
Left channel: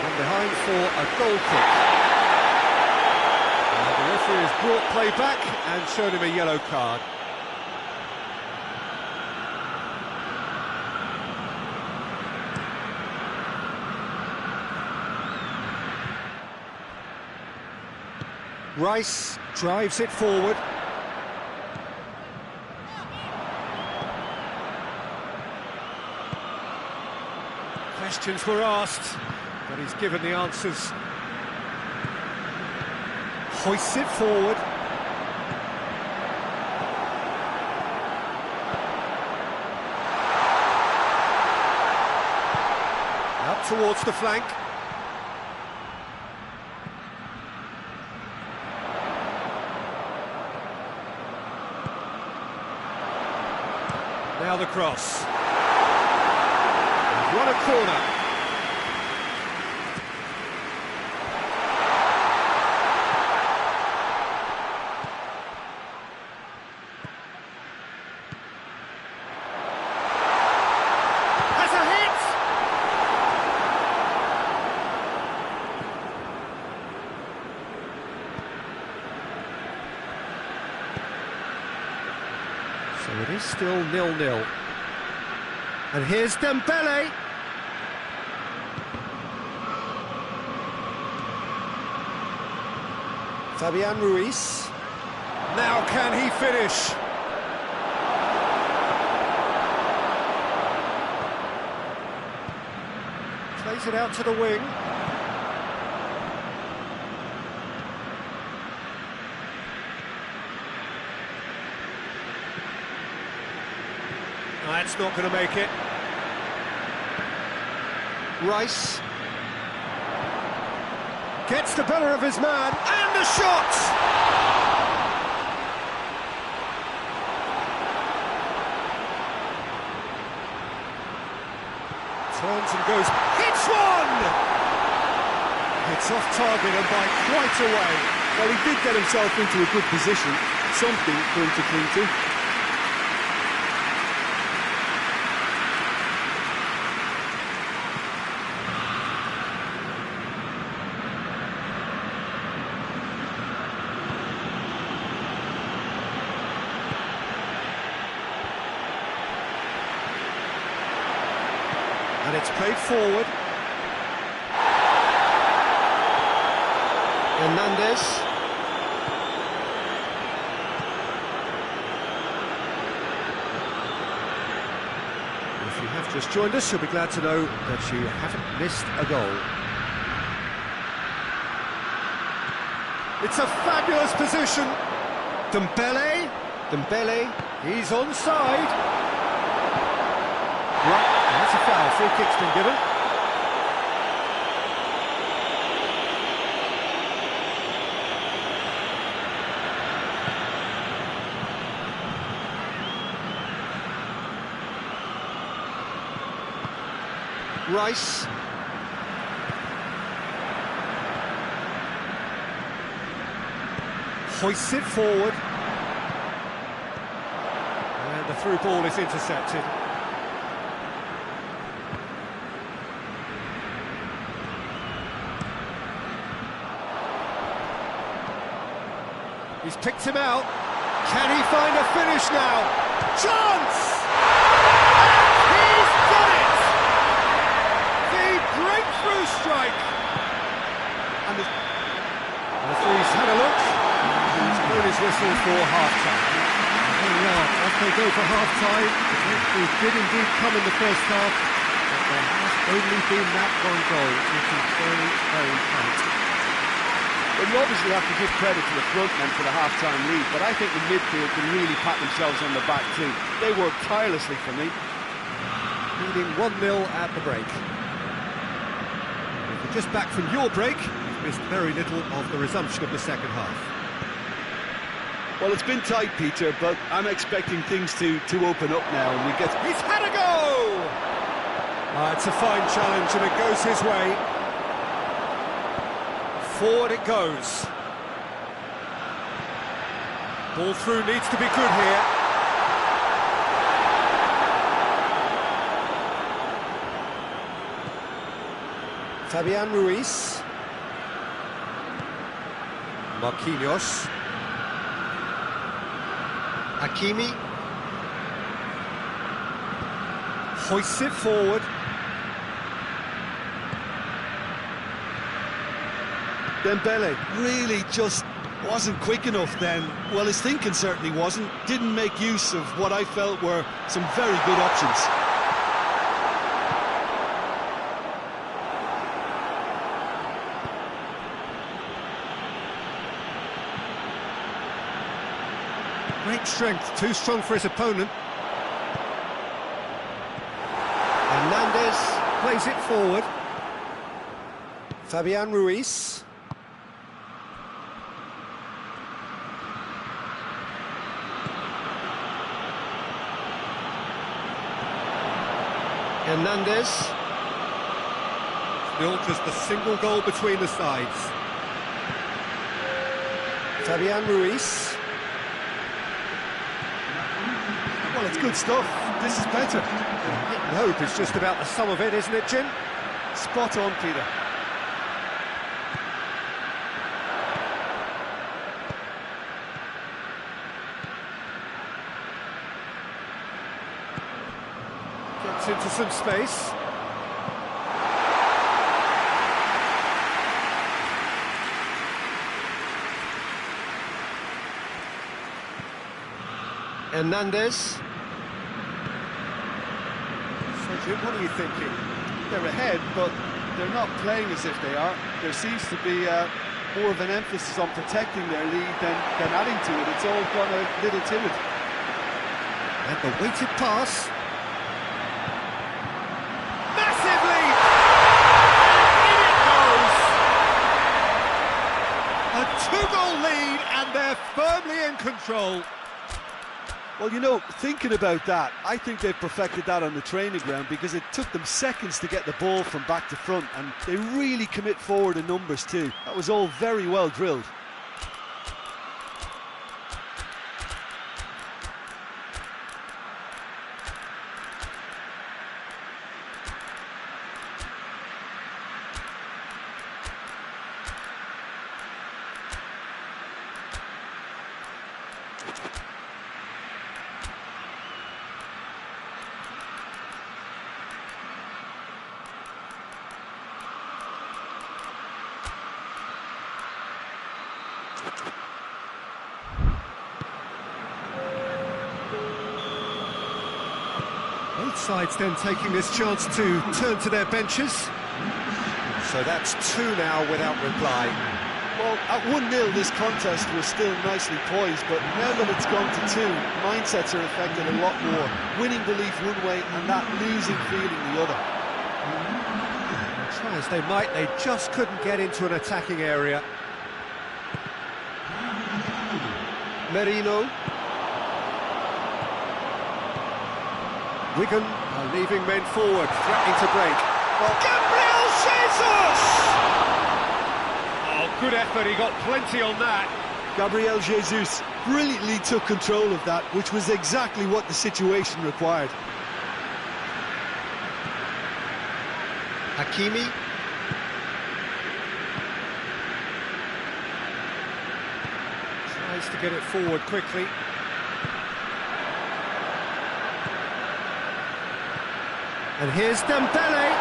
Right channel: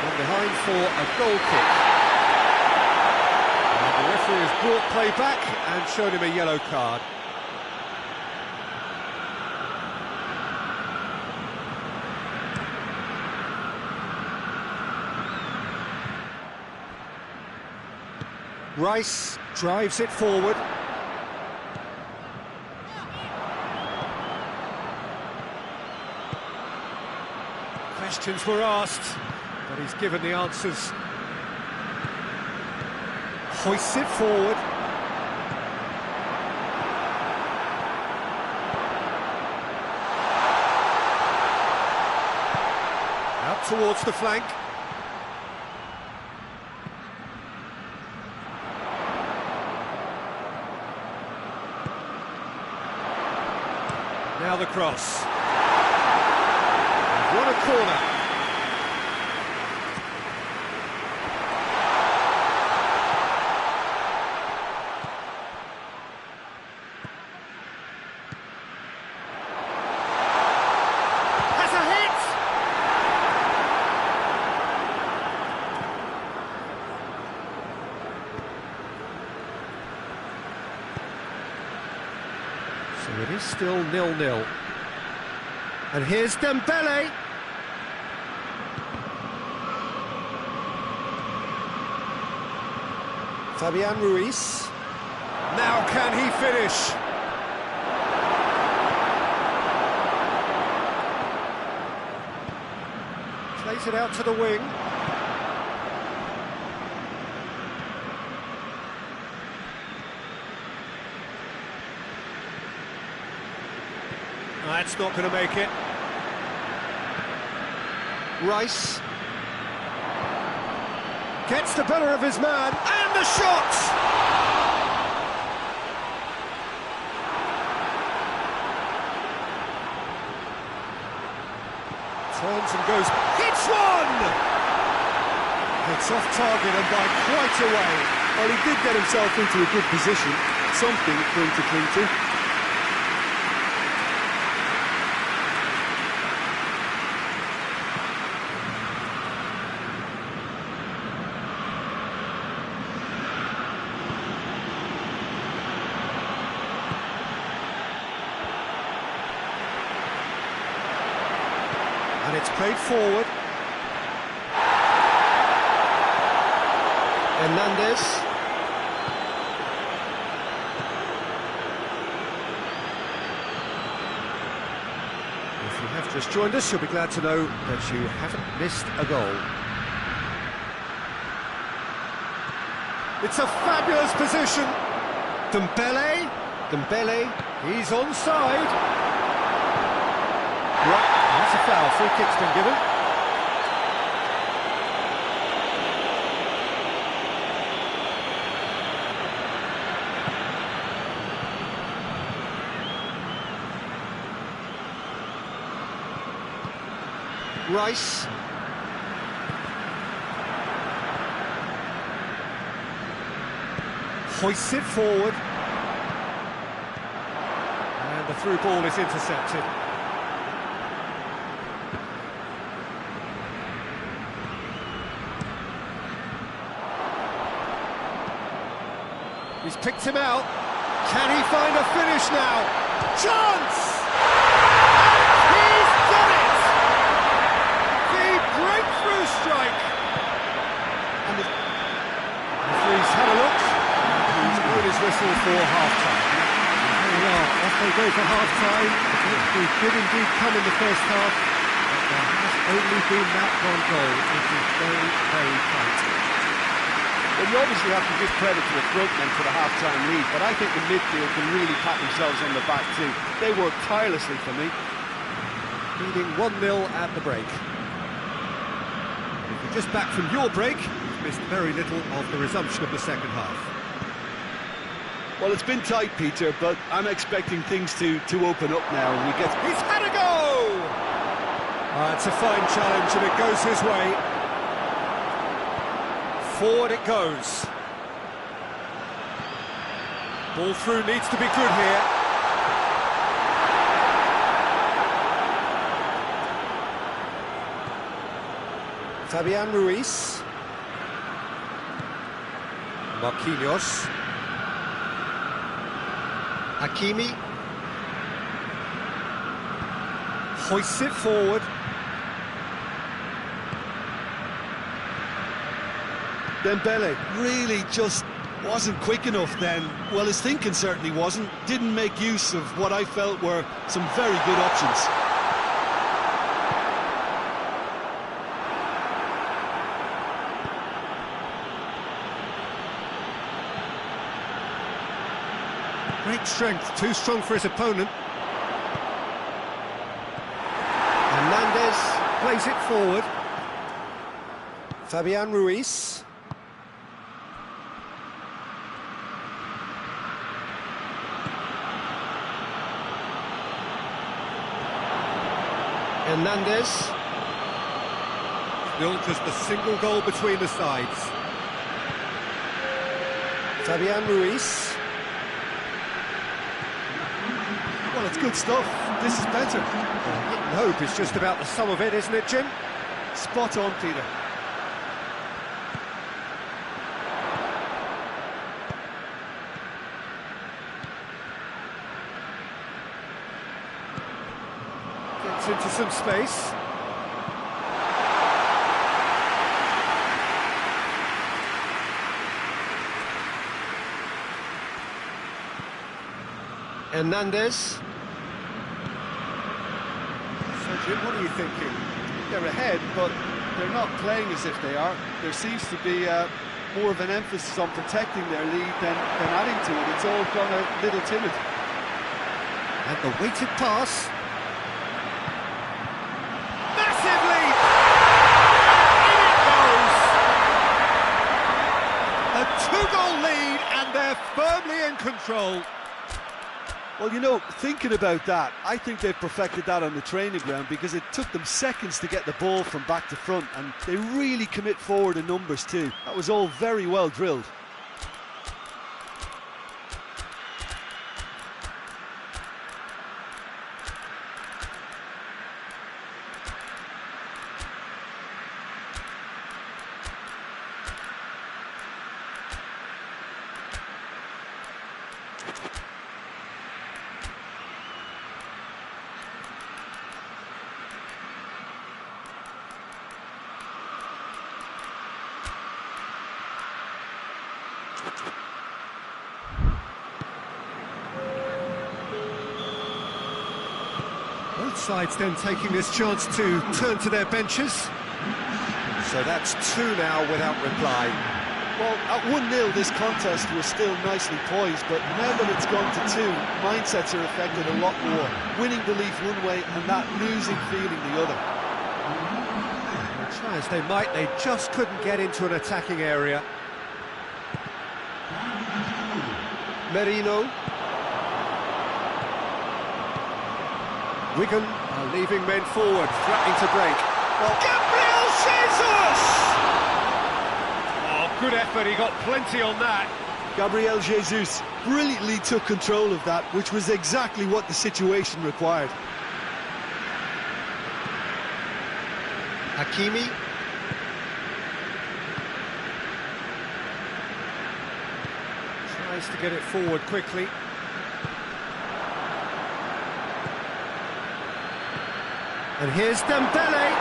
From behind for a goal kick. And the referee has brought play back and shown him a yellow card. Rice drives it forward. Questions were asked, but he's given the answers. Hoists it forward. Out towards the flank. Now the cross. They've won a corner. Has a hit! So it is still 0-0. And here's Dembele. Fabian Ruiz. Now can he finish? Plays it out to the wing. That's not going to make it. Rice gets the better of his man, and the shot! Turns and goes, hits one! It's off target and by quite a way. Well, he did get himself into a good position, something for him to cling to. And it's played forward. Hernandez. If you have just joined us, you'll be glad to know that you haven't missed a goal. It's a fabulous position. Dembele. Dembele. He's onside. Right, that's a foul. Free kick's been given. Rice. Hoists it forward. And the through ball is intercepted. He's picked him out. Can he find a finish now? Chance! And he's done it! The breakthrough strike! And the referee's had a look. He's blown his whistle for half-time. Here we are, off they go for half-time. The breakthrough did indeed come in the first half, but there has only been that one goal. It is very, very tight. Well, you obviously have to give credit to the front men for the half-time lead, but I think the midfield can really pat themselves on the back too. They worked tirelessly for me. Leading 1-0 at the break. If you're just back from your break, you've missed very little of the resumption of the second half. Well, it's been tight, Peter, but I'm expecting things to open up now, and we get... He's had a go! It's a fine challenge, and it goes his way. Forward it goes. Ball through needs to be good here. Fabian Ruiz. Marquinhos. Hakimi. Hoists it forward. Dembele really just wasn't quick enough then. Well, his thinking certainly wasn't. Didn't make use of what I felt were some very good options. Great strength, too strong for his opponent. Hernandez plays it forward. Fabian Ruiz. Hernandez. Still just a single goal between the sides. Fabian Ruiz. Well, it's good stuff. This is better. Hit and hope is just about the sum of it, isn't it, Jim? Spot on, Peter. Gets into some space. Hernandez. So, Jim, what are you thinking? They're ahead, but they're not playing as if they are. There seems to be more of an emphasis on protecting their lead than adding to it. It's all gone a little timid. And the weighted pass. Massive lead! And in it goes! A 2-goal lead, and they're firmly in control. Well, you know, thinking about that, I think they've perfected that on the training ground because it took them seconds to get the ball from back to front, and they really commit forward in numbers too. That was all very well drilled. Both sides then taking this chance to turn to their benches. So that's 2 now without reply. Well, at 1-0 this contest was still nicely poised, but now that it's gone to 2, mindsets are affected a lot more. Winning belief one way and that losing feeling the other. Well, try as they might, they just couldn't get into an attacking area. Merino. Wigan are leaving men forward, threatening to break. Well, Gabriel Jesus! Oh, good effort, he got plenty on that. Gabriel Jesus brilliantly took control of that, which was exactly what the situation required. Hakimi. Tries to get it forward quickly. And here's Dembele.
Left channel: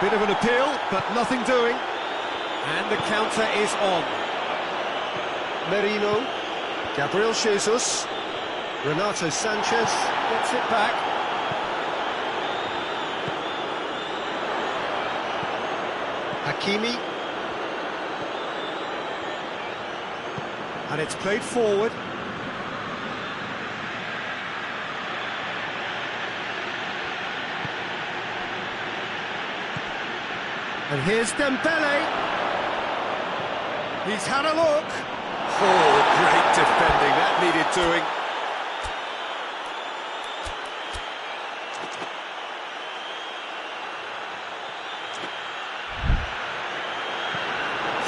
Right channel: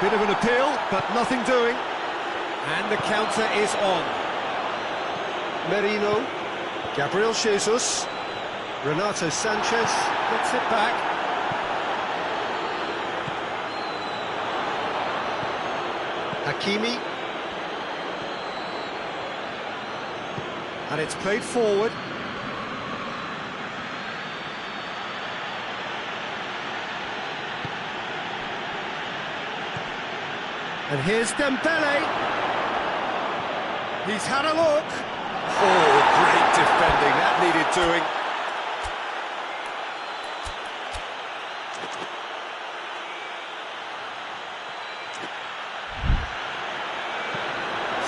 Bit of an appeal, but nothing doing. And the counter is on. Merino. Gabriel Jesus. Renato Sanchez gets it back. Hakimi. And it's played forward. And here's Dembele. He's had a look. Oh, great defending. That needed doing.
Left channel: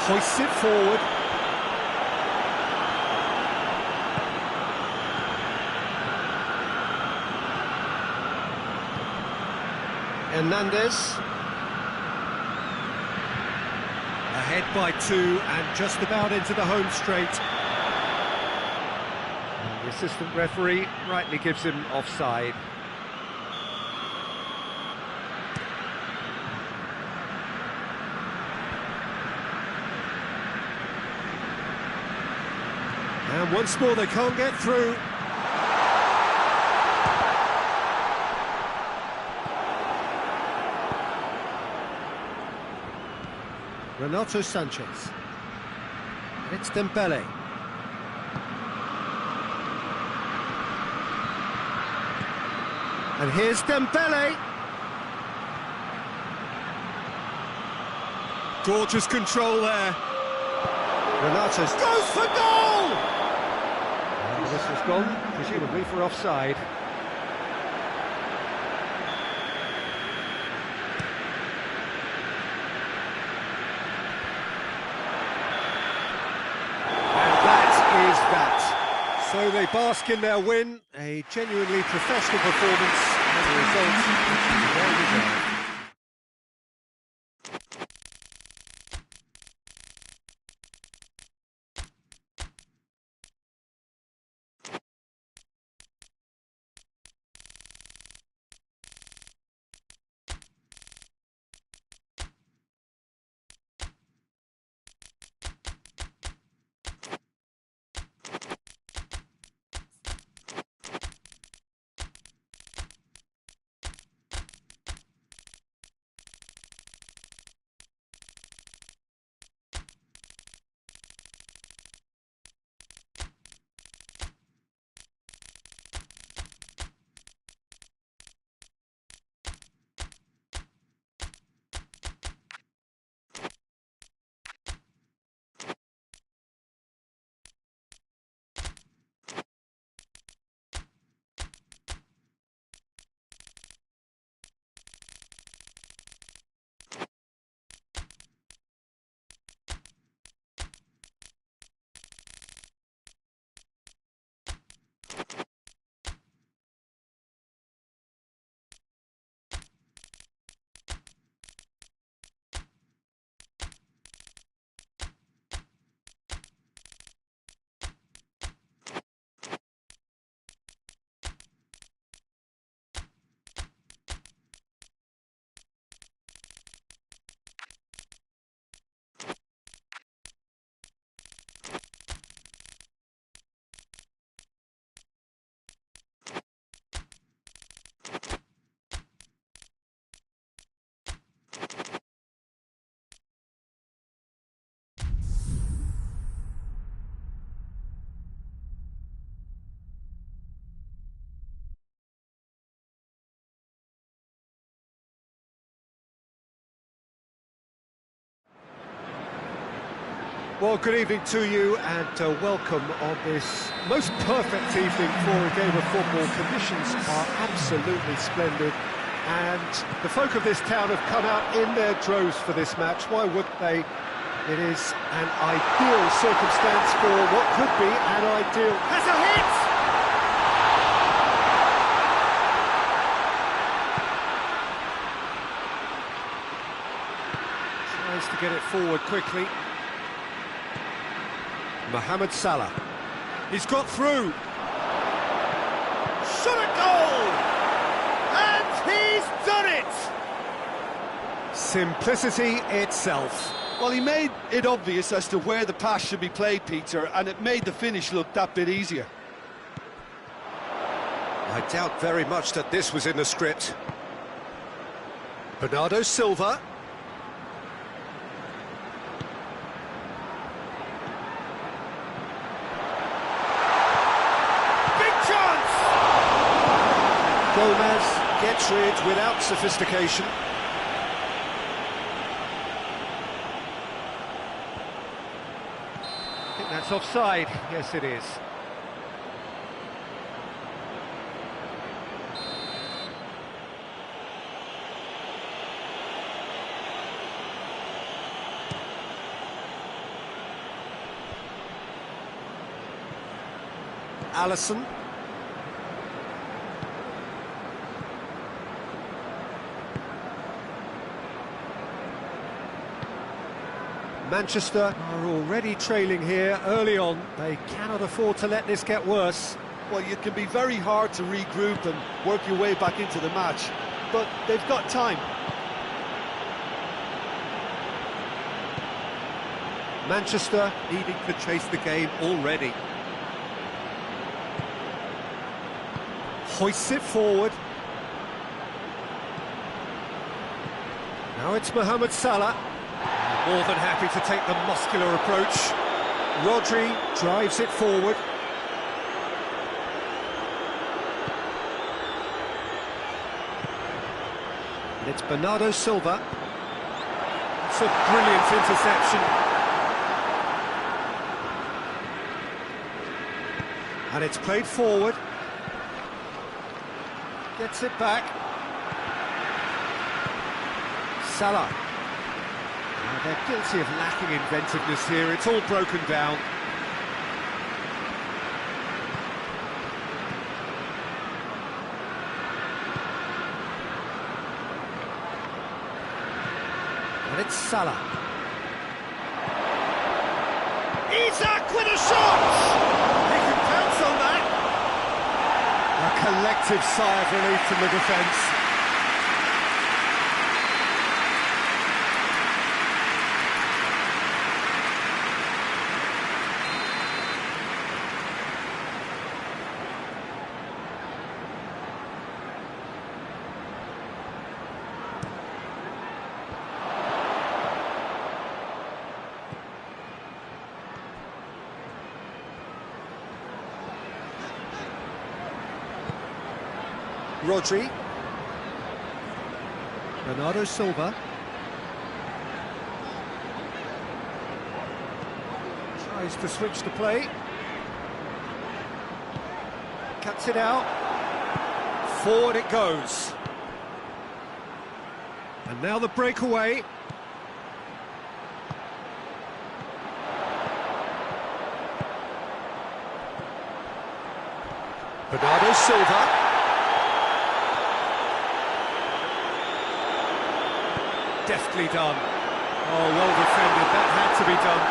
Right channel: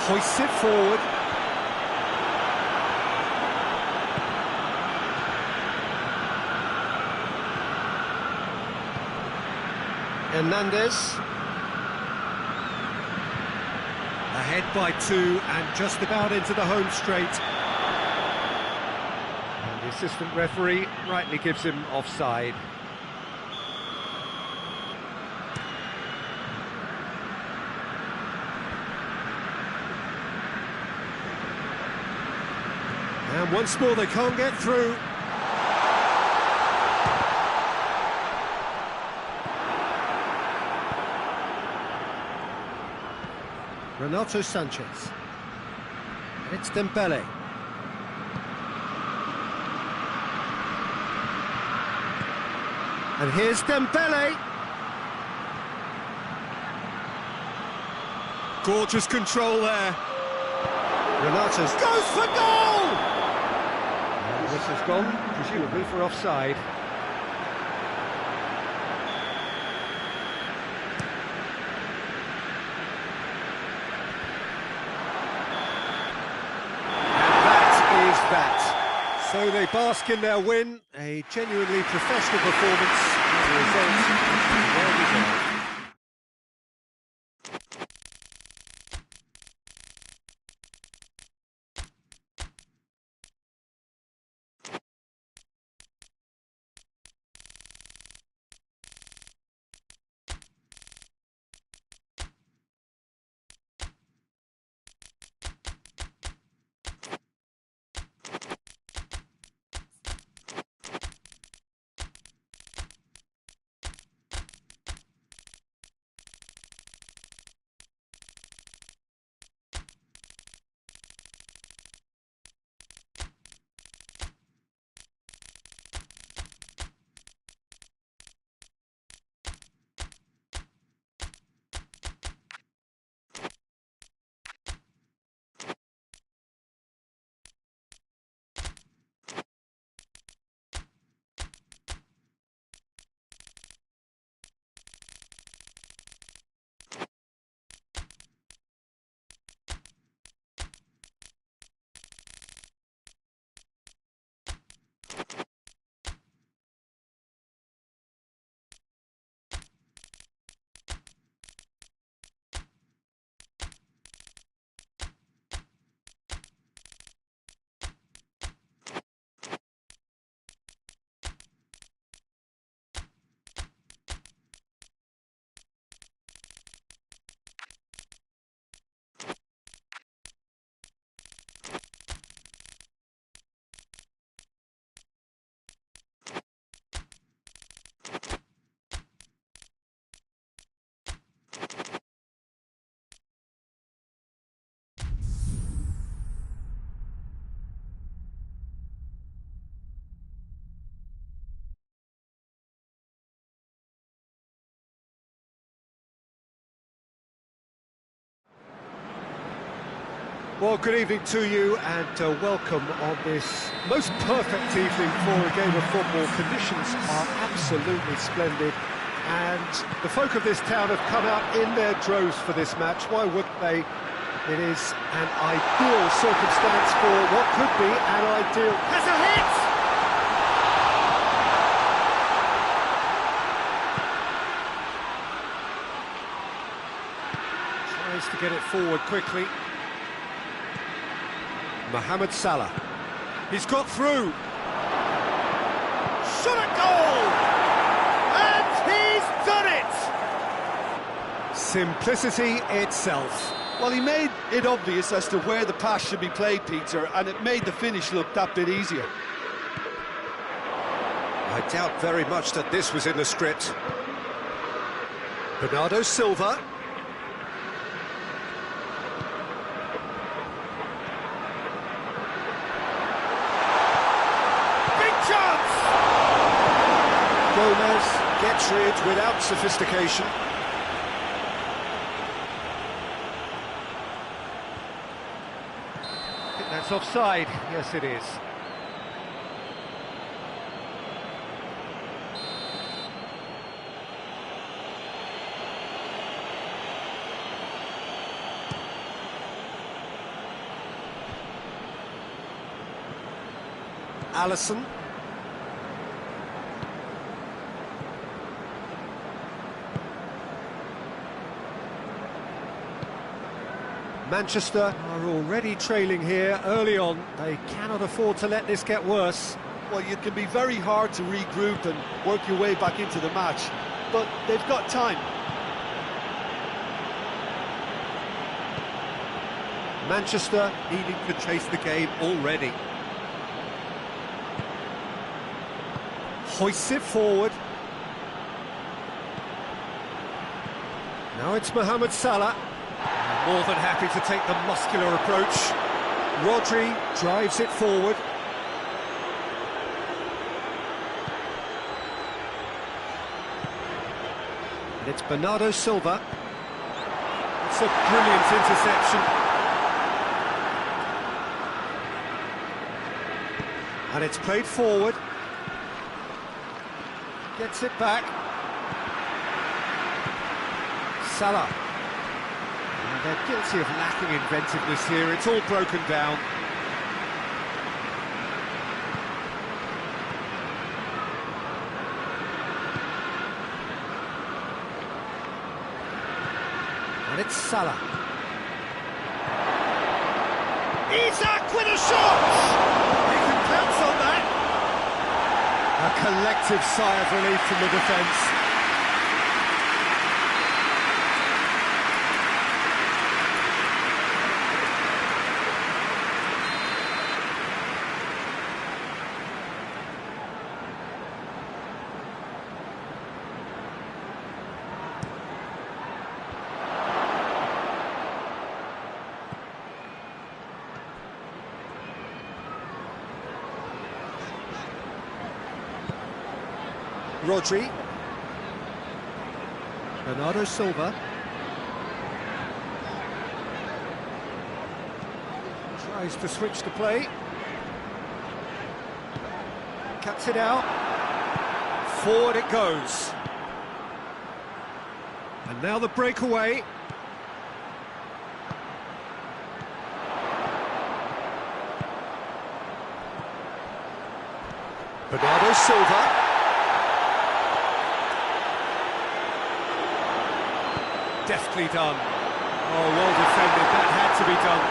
Hoists it forward. Hernandez. Ahead by 2 and just about into the home straight. And the assistant referee rightly gives him offside. And once more they can't get through. Renato Sanchez. And it's Dembele. And here's Dembele. Gorgeous control there. Renato's goes for goal! And the whistle's gone, presumably for offside. That. So they bask in their win, a genuinely professional performance, and a result which is well deserved. Well, good evening to you and welcome on this most perfect evening for a game of football. Conditions are absolutely splendid and the folk of this town have come out in their droves for this match. Why wouldn't they? It is an ideal circumstance for what could be an ideal... Has a hit! Tries to get it forward quickly. Mohamed Salah. He's got through. Shot at goal! And he's done it! Simplicity itself. Well, he made it obvious as to where the pass should be played, Peter, and it made the finish look that bit easier. I doubt very much that this was in the script. Bernardo Silva. Gomez gets rid without sophistication. I think that's offside. Yes, it is. Alisson. Manchester are already trailing here early on. They cannot afford to let this get worse. Well, it can be very hard to regroup and work your way back into the match, but they've got time. Manchester needing to chase the game already. Hoists it forward. Now it's Mohamed Salah. More than happy to take the muscular approach. Rodri drives it forward. And it's Bernardo Silva. It's a brilliant interception. And it's played forward. Gets it back. Salah. Now they're guilty of lacking inventiveness here. It's all broken down. And it's Salah. Isak with a shot! He can pounce on that. A collective sigh of relief from the defence. Rodri. Bernardo Silva. Tries to switch the play. Cuts it out. Forward it goes. And now the breakaway. Bernardo Silva. Deftly done. Oh, well defended. That had to be done.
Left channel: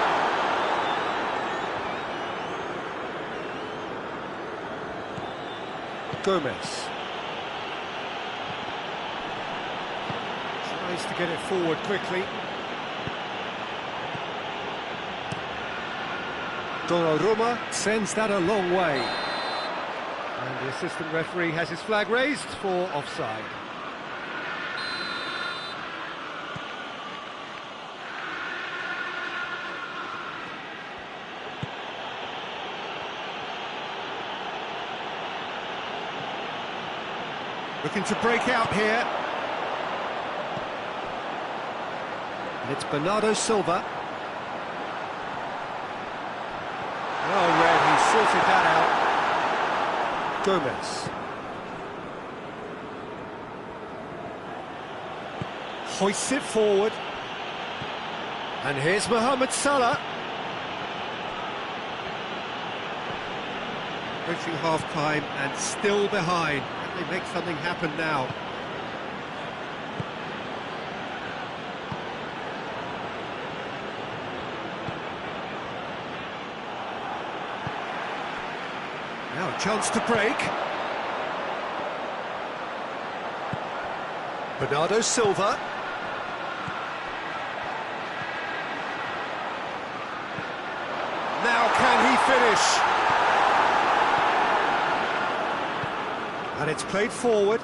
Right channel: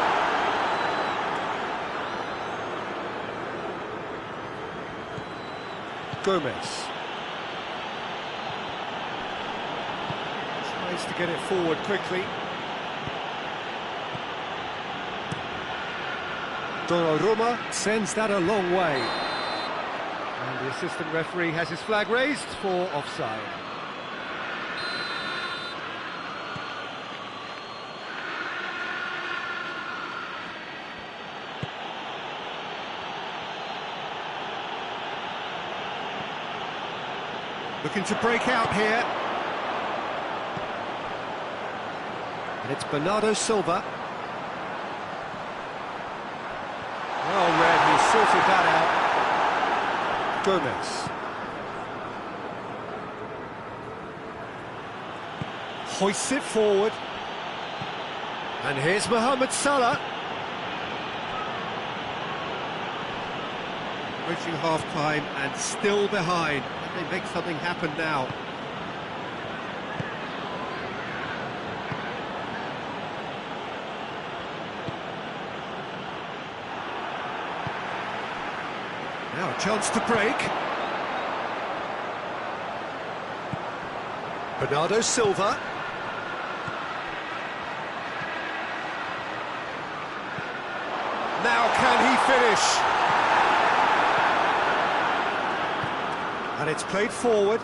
Gomez. Tries to get it forward quickly. Donnarumma sends that a long way. And the assistant referee has his flag raised for offside. Looking to break out here. And it's Bernardo Silva. sorted that out. Gomez. Hoists it forward. And here's Mohamed Salah. Reaching half-time and still behind. Can they make something happen now? Now a chance to break. Bernardo Silva. Now can he finish? And it's played forward.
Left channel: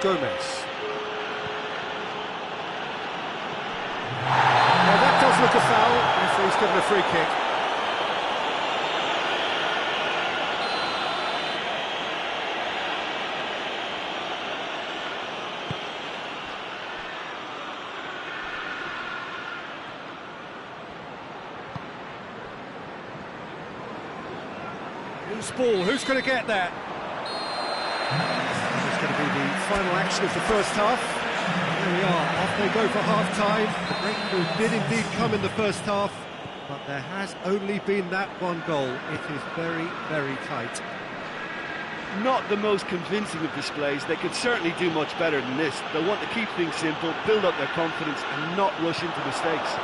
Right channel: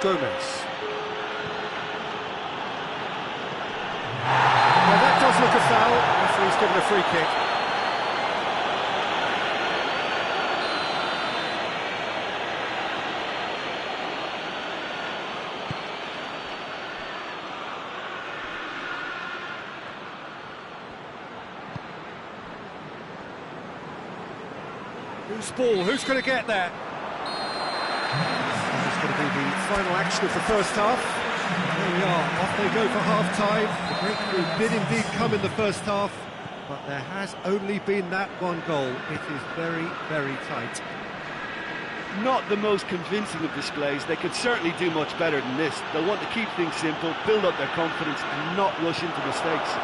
Gomez. Now that does look a foul. Referee's given a free kick. Loose ball, who's going to get that? That is going to be the final action of the first half. There we are, off they go for half-time. The breakthrough did indeed come in the first half, but there has only been that one goal. It is very, very tight. Not the most convincing of displays. They could certainly do much better than this. They'll want to keep things simple, build up their confidence and not rush into mistakes.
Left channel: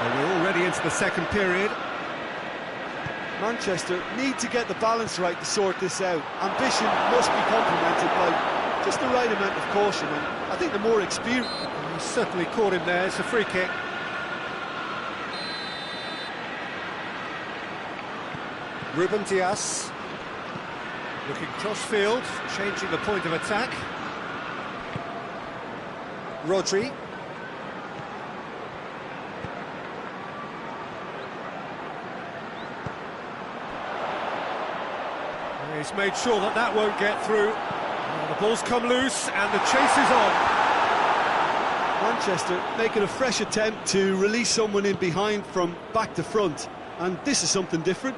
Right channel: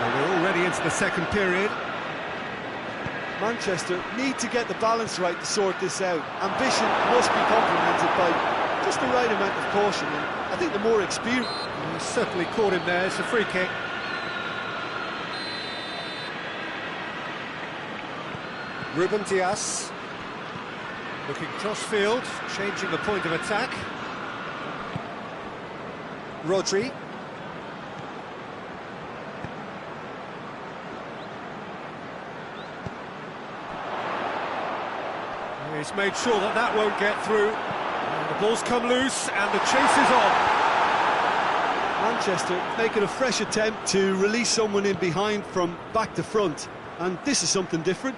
Well, we're already into the second period. Manchester need to get the balance right to sort this out. Ambition must be complemented by just the right amount of caution, and I think the more experience... He certainly caught him there. It's a free kick. Ruben Dias looking cross-field, changing the point of attack. Rodri. He's made sure that that won't get through. The ball's come loose and the chase is on. Manchester making a fresh attempt to release someone in behind from back to front, and this is something different.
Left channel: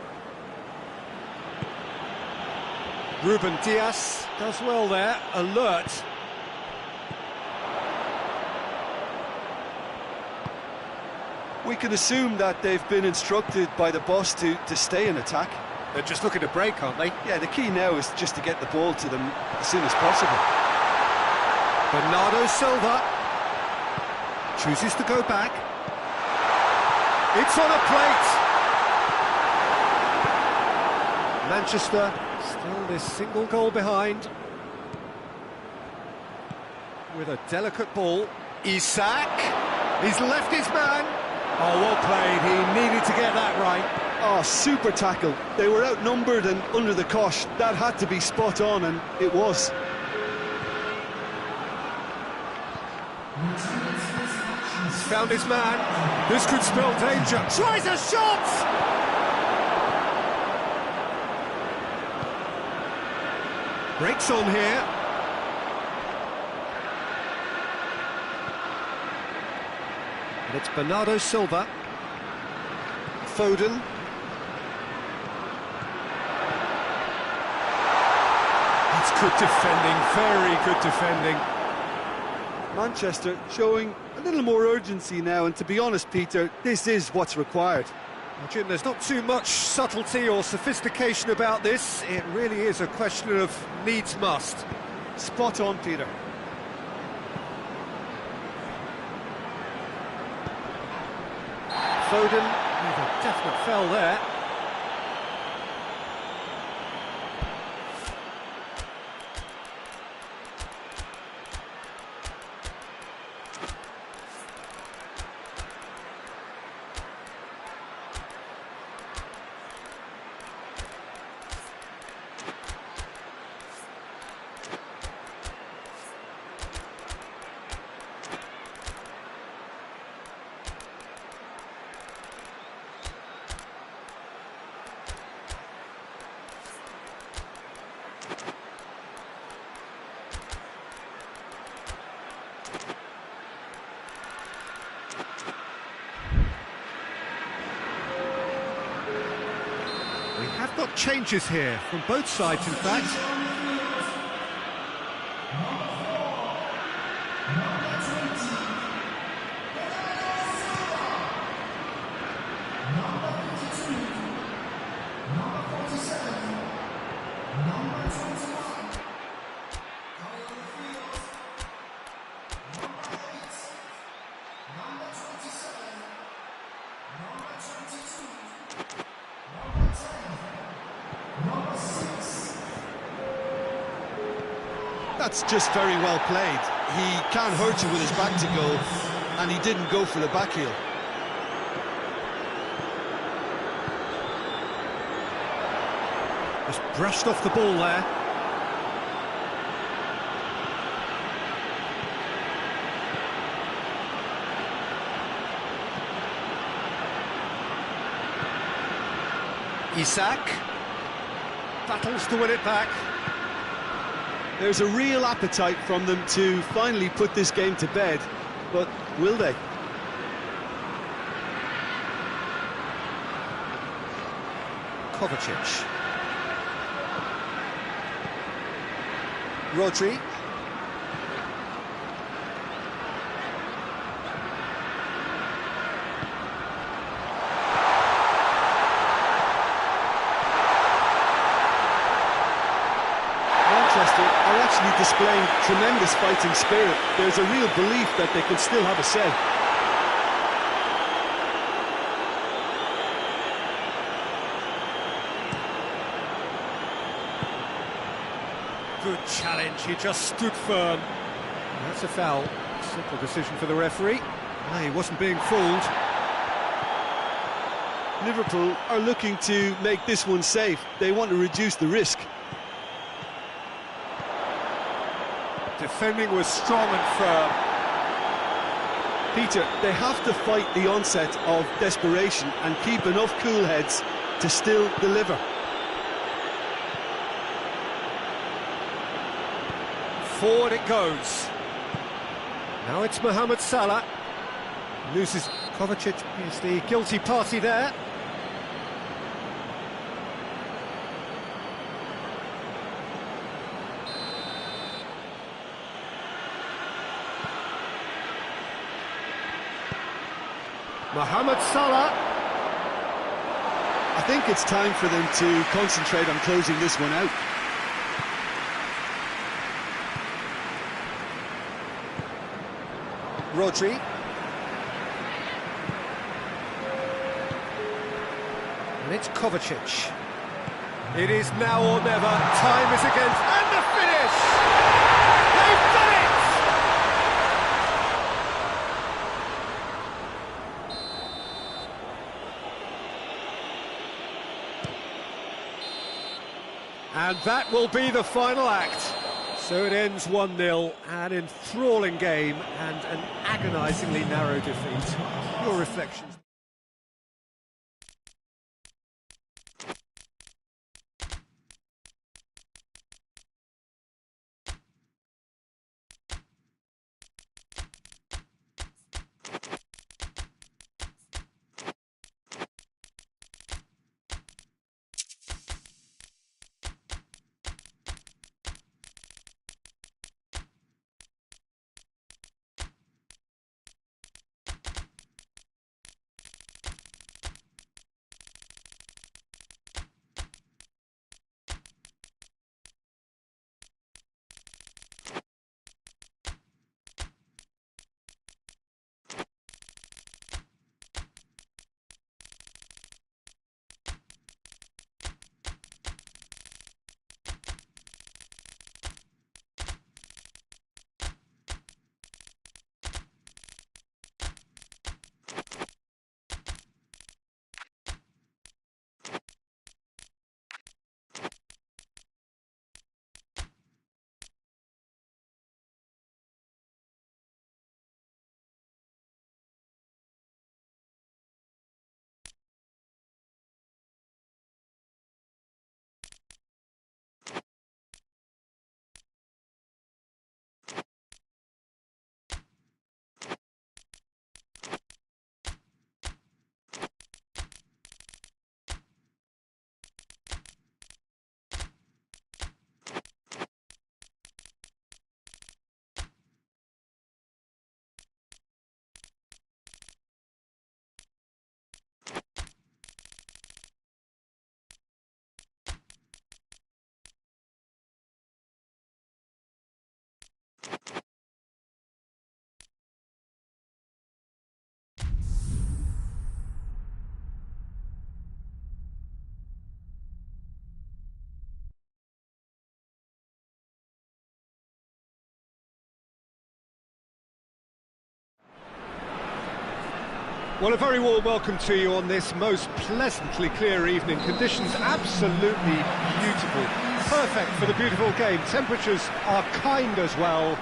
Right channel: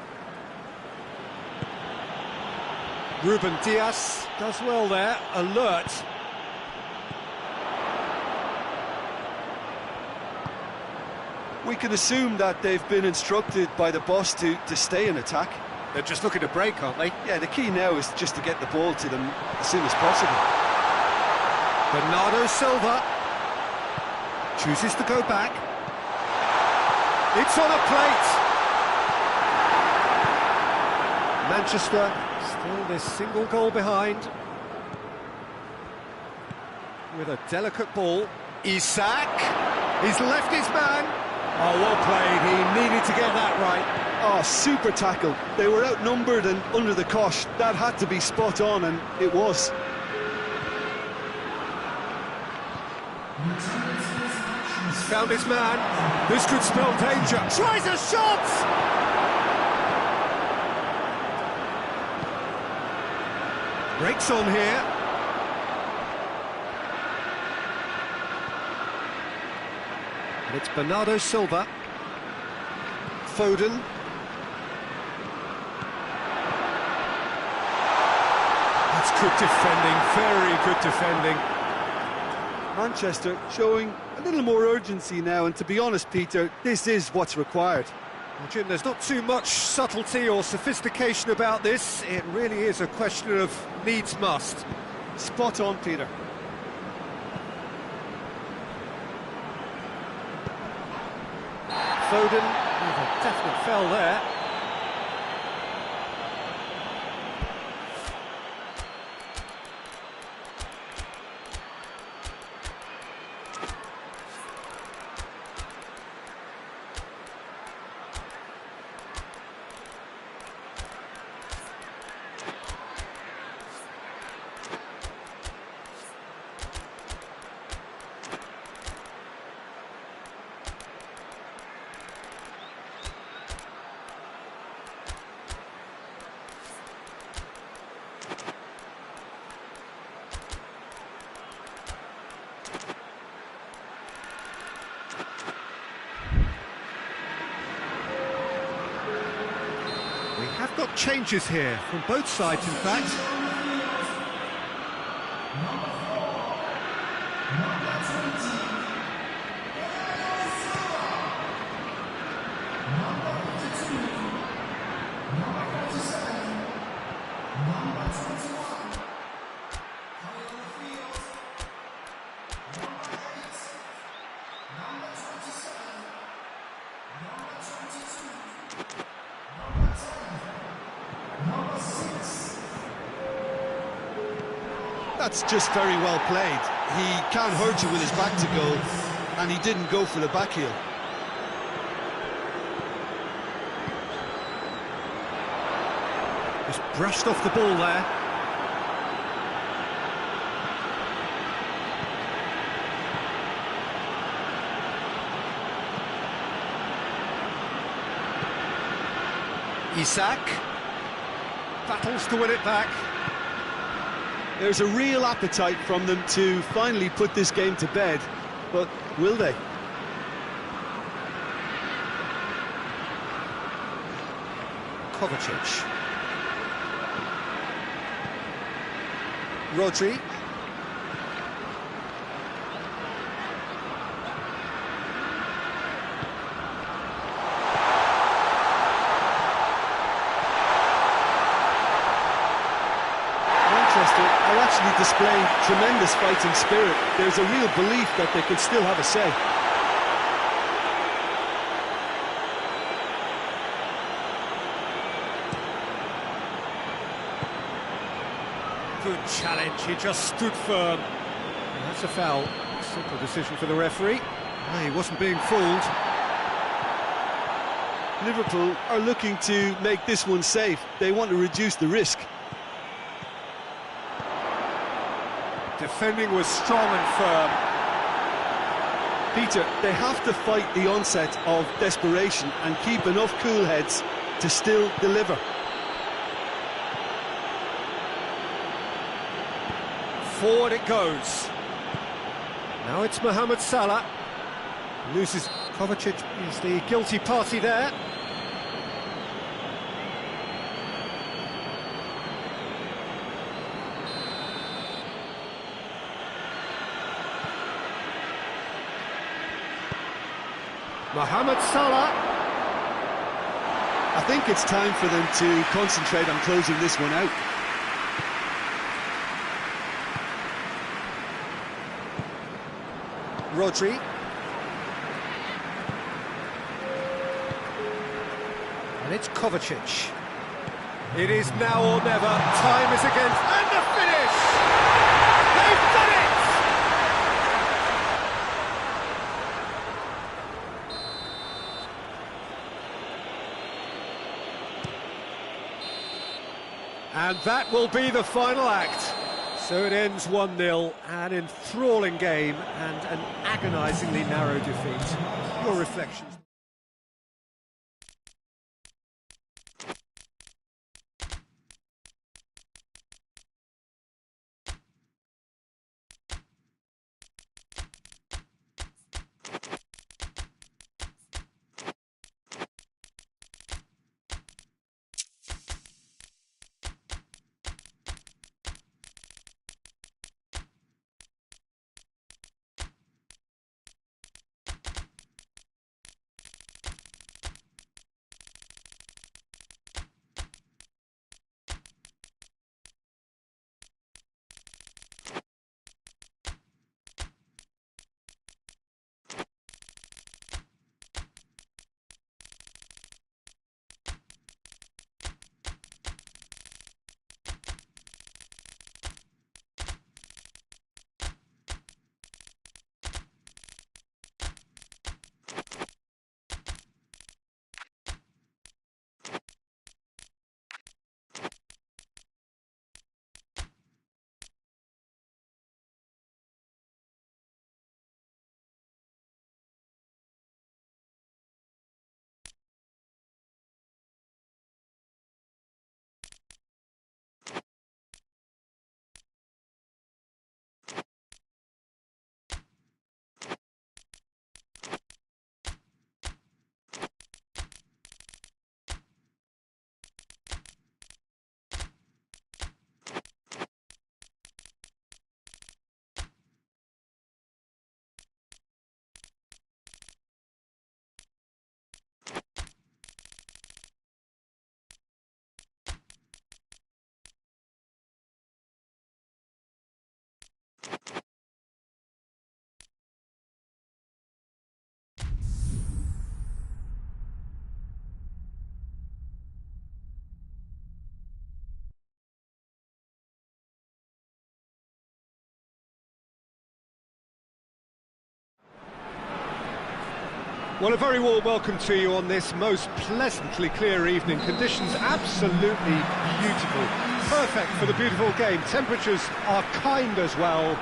Ruben Dias does well there, alert. We can assume that they've been instructed by the boss to stay in attack. They're just looking to break, aren't they? Yeah, the key now is just to get the ball to them as soon as possible. Bernardo Silva chooses to go back. It's on a plate. Manchester still this single goal behind. With a delicate ball. Isak, he's left his man. Oh, well played, he needed to get that right. Oh, super tackle. They were outnumbered and under the cosh. That had to be spot on, and it was. He's found his man. This could spell danger. Tries a shot! Breaks on here. And it's Bernardo Silva. Foden. That's good defending, very good defending. Manchester showing a little more urgency now, and to be honest, Peter, this is what's required. Well, Jim, there's not too much subtlety or sophistication about this. It really is a question of needs must. Spot on, Peter. Foden with a definite foul there. have got changes here, from both sides in fact. That's just very well played. He can't hurt you with his back to goal, and he didn't go for the back heel. Just brushed off the ball there. Isak battles to win it back. There's a real appetite from them to finally put this game to bed, but will they? Kovacic. Rodri. Manchester are actually displaying tremendous fighting spirit. There's a real belief that they can still have a say. Good challenge, he just stood firm. And that's a foul. Simple decision for the referee. He wasn't being fooled. Liverpool are looking to make this one safe. They want to reduce the risk. Defending was strong and firm. Peter, they have to fight the onset of desperation and keep enough cool heads to still deliver. Forward it goes. Now it's Mohamed Salah. Loses. Kovacic is the guilty party there. Mohamed Salah. I think it's time for them to concentrate on closing this one out. Rodri. And it's Kovacic. It is now or never. Time is against. And the finish! They've done it! And that will be the final act. So it ends 1-0, an enthralling game and an agonisingly narrow defeat. Your reflections? Well, a very warm welcome to you on this most pleasantly clear evening. Conditions absolutely beautiful. Perfect for the beautiful game. Temperatures are kind as well.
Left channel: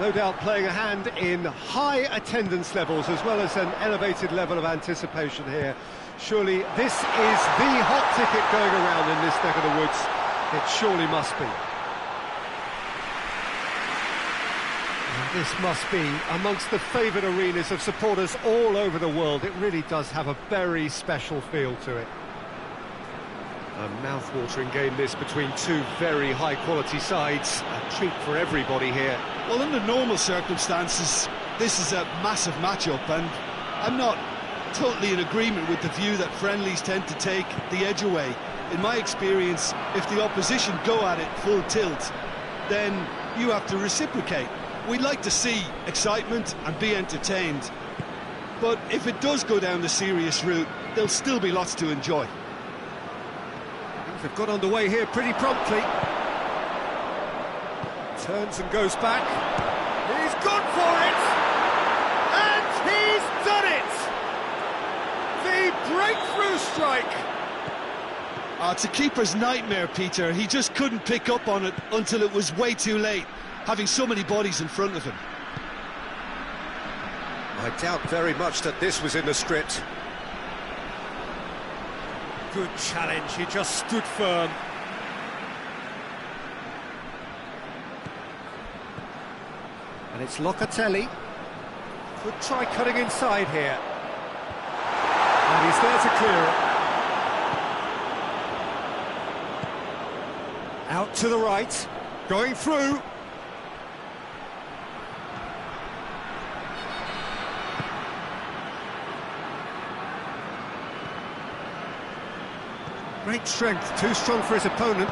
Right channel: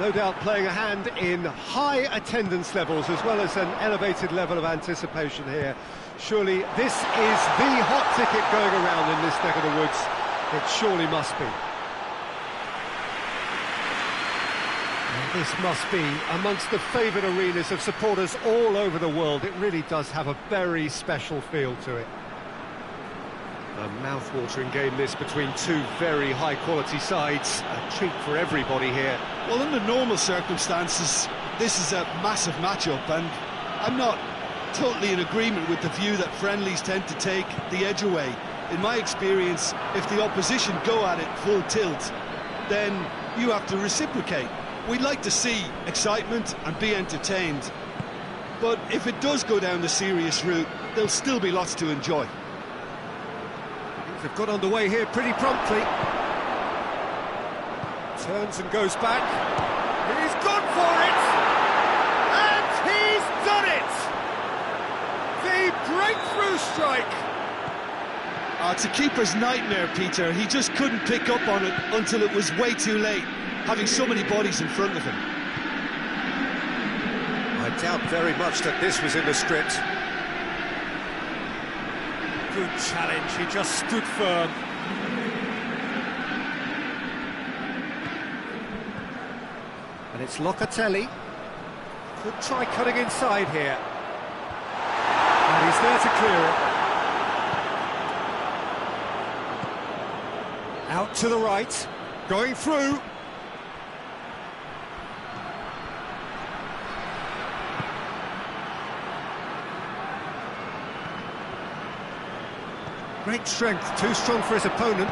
No doubt playing a hand in high attendance levels as well as an elevated level of anticipation here. Surely this is the hot ticket going around in this neck of the woods. It surely must be. And this must be amongst the favoured arenas of supporters all over the world. It really does have a very special feel to it. A mouth-watering game this between two very high-quality sides. A treat for everybody here. Well, under normal circumstances, this is a massive matchup, and I'm not totally in agreement with the view that friendlies tend to take the edge away. In my experience, if the opposition go at it full tilt, then you have to reciprocate. We'd like to see excitement and be entertained, but if it does go down the serious route, there'll still be lots to enjoy. Things have got underway here pretty promptly. Turns and goes back. He's gone for it! And he's done it! The breakthrough strike! It's a keeper's nightmare, Peter. He just couldn't pick up on it until it was way too late, having so many bodies in front of him. I doubt very much that this was in the script. Good challenge, he just stood firm. And it's Locatelli. Could try cutting inside here. And he's there to clear it. Out to the right, going through. Great strength, too strong for his opponent.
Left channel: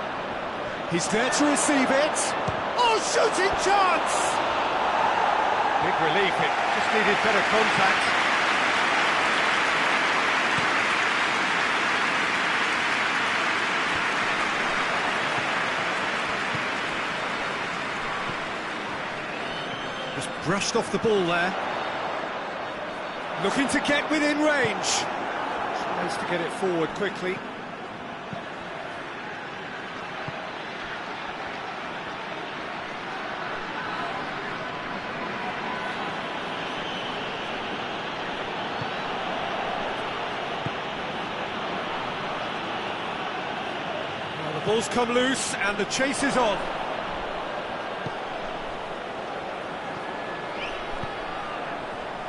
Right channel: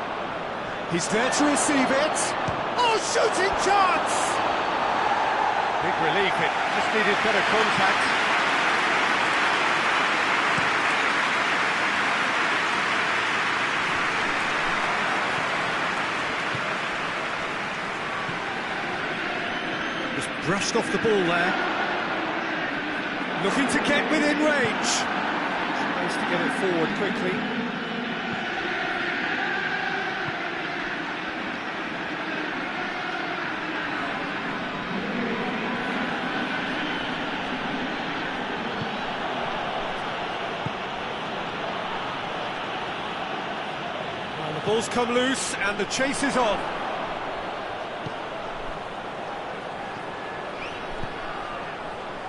He's there to receive it. Oh, shooting chance! Big relief, it just needed better contact. Just brushed off the ball there. Looking to get within range. Tries to get it forward quickly. Well, the ball's come loose and the chase is on.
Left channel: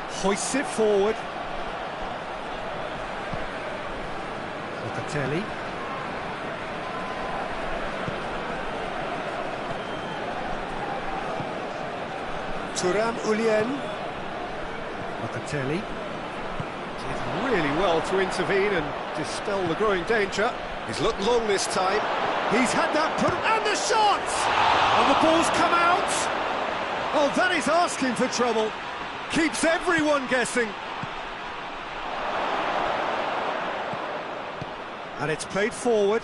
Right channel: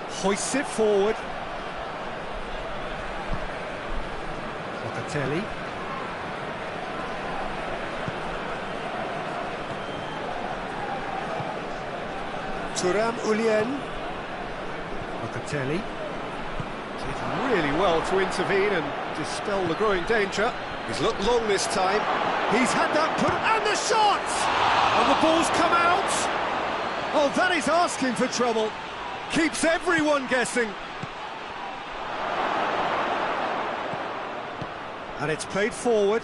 Hoists it forward. Locatelli. Thuram. Locatelli. Did really well to intervene and dispel the growing danger. He's looked long this time. He's had that put, and the shot! And the ball's come out! Oh, that is asking for trouble. Keeps everyone guessing. And it's played forward.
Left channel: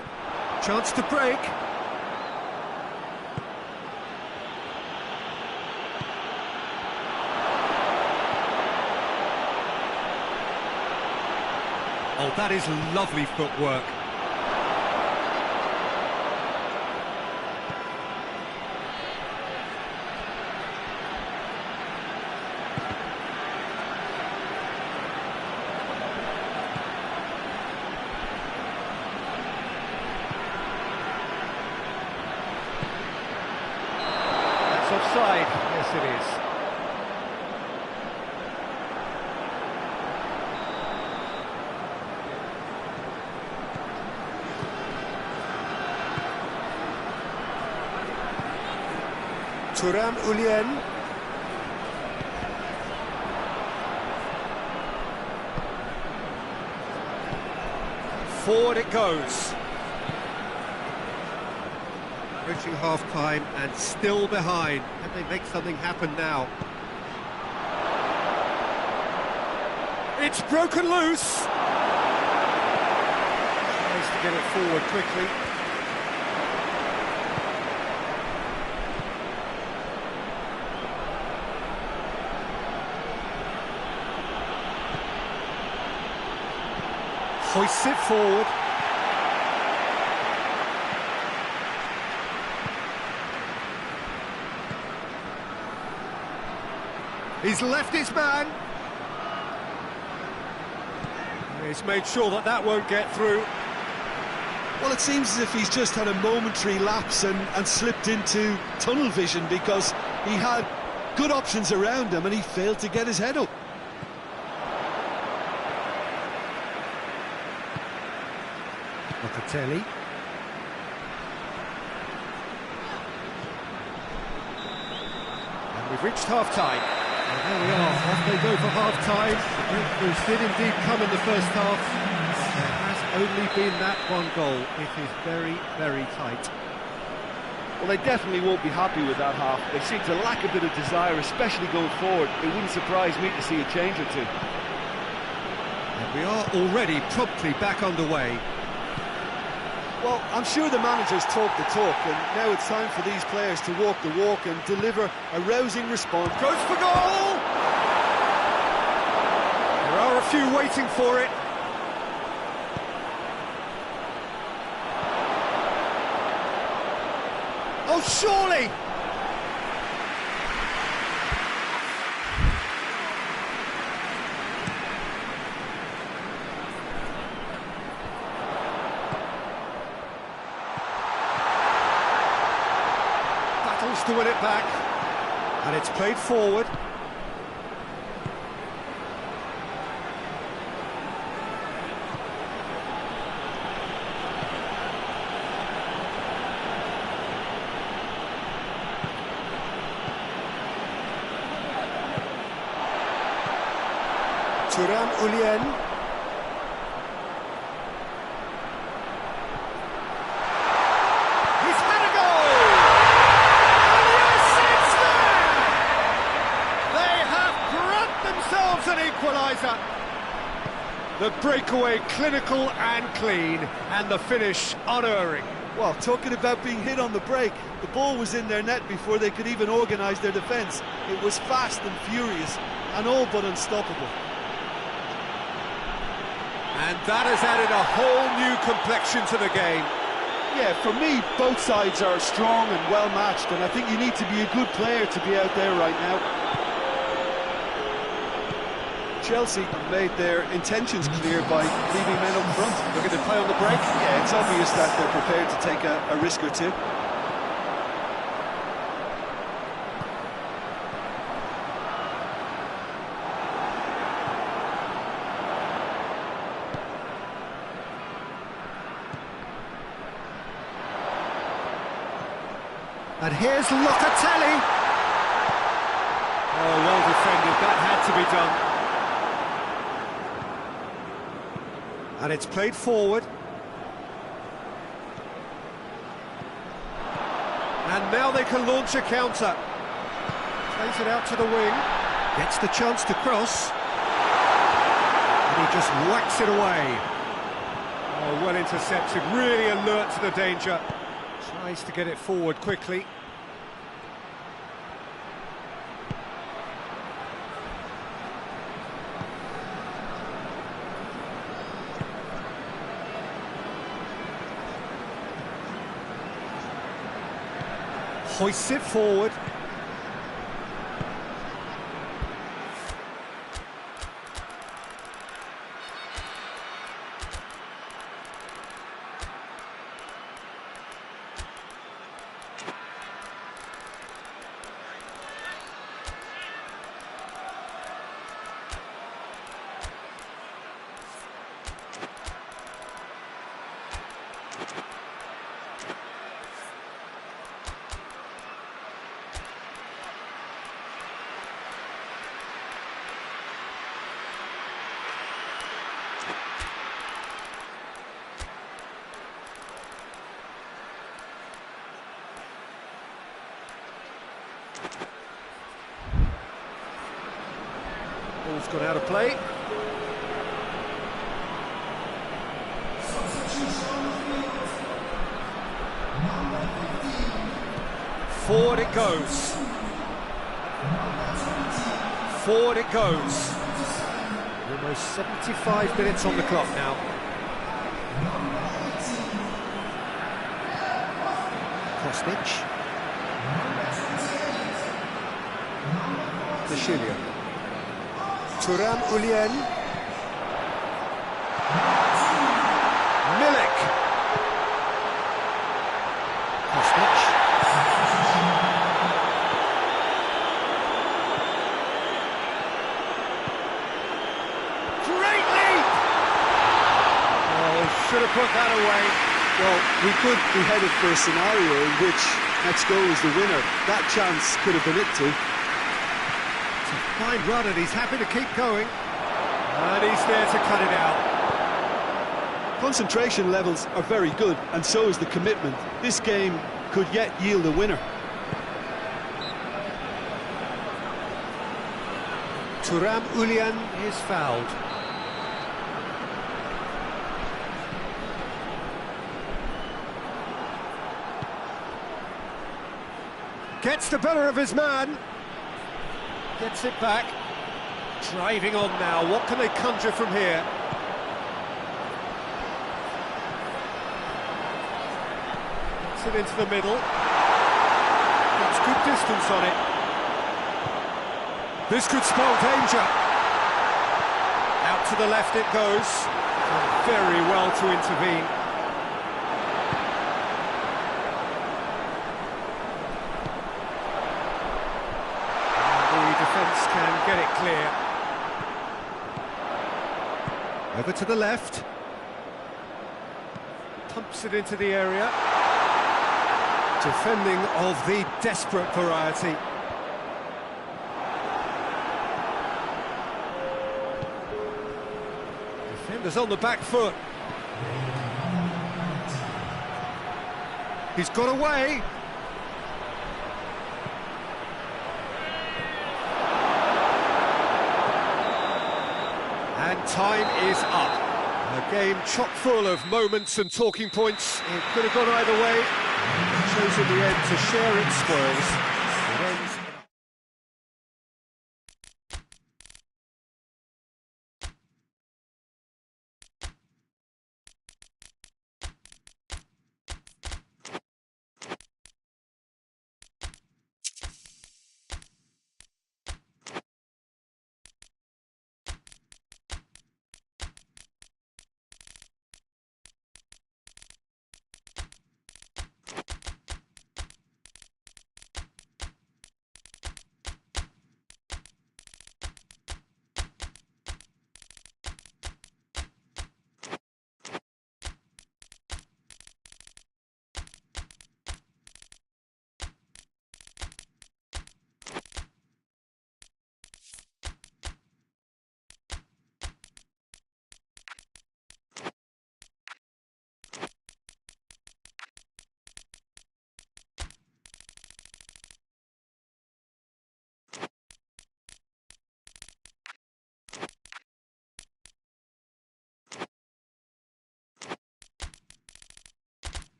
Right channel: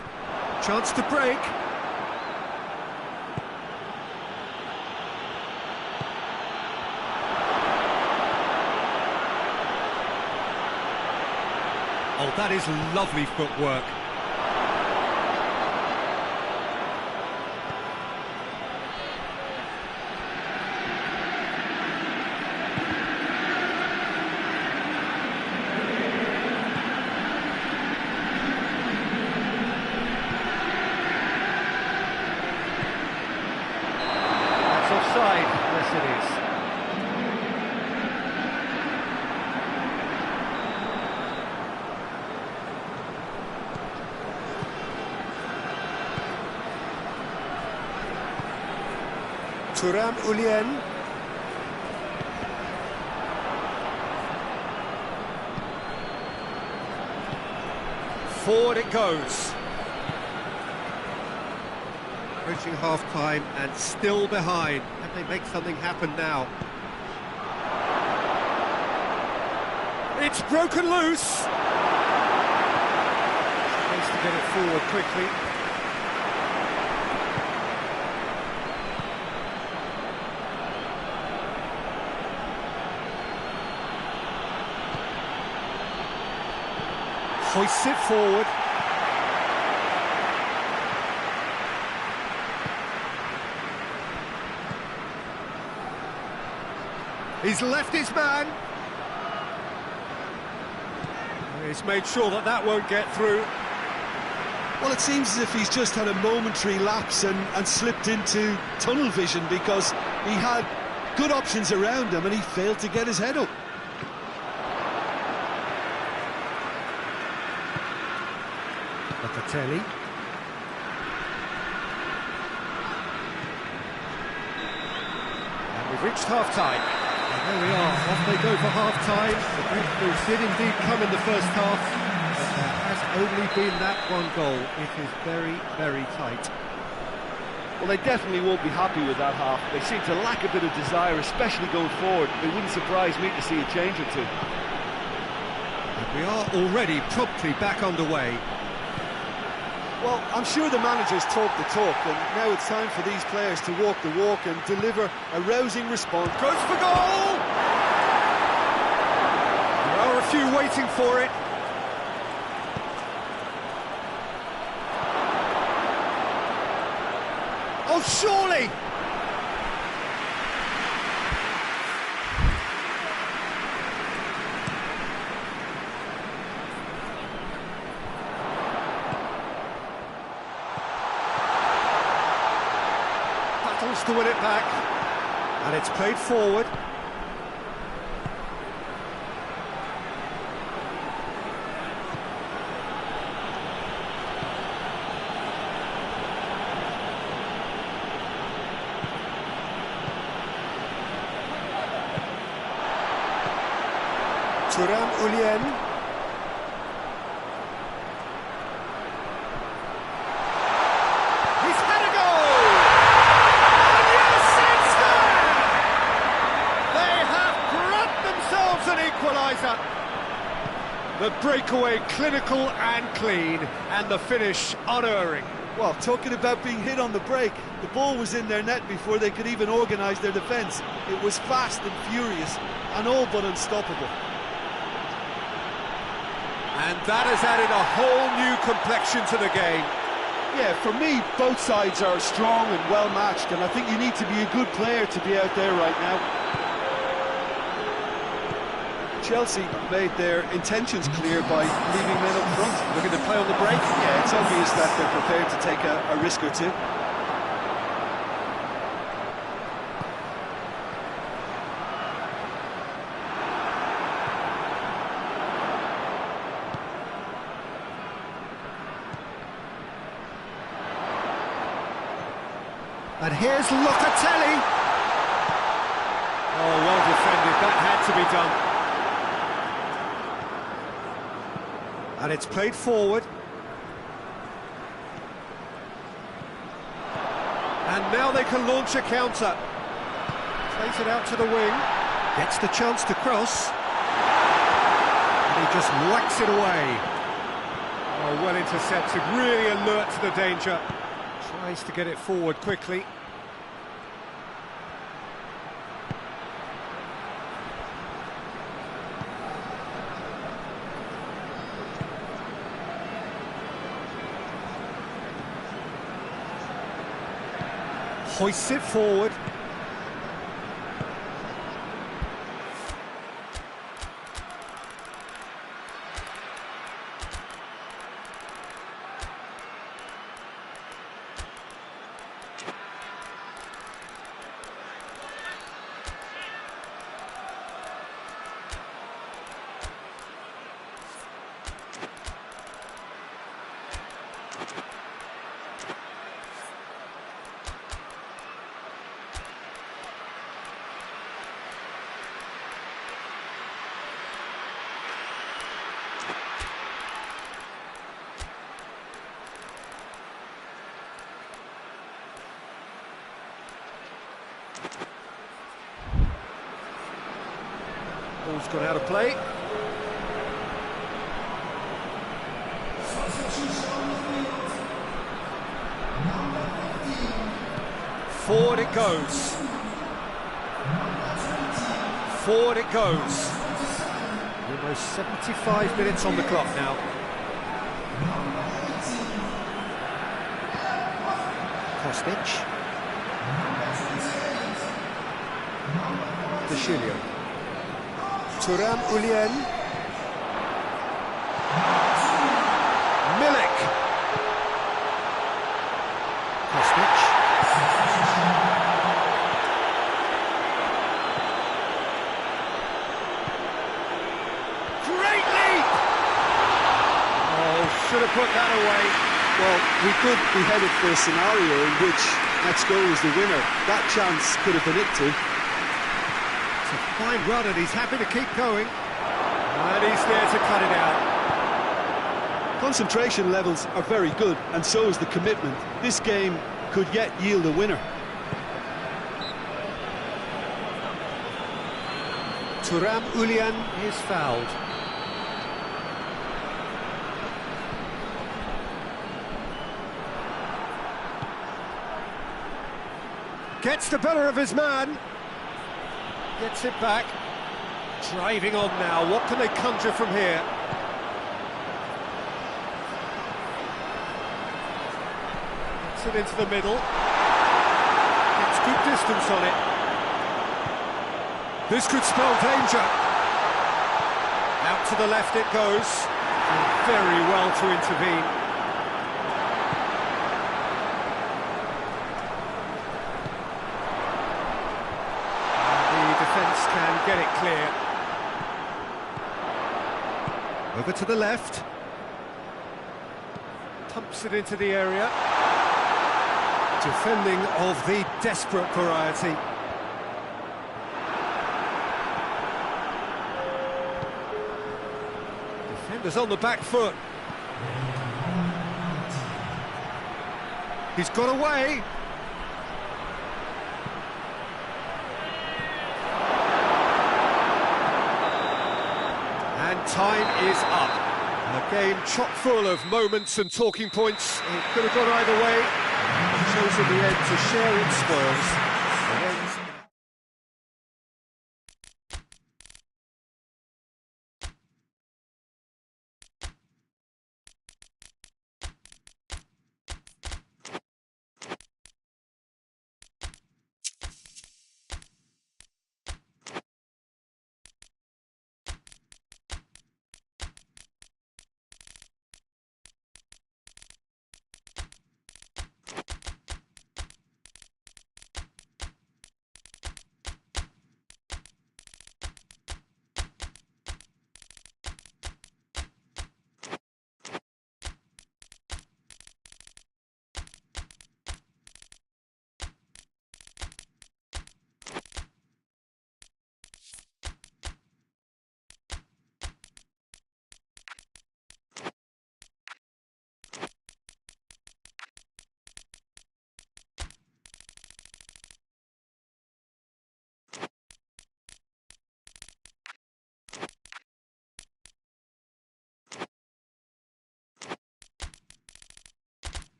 Chance to break. Oh, that is lovely footwork. Offside, yes it is. Thuram. Forward it goes. Approaching half-time and still behind. Can they make something happen now? It's broken loose! Tries to get it forward quickly. Hoists it forward. He's left his man. He's made sure that that won't get through. Well, it seems as if he's just had a momentary lapse and slipped into tunnel vision, because he had good options around him and he failed to get his head up. Locatelli. And we've reached half-time. And there we are, off they go for half-time. The breakthroughs did indeed come in the first half, but there has only been that one goal. It is very, very tight. Well, they definitely won't be happy with that half. They seem to lack a bit of desire, especially going forward. It wouldn't surprise me to see a change or two. And we are already promptly back underway. Well, I'm sure the manager's talked the talk, and now it's time for these players to walk the walk and deliver a rousing response. Goes for goal! There are a few waiting for it. Oh, surely! Battles to win it back. And it's played forward. Turan Ulien. He's had a goal! And yes, it's there! They have grabbed themselves an equaliser. The breakaway clinical and clean, and the finish unerring. Well, talking about being hit on the break, the ball was in their net before they could even organise their defence. It was fast and furious, and all but unstoppable. And that has added a whole new complexion to the game. Yeah, for me, both sides are strong and well matched, and I think you need to be a good player to be out there right now. Chelsea made their intentions clear by leaving men up front. Look at the play on the break. Yeah, it's obvious that they're prepared to take a risk or two. And here's Locatelli. Oh, well defended. That had to be done. And it's played forward. And now they can launch a counter. Plays it out to the wing. Gets the chance to cross. And he just whacks it away. Oh, well intercepted. Really alert to the danger. Tries to get it forward quickly. Hoists it forward. Ball's gone out of play. Forward it goes. Forward it goes. Almost 75 minutes on the clock now. Kostic. De Chilio. Thuram Ulien. Milik. Kostic. Great leap! Oh, should have put that away. Well, we could be headed for a scenario in which next goal is the winner. That chance could have been it too. It's a fine run and he's happy to keep going. And he's there to cut it out. Concentration levels are very good, and so is the commitment. This game could yet yield a winner. Thuram Ulien is fouled. Gets the better of his man. Gets it back. Driving on now. What can they conjure from here? Gets it into the middle. Gets good distance on it. This could spell danger. Out to the left it goes. Done very well to intervene. Defence can get it clear. Over to the left. Pumps it into the area. Defending of the desperate variety. Defenders on the back foot. He's got away. And time is up. A game chock full of moments and talking points. It could have gone either way. It chose in the end to share its spoils. It ends in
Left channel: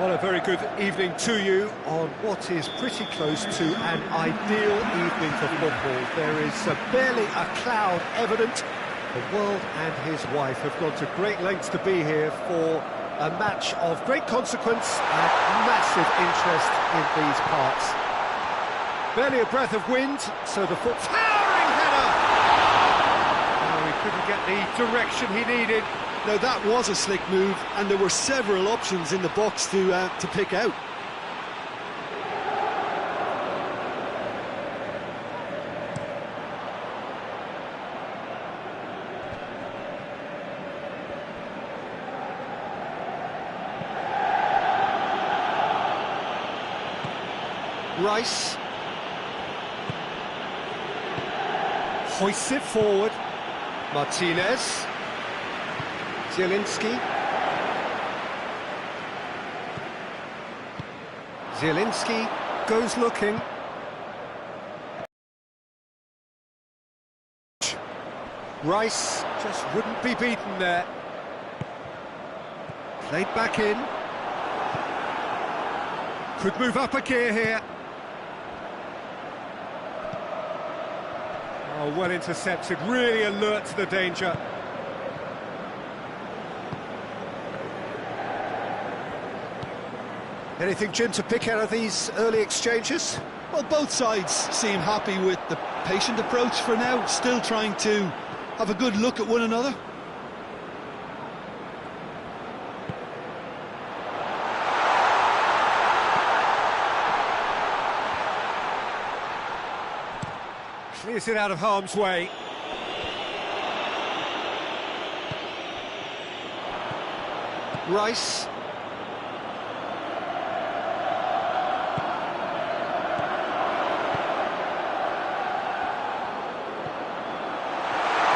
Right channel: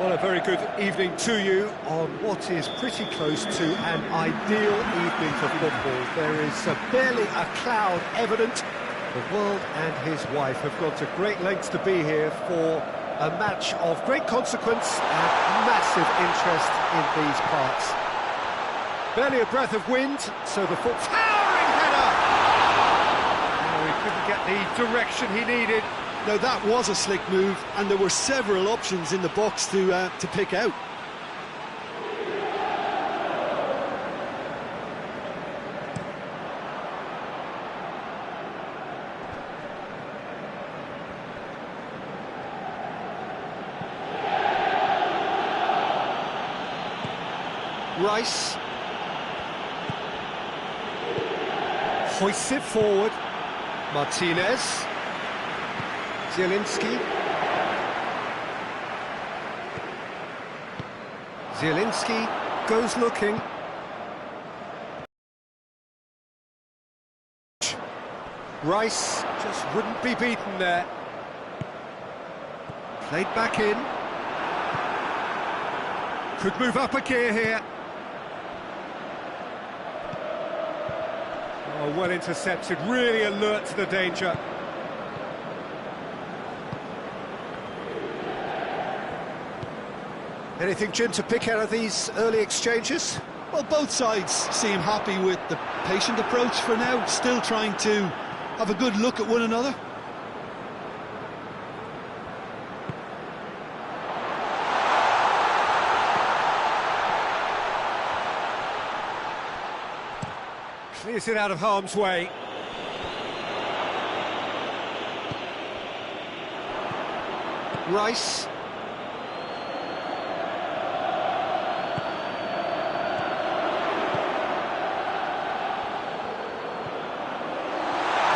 Well, a very good evening to you on what is pretty close to an ideal evening for football. There is barely a cloud evident. The world and his wife have gone to great lengths to be here for A match of great consequence and massive interest in these parts. Barely a breath of wind, so the foot... Towering header! Oh, he couldn't get the direction he needed. Now that was a slick move, and there were several options in the box to pick out. Rice Hoists it forward. Martinez. Zielinski. Zielinski goes looking. Rice just wouldn't be beaten there. Played back in. Could move up a gear here. Oh, well intercepted, really alert to the danger. Anything, Jim, to pick out of these early exchanges? Well, both sides seem happy with the patient approach for now, still trying to have a good look at one another. Clears it out of harm's way. Rice.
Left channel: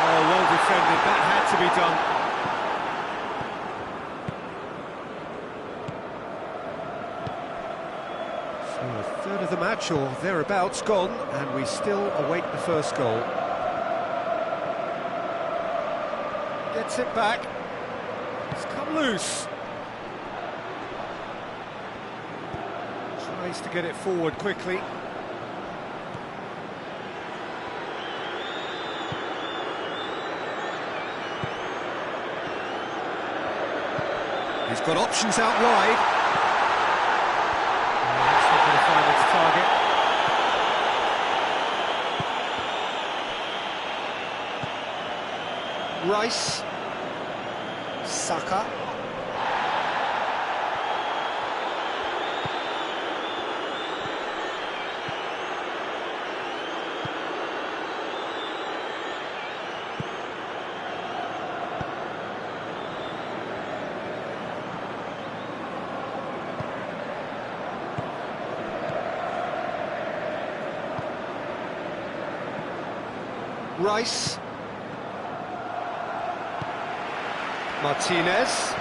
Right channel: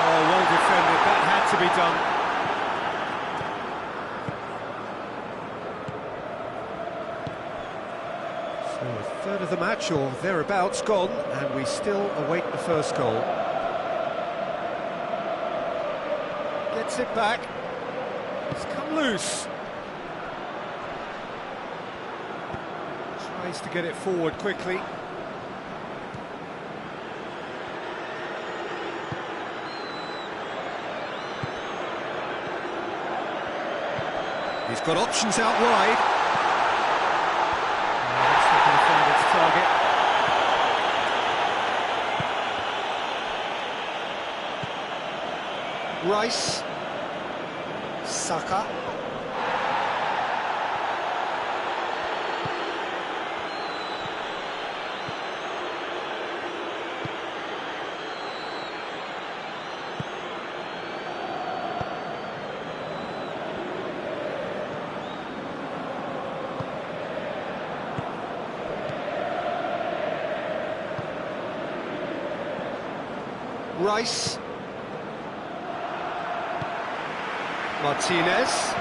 Oh, well defended. That had to be done. So a third of the match, or thereabouts, gone, and we still await the first goal. Gets it back. It's come loose. Tries to get it forward quickly. He's got options out wide. That's not going to find its target. Rice. Saka. Rice. Martinez.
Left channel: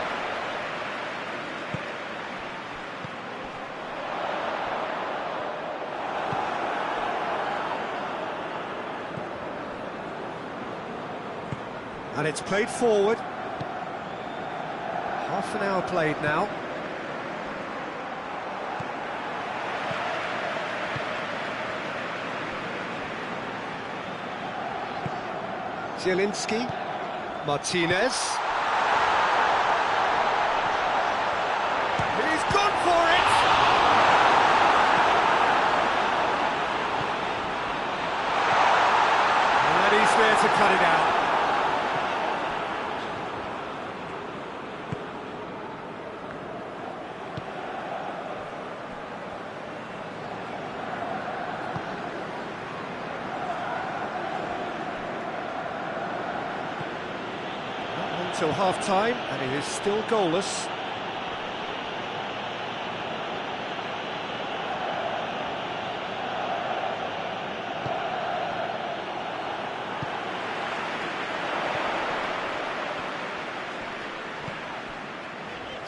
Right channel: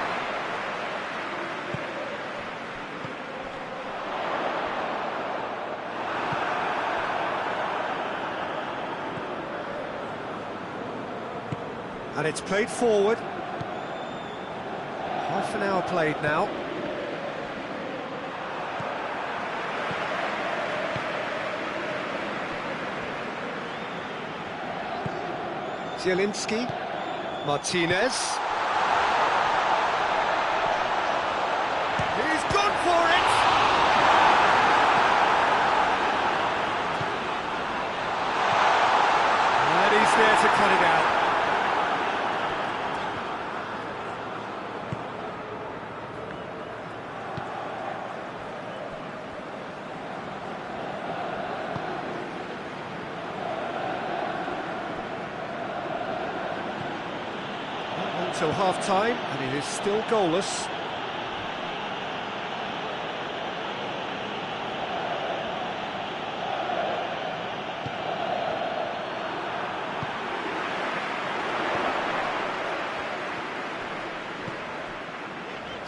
And it's played forward. Half an hour played now. Zielinski. Martinez. He's gone for it! And he's there to cut it out. Not long till half-time, and it is still goalless.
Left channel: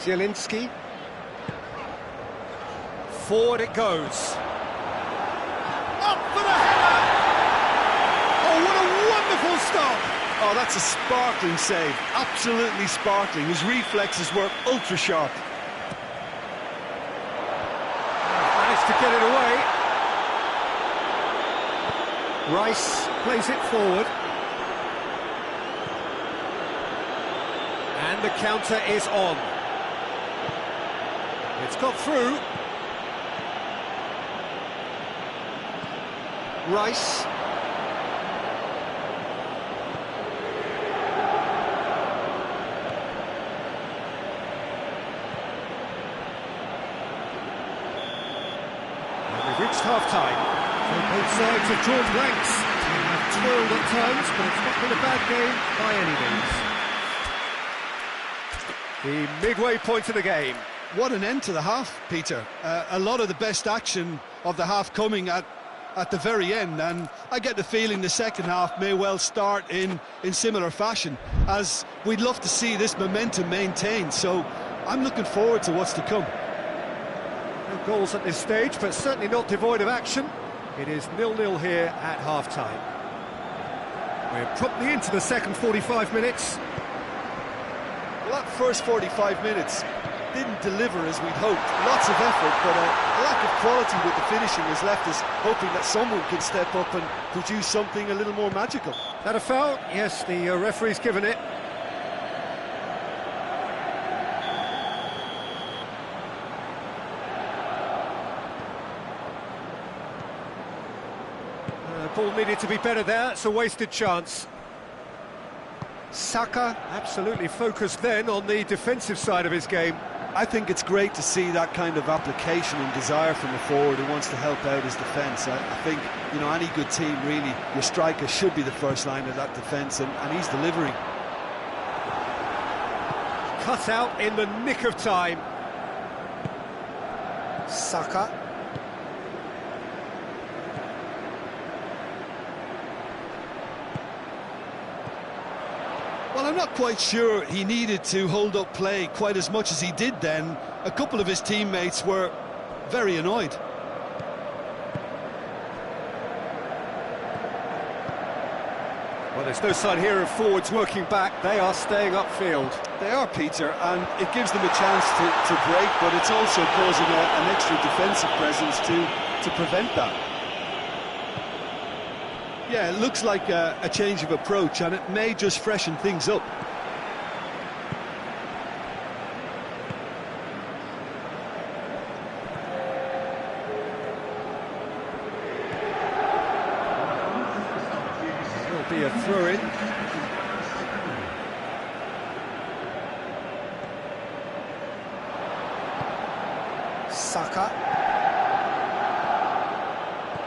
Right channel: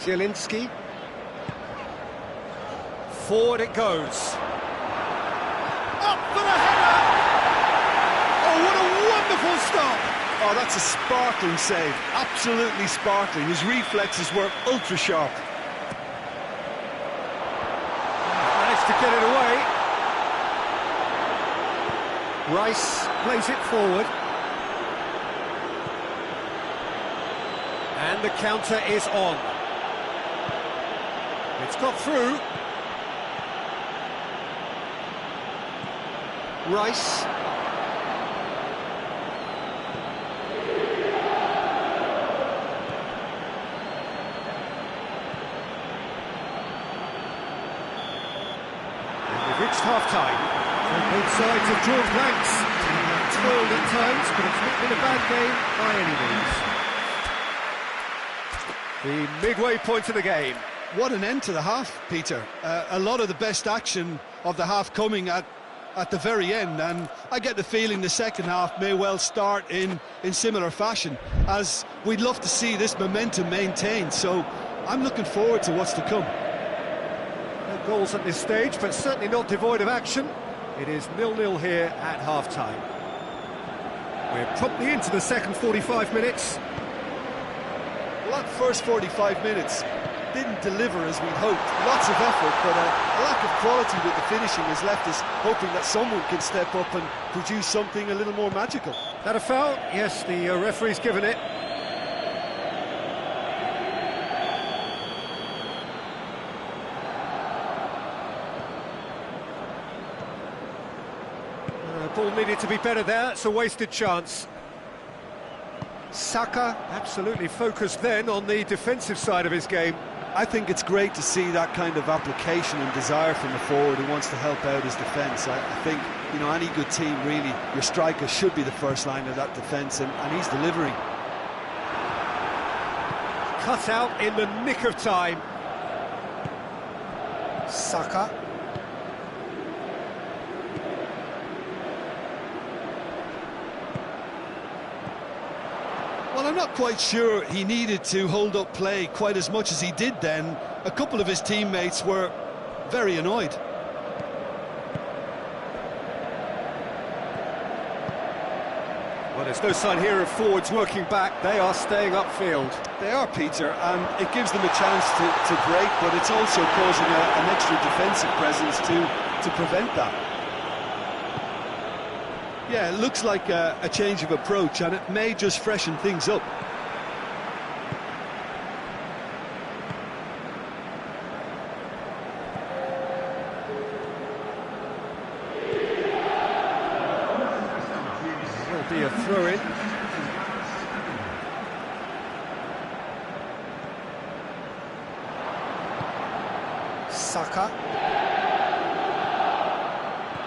Zielinski. Forward it goes. Up for the header! Oh, what a wonderful stop! Oh, that's a sparkling save, absolutely sparkling. His reflexes were ultra sharp. Managed to get it away. Rice plays it forward. And the counter is on. It's got through. Rice. And we've reached half-time. So both sides have drawn blanks. They have toiled at times, but it's not been a bad game by any means. The midway point of the game. What an end to the half, Peter. A lot of the best action of the half coming at the very end, and I get the feeling the second half may well start in similar fashion, as we'd love to see this momentum maintained. So I'm looking forward to what's to come. No goals at this stage, but certainly not devoid of action. It is 0-0 here at half-time. We're promptly into the second 45 minutes. Well, that first 45 minutes didn't deliver as we'd hoped. Lots of effort, but a lack of quality with the finishing has left us hoping that someone can step up and produce something a little more magical. That a foul? Yes, the referee's given it. Ball needed to be better there. It's a wasted chance. Saka absolutely focused then on the defensive side of his game. I think it's great to see that kind of application and desire from a forward who wants to help out his defence. I think, you know, any good team, really, your striker should be the first line of that defence, and he's delivering. Cut out in the nick of time. Saka. Well, I'm not quite sure he needed to hold up play quite as much as he did then. A couple of his teammates were very annoyed. Well, there's no sign here of forwards working back. They are staying upfield. They are, Peter, and it gives them a chance to break, but it's also causing an extra defensive presence to prevent that. Yeah, it looks like a change of approach, and it may just freshen things up. There will be a throw-in. Saka.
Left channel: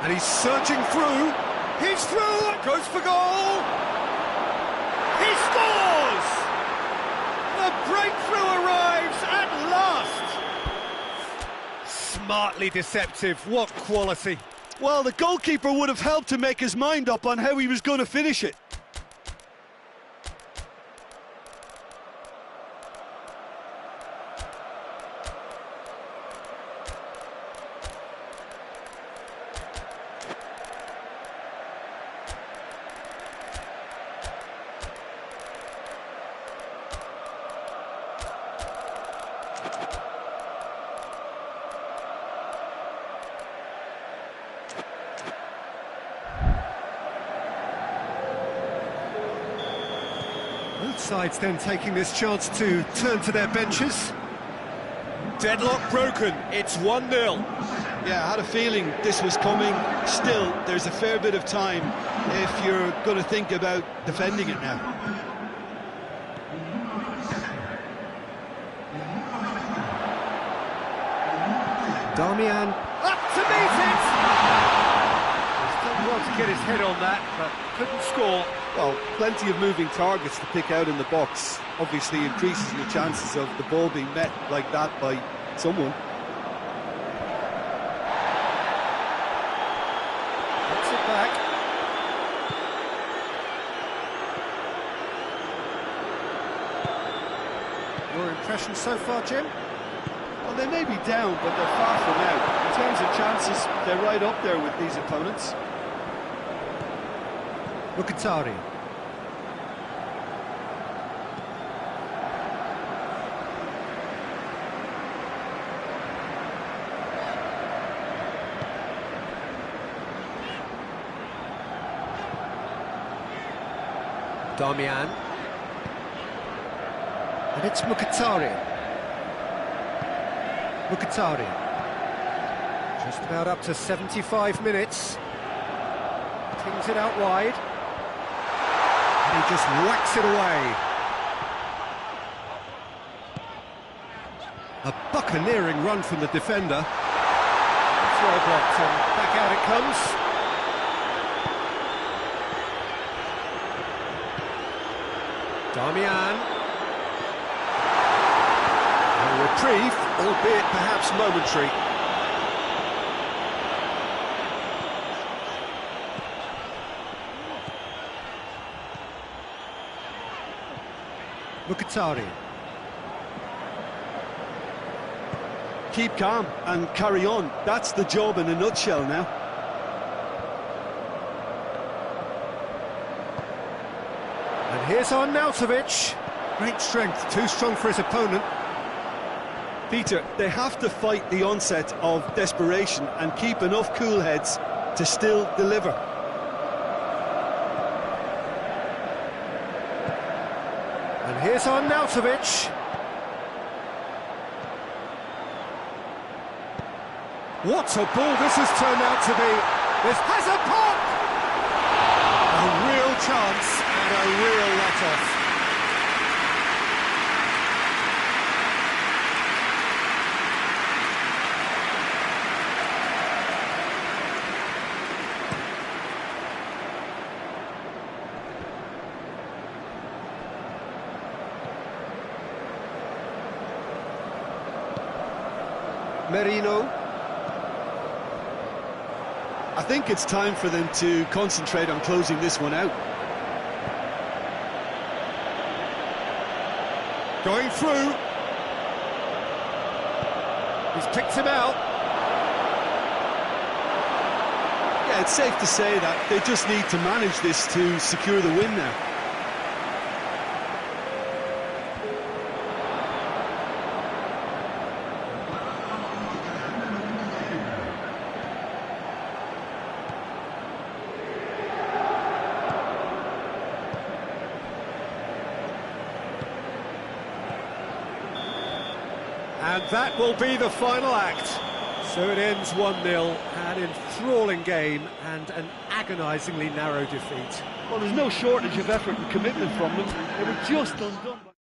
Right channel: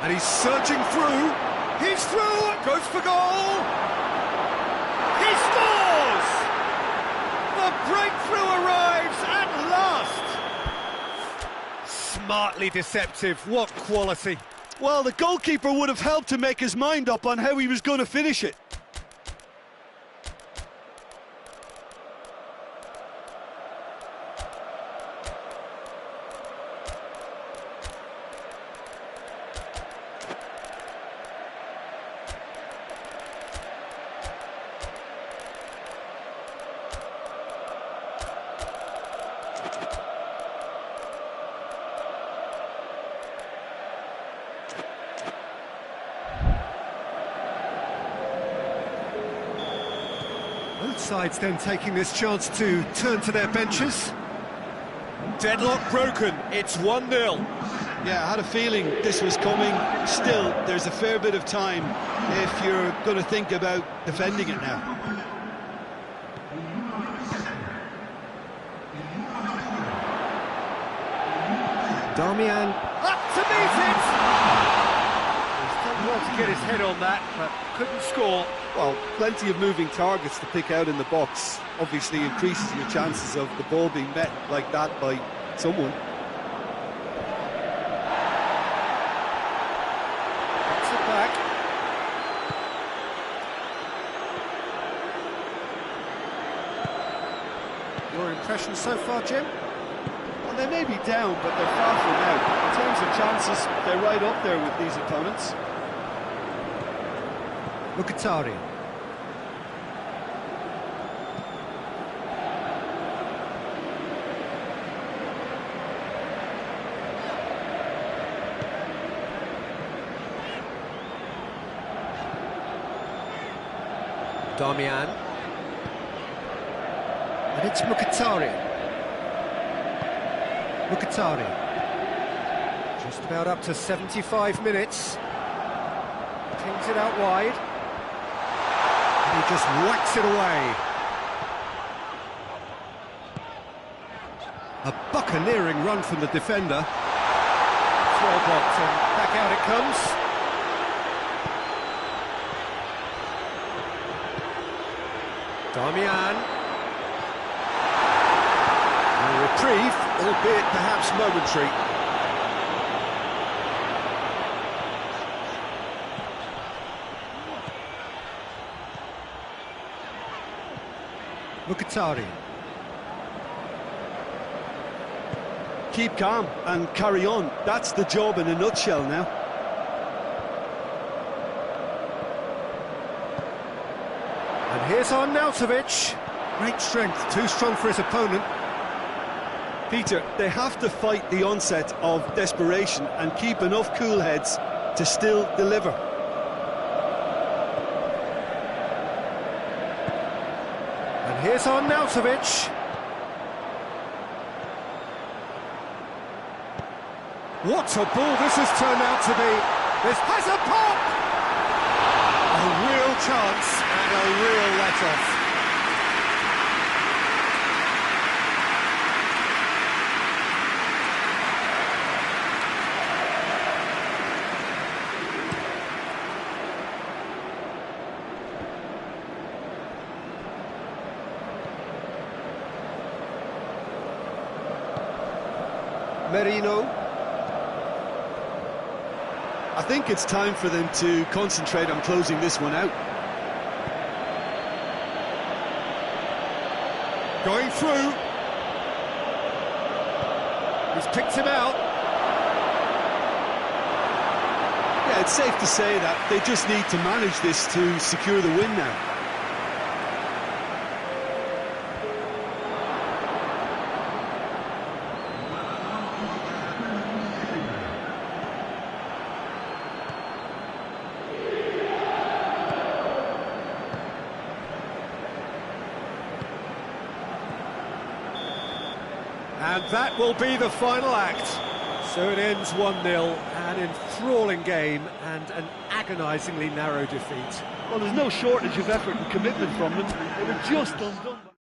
And he's searching through. He's through, goes for goal! He scores! The breakthrough arrives at last! Smartly deceptive, what quality. Well, the goalkeeper would have helped to make his mind up on how he was going to finish it. Both sides then taking this chance to turn to their benches. Deadlock broken, it's 1-0. Yeah, I had a feeling this was coming. Still, there's a fair bit of time if you're going to think about defending it now. Damian up to meet it! He's done well to get his head on that, but couldn't score. Well, plenty of moving targets to pick out in the box. Obviously increases your chances of the ball being met like that by someone. Gets it back. Your impression so far, Jim? Well, they may be down, but they're far from out. In terms of chances, they're right up there with these opponents. Mkhitaryan. Damian. And it's Mkhitaryan. Mkhitaryan. Just about up to 75 minutes. Pings it out wide. And he just whacks it away. A buccaneering run from the defender. It's well blocked and back out it comes. Damian. A reprieve, albeit perhaps momentary. Mkhitaryan. Keep calm and carry on. That's the job in a nutshell now. And here's Arnautovic. Great strength, too strong for his opponent. Peter, they have to fight the onset of desperation and keep enough cool heads to still deliver. And here's Arnautovic. What a ball this has turned out to be. This has a pop! A real chance and a real let-off. Merino. I think it's time for them to concentrate on closing this one out. Going through. He's picked him out. Yeah, it's safe to say that they just need to manage this to secure the win now. And that will be the final act. So it ends 1-0, an enthralling game and an agonisingly narrow defeat. Well, there's no shortage of effort and commitment from them. They were just undone by...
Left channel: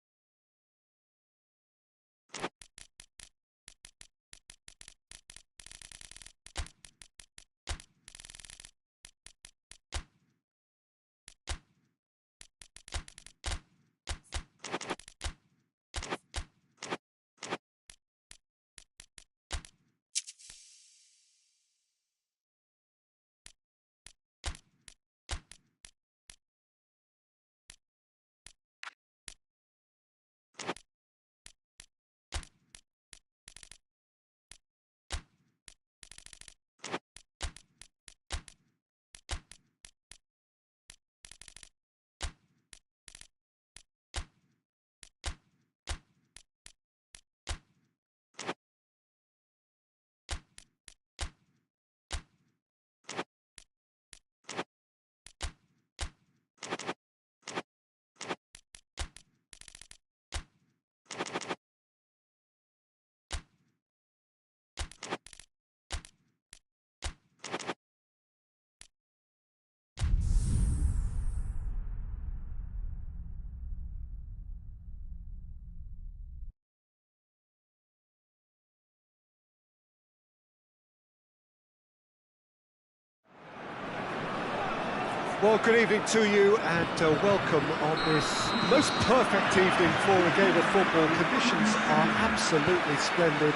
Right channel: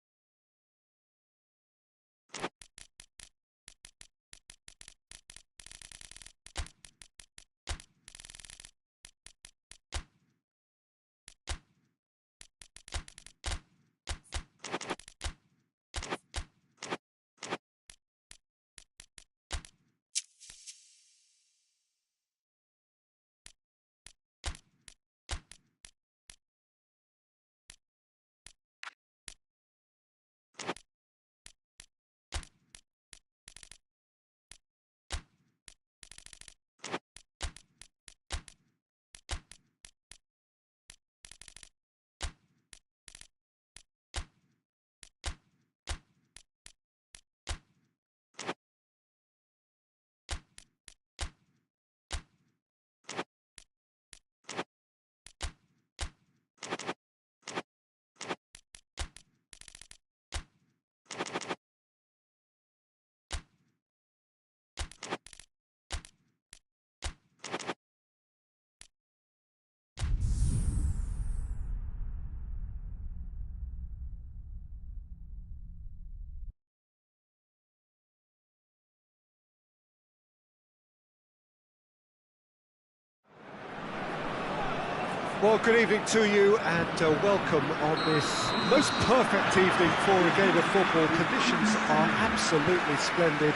Well, good evening to you and welcome on this most perfect evening for a game of football. Conditions are absolutely splendid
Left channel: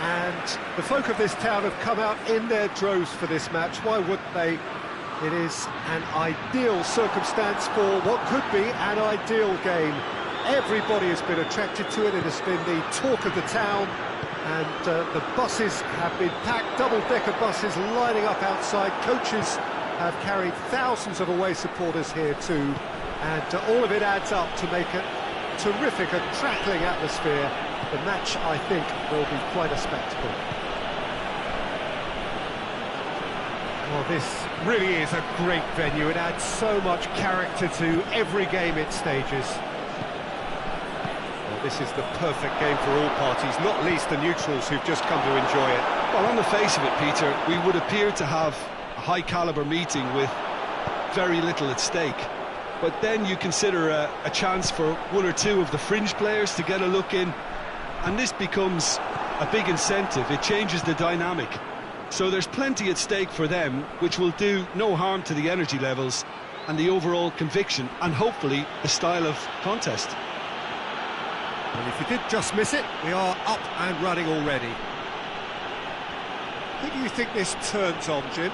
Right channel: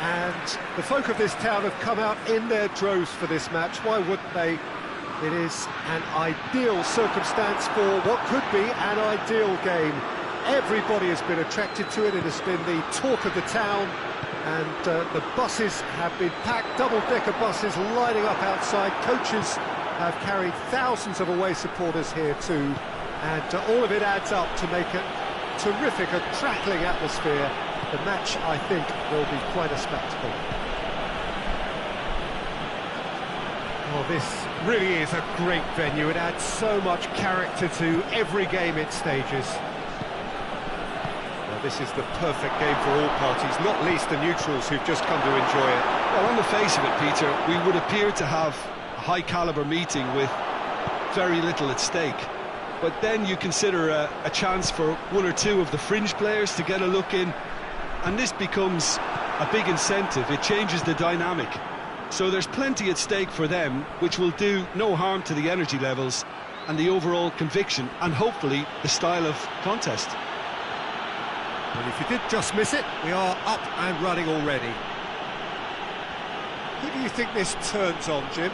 and the folk of this town have come out in their droves for this match. Why wouldn't they? It is an ideal circumstance for what could be an ideal game. Everybody has been attracted to it. It has been the talk of the town and the buses have been packed, double-decker buses lining up outside. Coaches have carried thousands of away supporters here too, and all of it adds up to make a terrific, a crackling atmosphere. The match, I think, will be quite a spectacle. Well, this really is a great venue. It adds so much character to every game it stages. Well, This is the perfect game for all parties, not least the neutrals who've just come to enjoy it. Well, on the face of it, Peter, we would appear to have a high-caliber meeting with very little at stake. But then you consider a chance for one or two of the fringe players to get a look in, and this becomes a big incentive. It changes the dynamic. So there's plenty at stake for them, which will do no harm to the energy levels and the overall conviction, and hopefully the style of contest. Well, if you did just miss it, we are up and running already. Who do you think this turns on, Jim?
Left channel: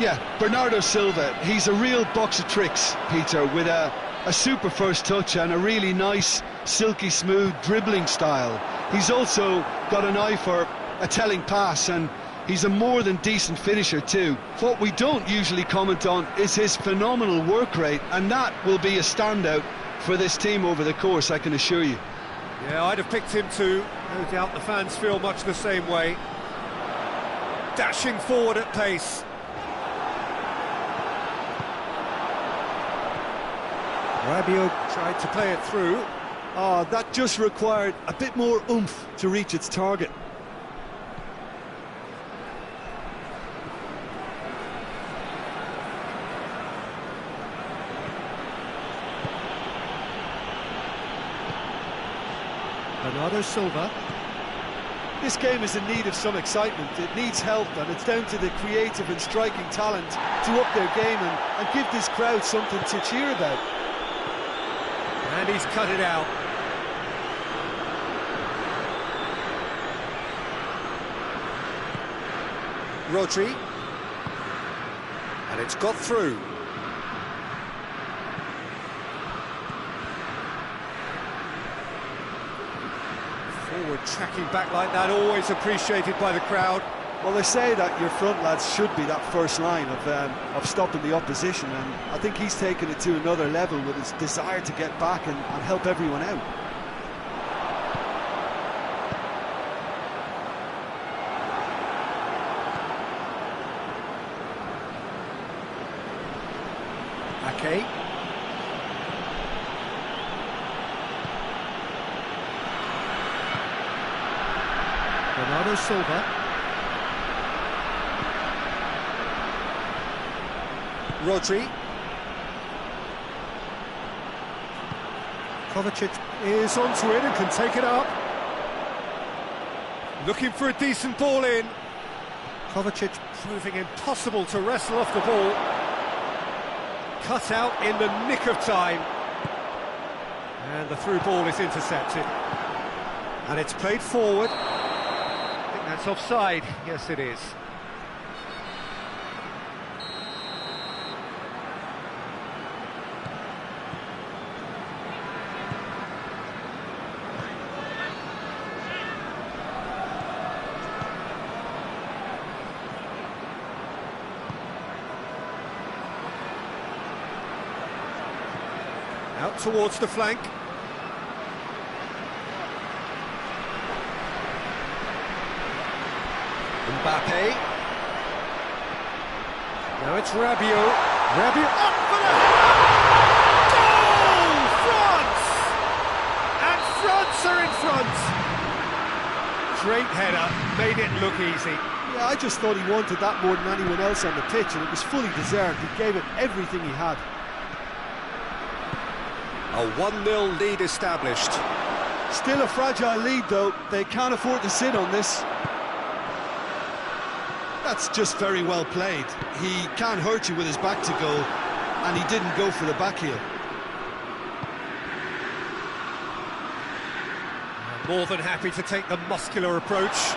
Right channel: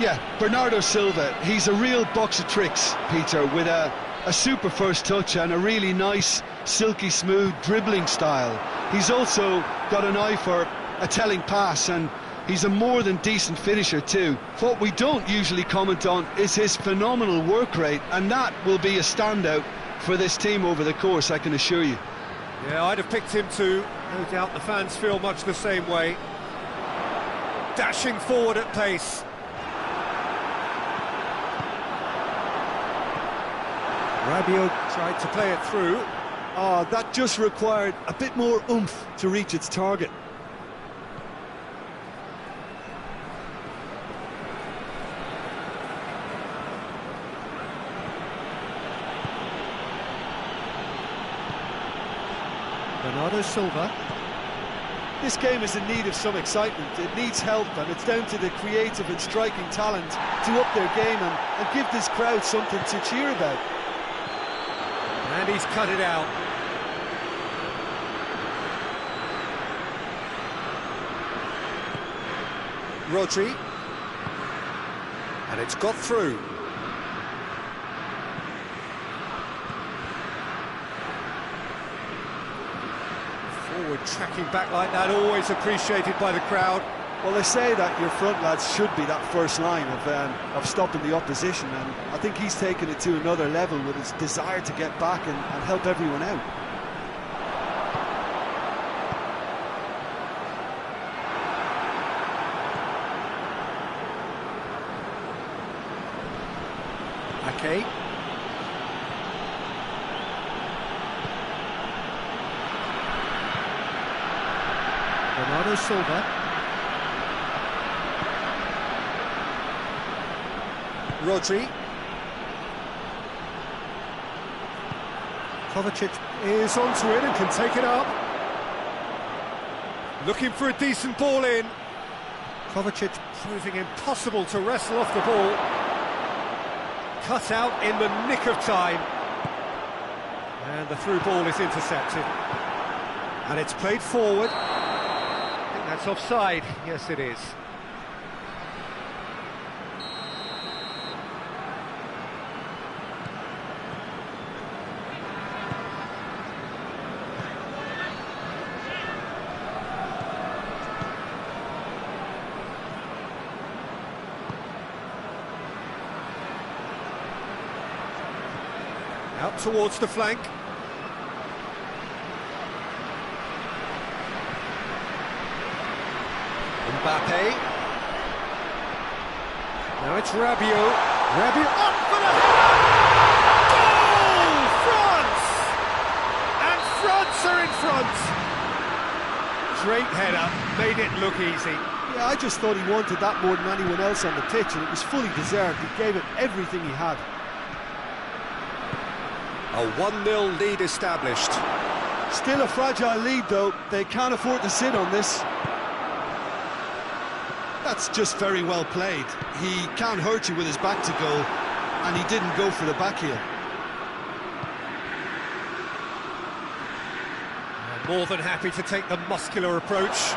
Yeah, Bernardo Silva. He's a real box of tricks, Peter, with a super first touch and a really nice, silky smooth dribbling style. He's also got an eye for a telling pass, and he's a more than decent finisher too. What we don't usually comment on is his phenomenal work rate, and that will be a standout for this team over the course, I can assure you. Yeah, I'd have picked him too. No doubt the fans feel much the same way. Dashing forward at pace. Rabiot tried to play it through. Oh, that just required a bit more oomph to reach its target. Bernardo Silva. This game is in need of some excitement. It needs help, and it's down to the creative and striking talent to up their game and give this crowd something to cheer about. And he's cut it out. Rodri. And it's got through. Forward tracking back like that, always appreciated by the crowd. Well, they say that your front lads should be that first line of stopping the opposition, and I think he's taken it to another level with his desire to get back and help everyone out. Ake. Bernardo Silva. Rodri. Kovacic is onto it and can take it up. Looking for a decent ball in. Kovacic proving impossible to wrestle off the ball. Cut out in the nick of time. And the through ball is intercepted. And it's played forward. I think that's offside. Yes, it is. Out towards the flank. Mbappe. Now it's Rabiot. Rabiot up for the header! Goal! France! And France are in front! Great header, made it look easy. Yeah, I just thought he wanted that more than anyone else on the pitch, and it was fully deserved. He gave it everything he had. A 1-0 lead established. Still a fragile lead, though. They can't afford to sit on this. That's just very well played. He can't hurt you with his back to goal, and he didn't go for the back heel. More than happy to take the muscular approach.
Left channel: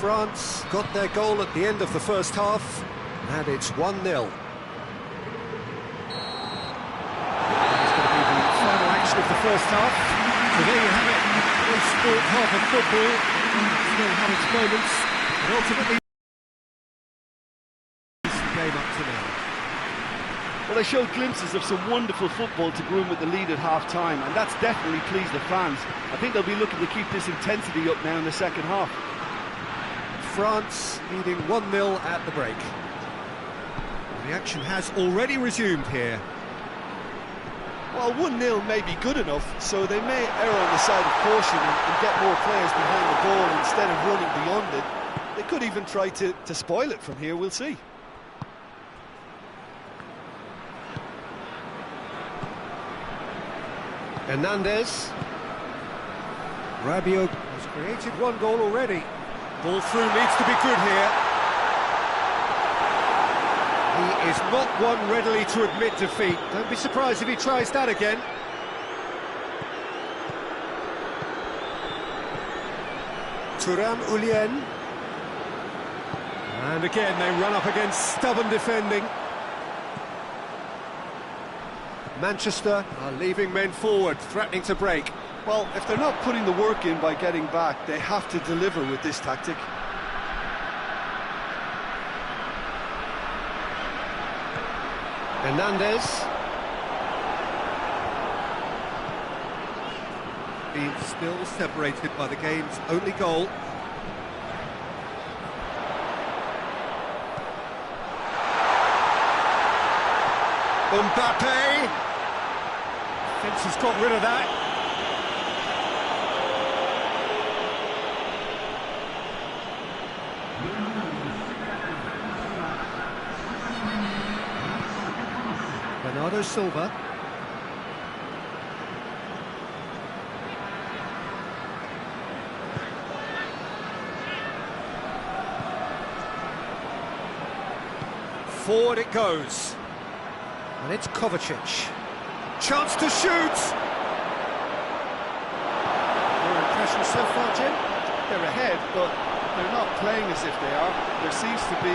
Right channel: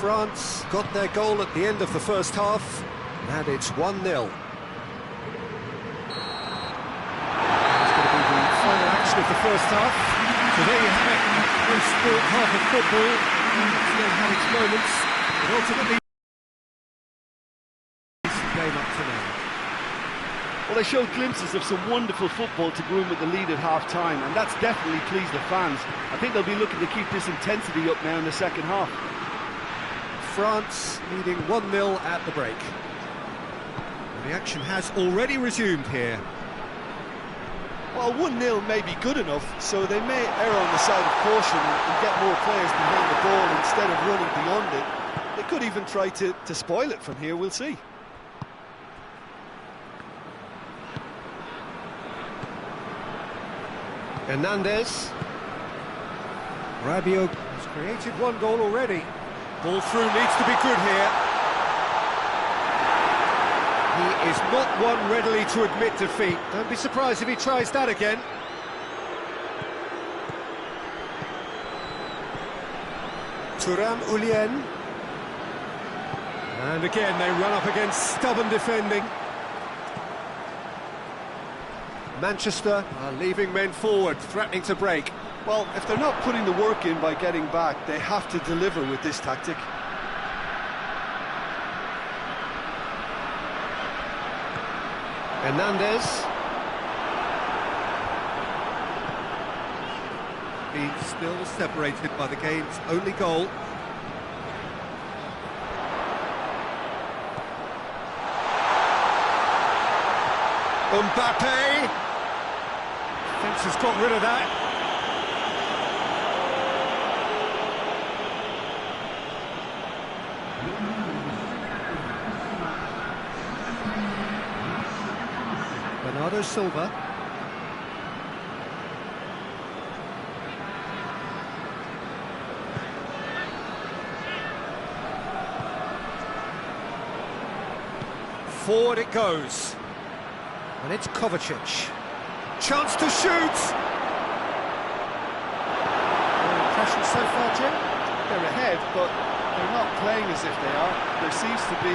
France got their goal at the end of the first half, and it's 1-0. It's going to be the final action of the first half. So there you have it, a pro-sport half of football, one that still had its moments, but ultimately decent game up to now. Well, they showed glimpses of some wonderful football to go in with the lead at half-time, and that's definitely pleased the fans. I think they'll be looking to keep this intensity up now in the second half. France leading 1-0 at the break. The action has already resumed here. Well, 1-0 may be good enough, so they may err on the side of caution and get more players behind the ball instead of running beyond it. They could even try to spoil it from here, we'll see. Hernandez. Rabiot has created one goal already. Ball through needs to be good here. He is not one readily to admit defeat. Don't be surprised if he tries that again. Thuram Ulien. And again they run up against stubborn defending. Manchester are leaving men forward, threatening to break. Well, if they're not putting the work in by getting back, they have to deliver with this tactic. Hernandez. Being still separated by the game's only goal. Mbappe. Defence has got rid of that. Bernardo Silva. Forward it goes. And it's Kovacic. Chance to shoot! Your impression so far, Jim? They're ahead, but they're not playing as if they are. There seems to be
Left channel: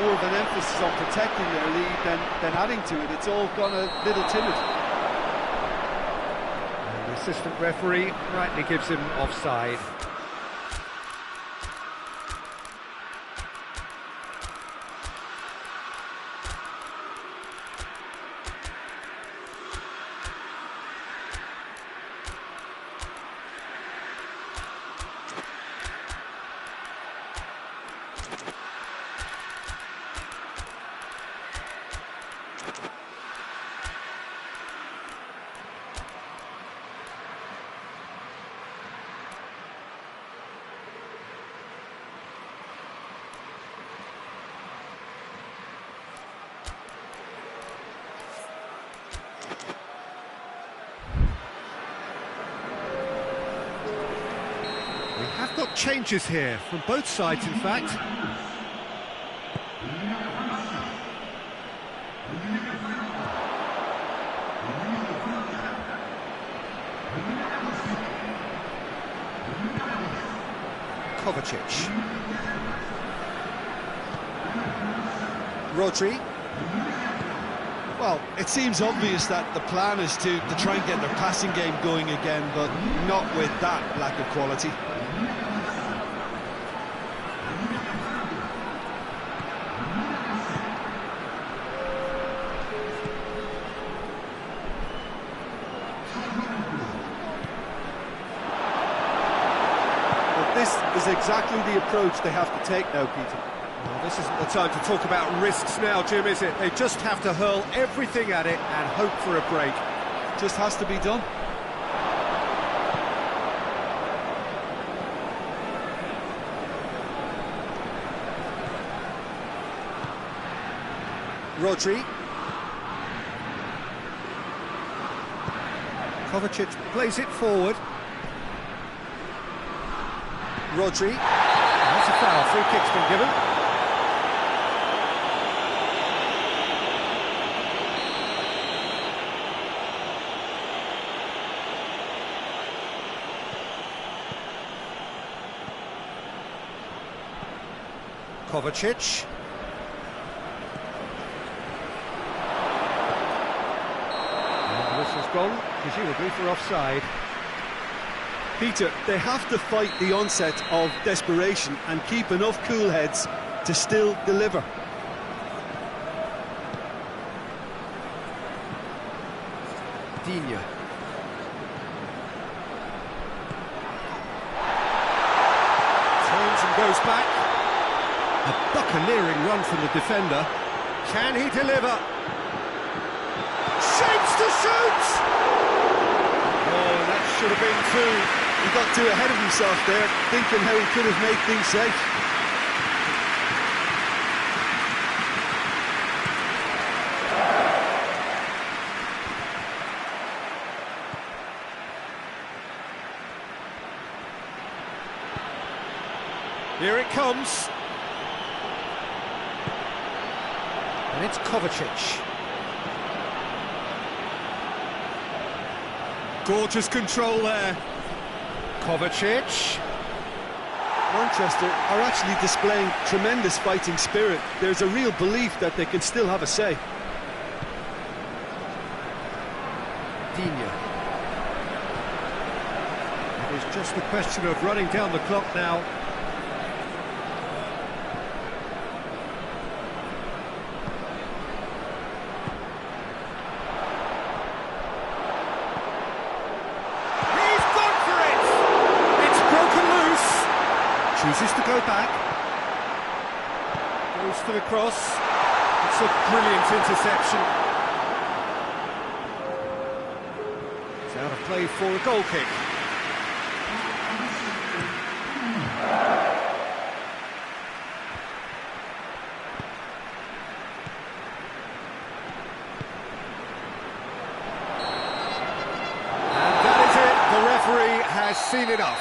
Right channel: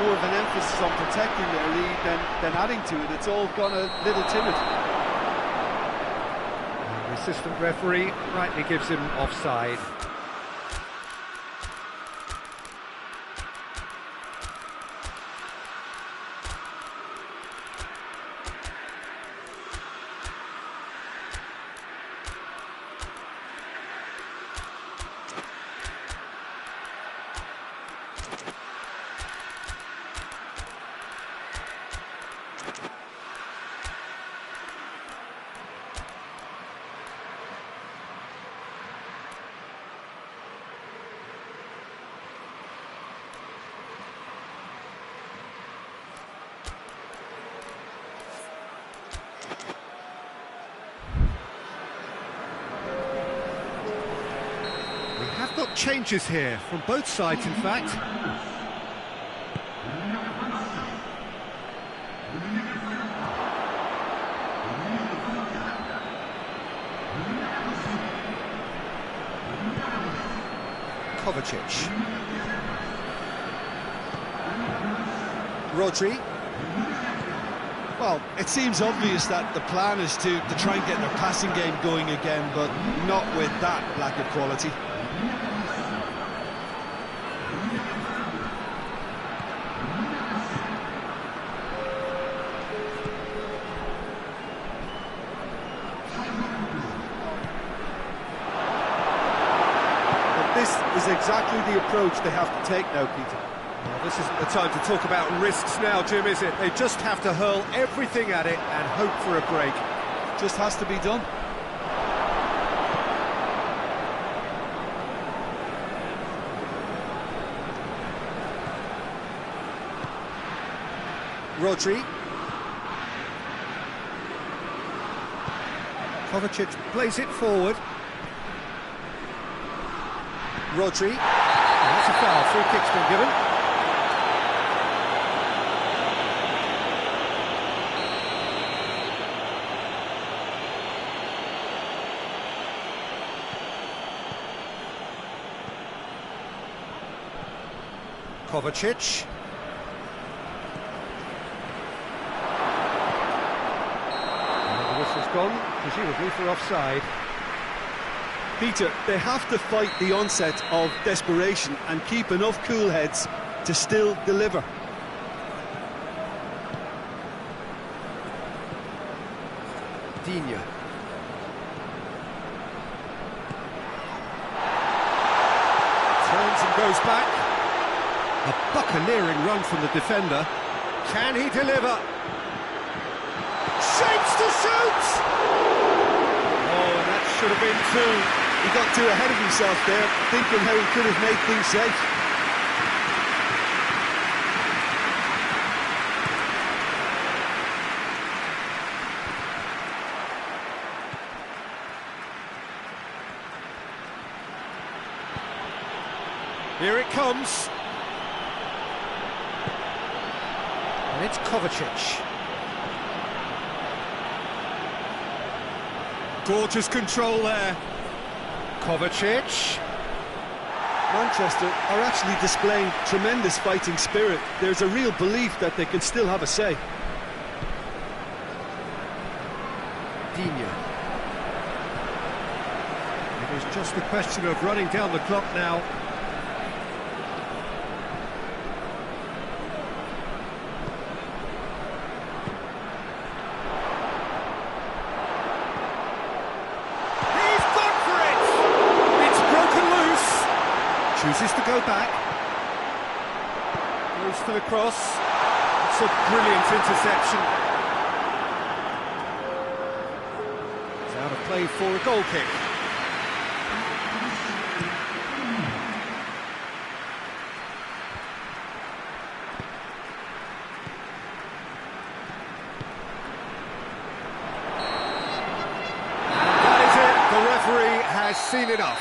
more of an emphasis on protecting their lead than adding to it. It's all gone a little timid. And the assistant referee rightly gives him offside. We have got changes here, from both sides in fact. Kovacic. Rodri. Well, it seems obvious that the plan is to try and get their passing game going again, but not with that lack of quality. Well, this is exactly the approach they have to take now, Peter. Well, this isn't the time to talk about risks now, Jim, is it? They just have to hurl everything at it and hope for a break. Just has to be done. Rodri. Kovacic plays it forward. Rodri. Oh, that's a foul. Free kick's been given. Kovacic. And the whistle's gone, presumably for offside. Peter, they have to fight the onset of desperation and keep enough cool heads to still deliver. Dien. Turns and goes back. A buccaneering run from the defender. Can he deliver? Shapes to shoot! Oh, and that should have been two. He got too ahead of himself there, thinking how he could have made things safe. Here it comes. And it's Kovacic. Gorgeous control there. Kovacic. Manchester are actually displaying tremendous fighting spirit. There's a real belief that they can still have a say. Dien. It is just a question of running down the clock now. Chooses to go back. Goes for the cross. It's a brilliant interception. It's out of play for a goal kick. And that is it. The referee has seen enough.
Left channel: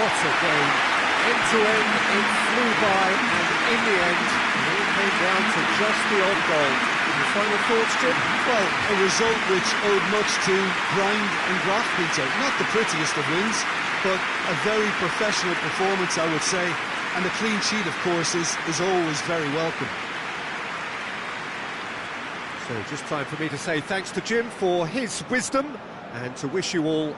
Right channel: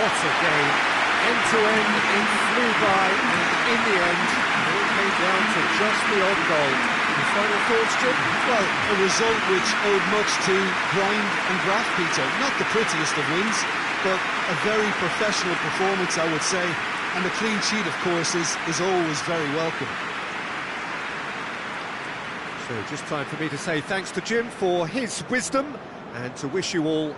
What a game. End-to-end, it flew by, and in the end, it all came down to just the odd goal. Your final thoughts, Jim? Well, a result which owed much to grind and graft, Peter. Not the prettiest of wins, but a very professional performance, I would say. And a clean sheet, of course, is always very welcome. So just time for me to say thanks to Jim for his wisdom, and to wish you all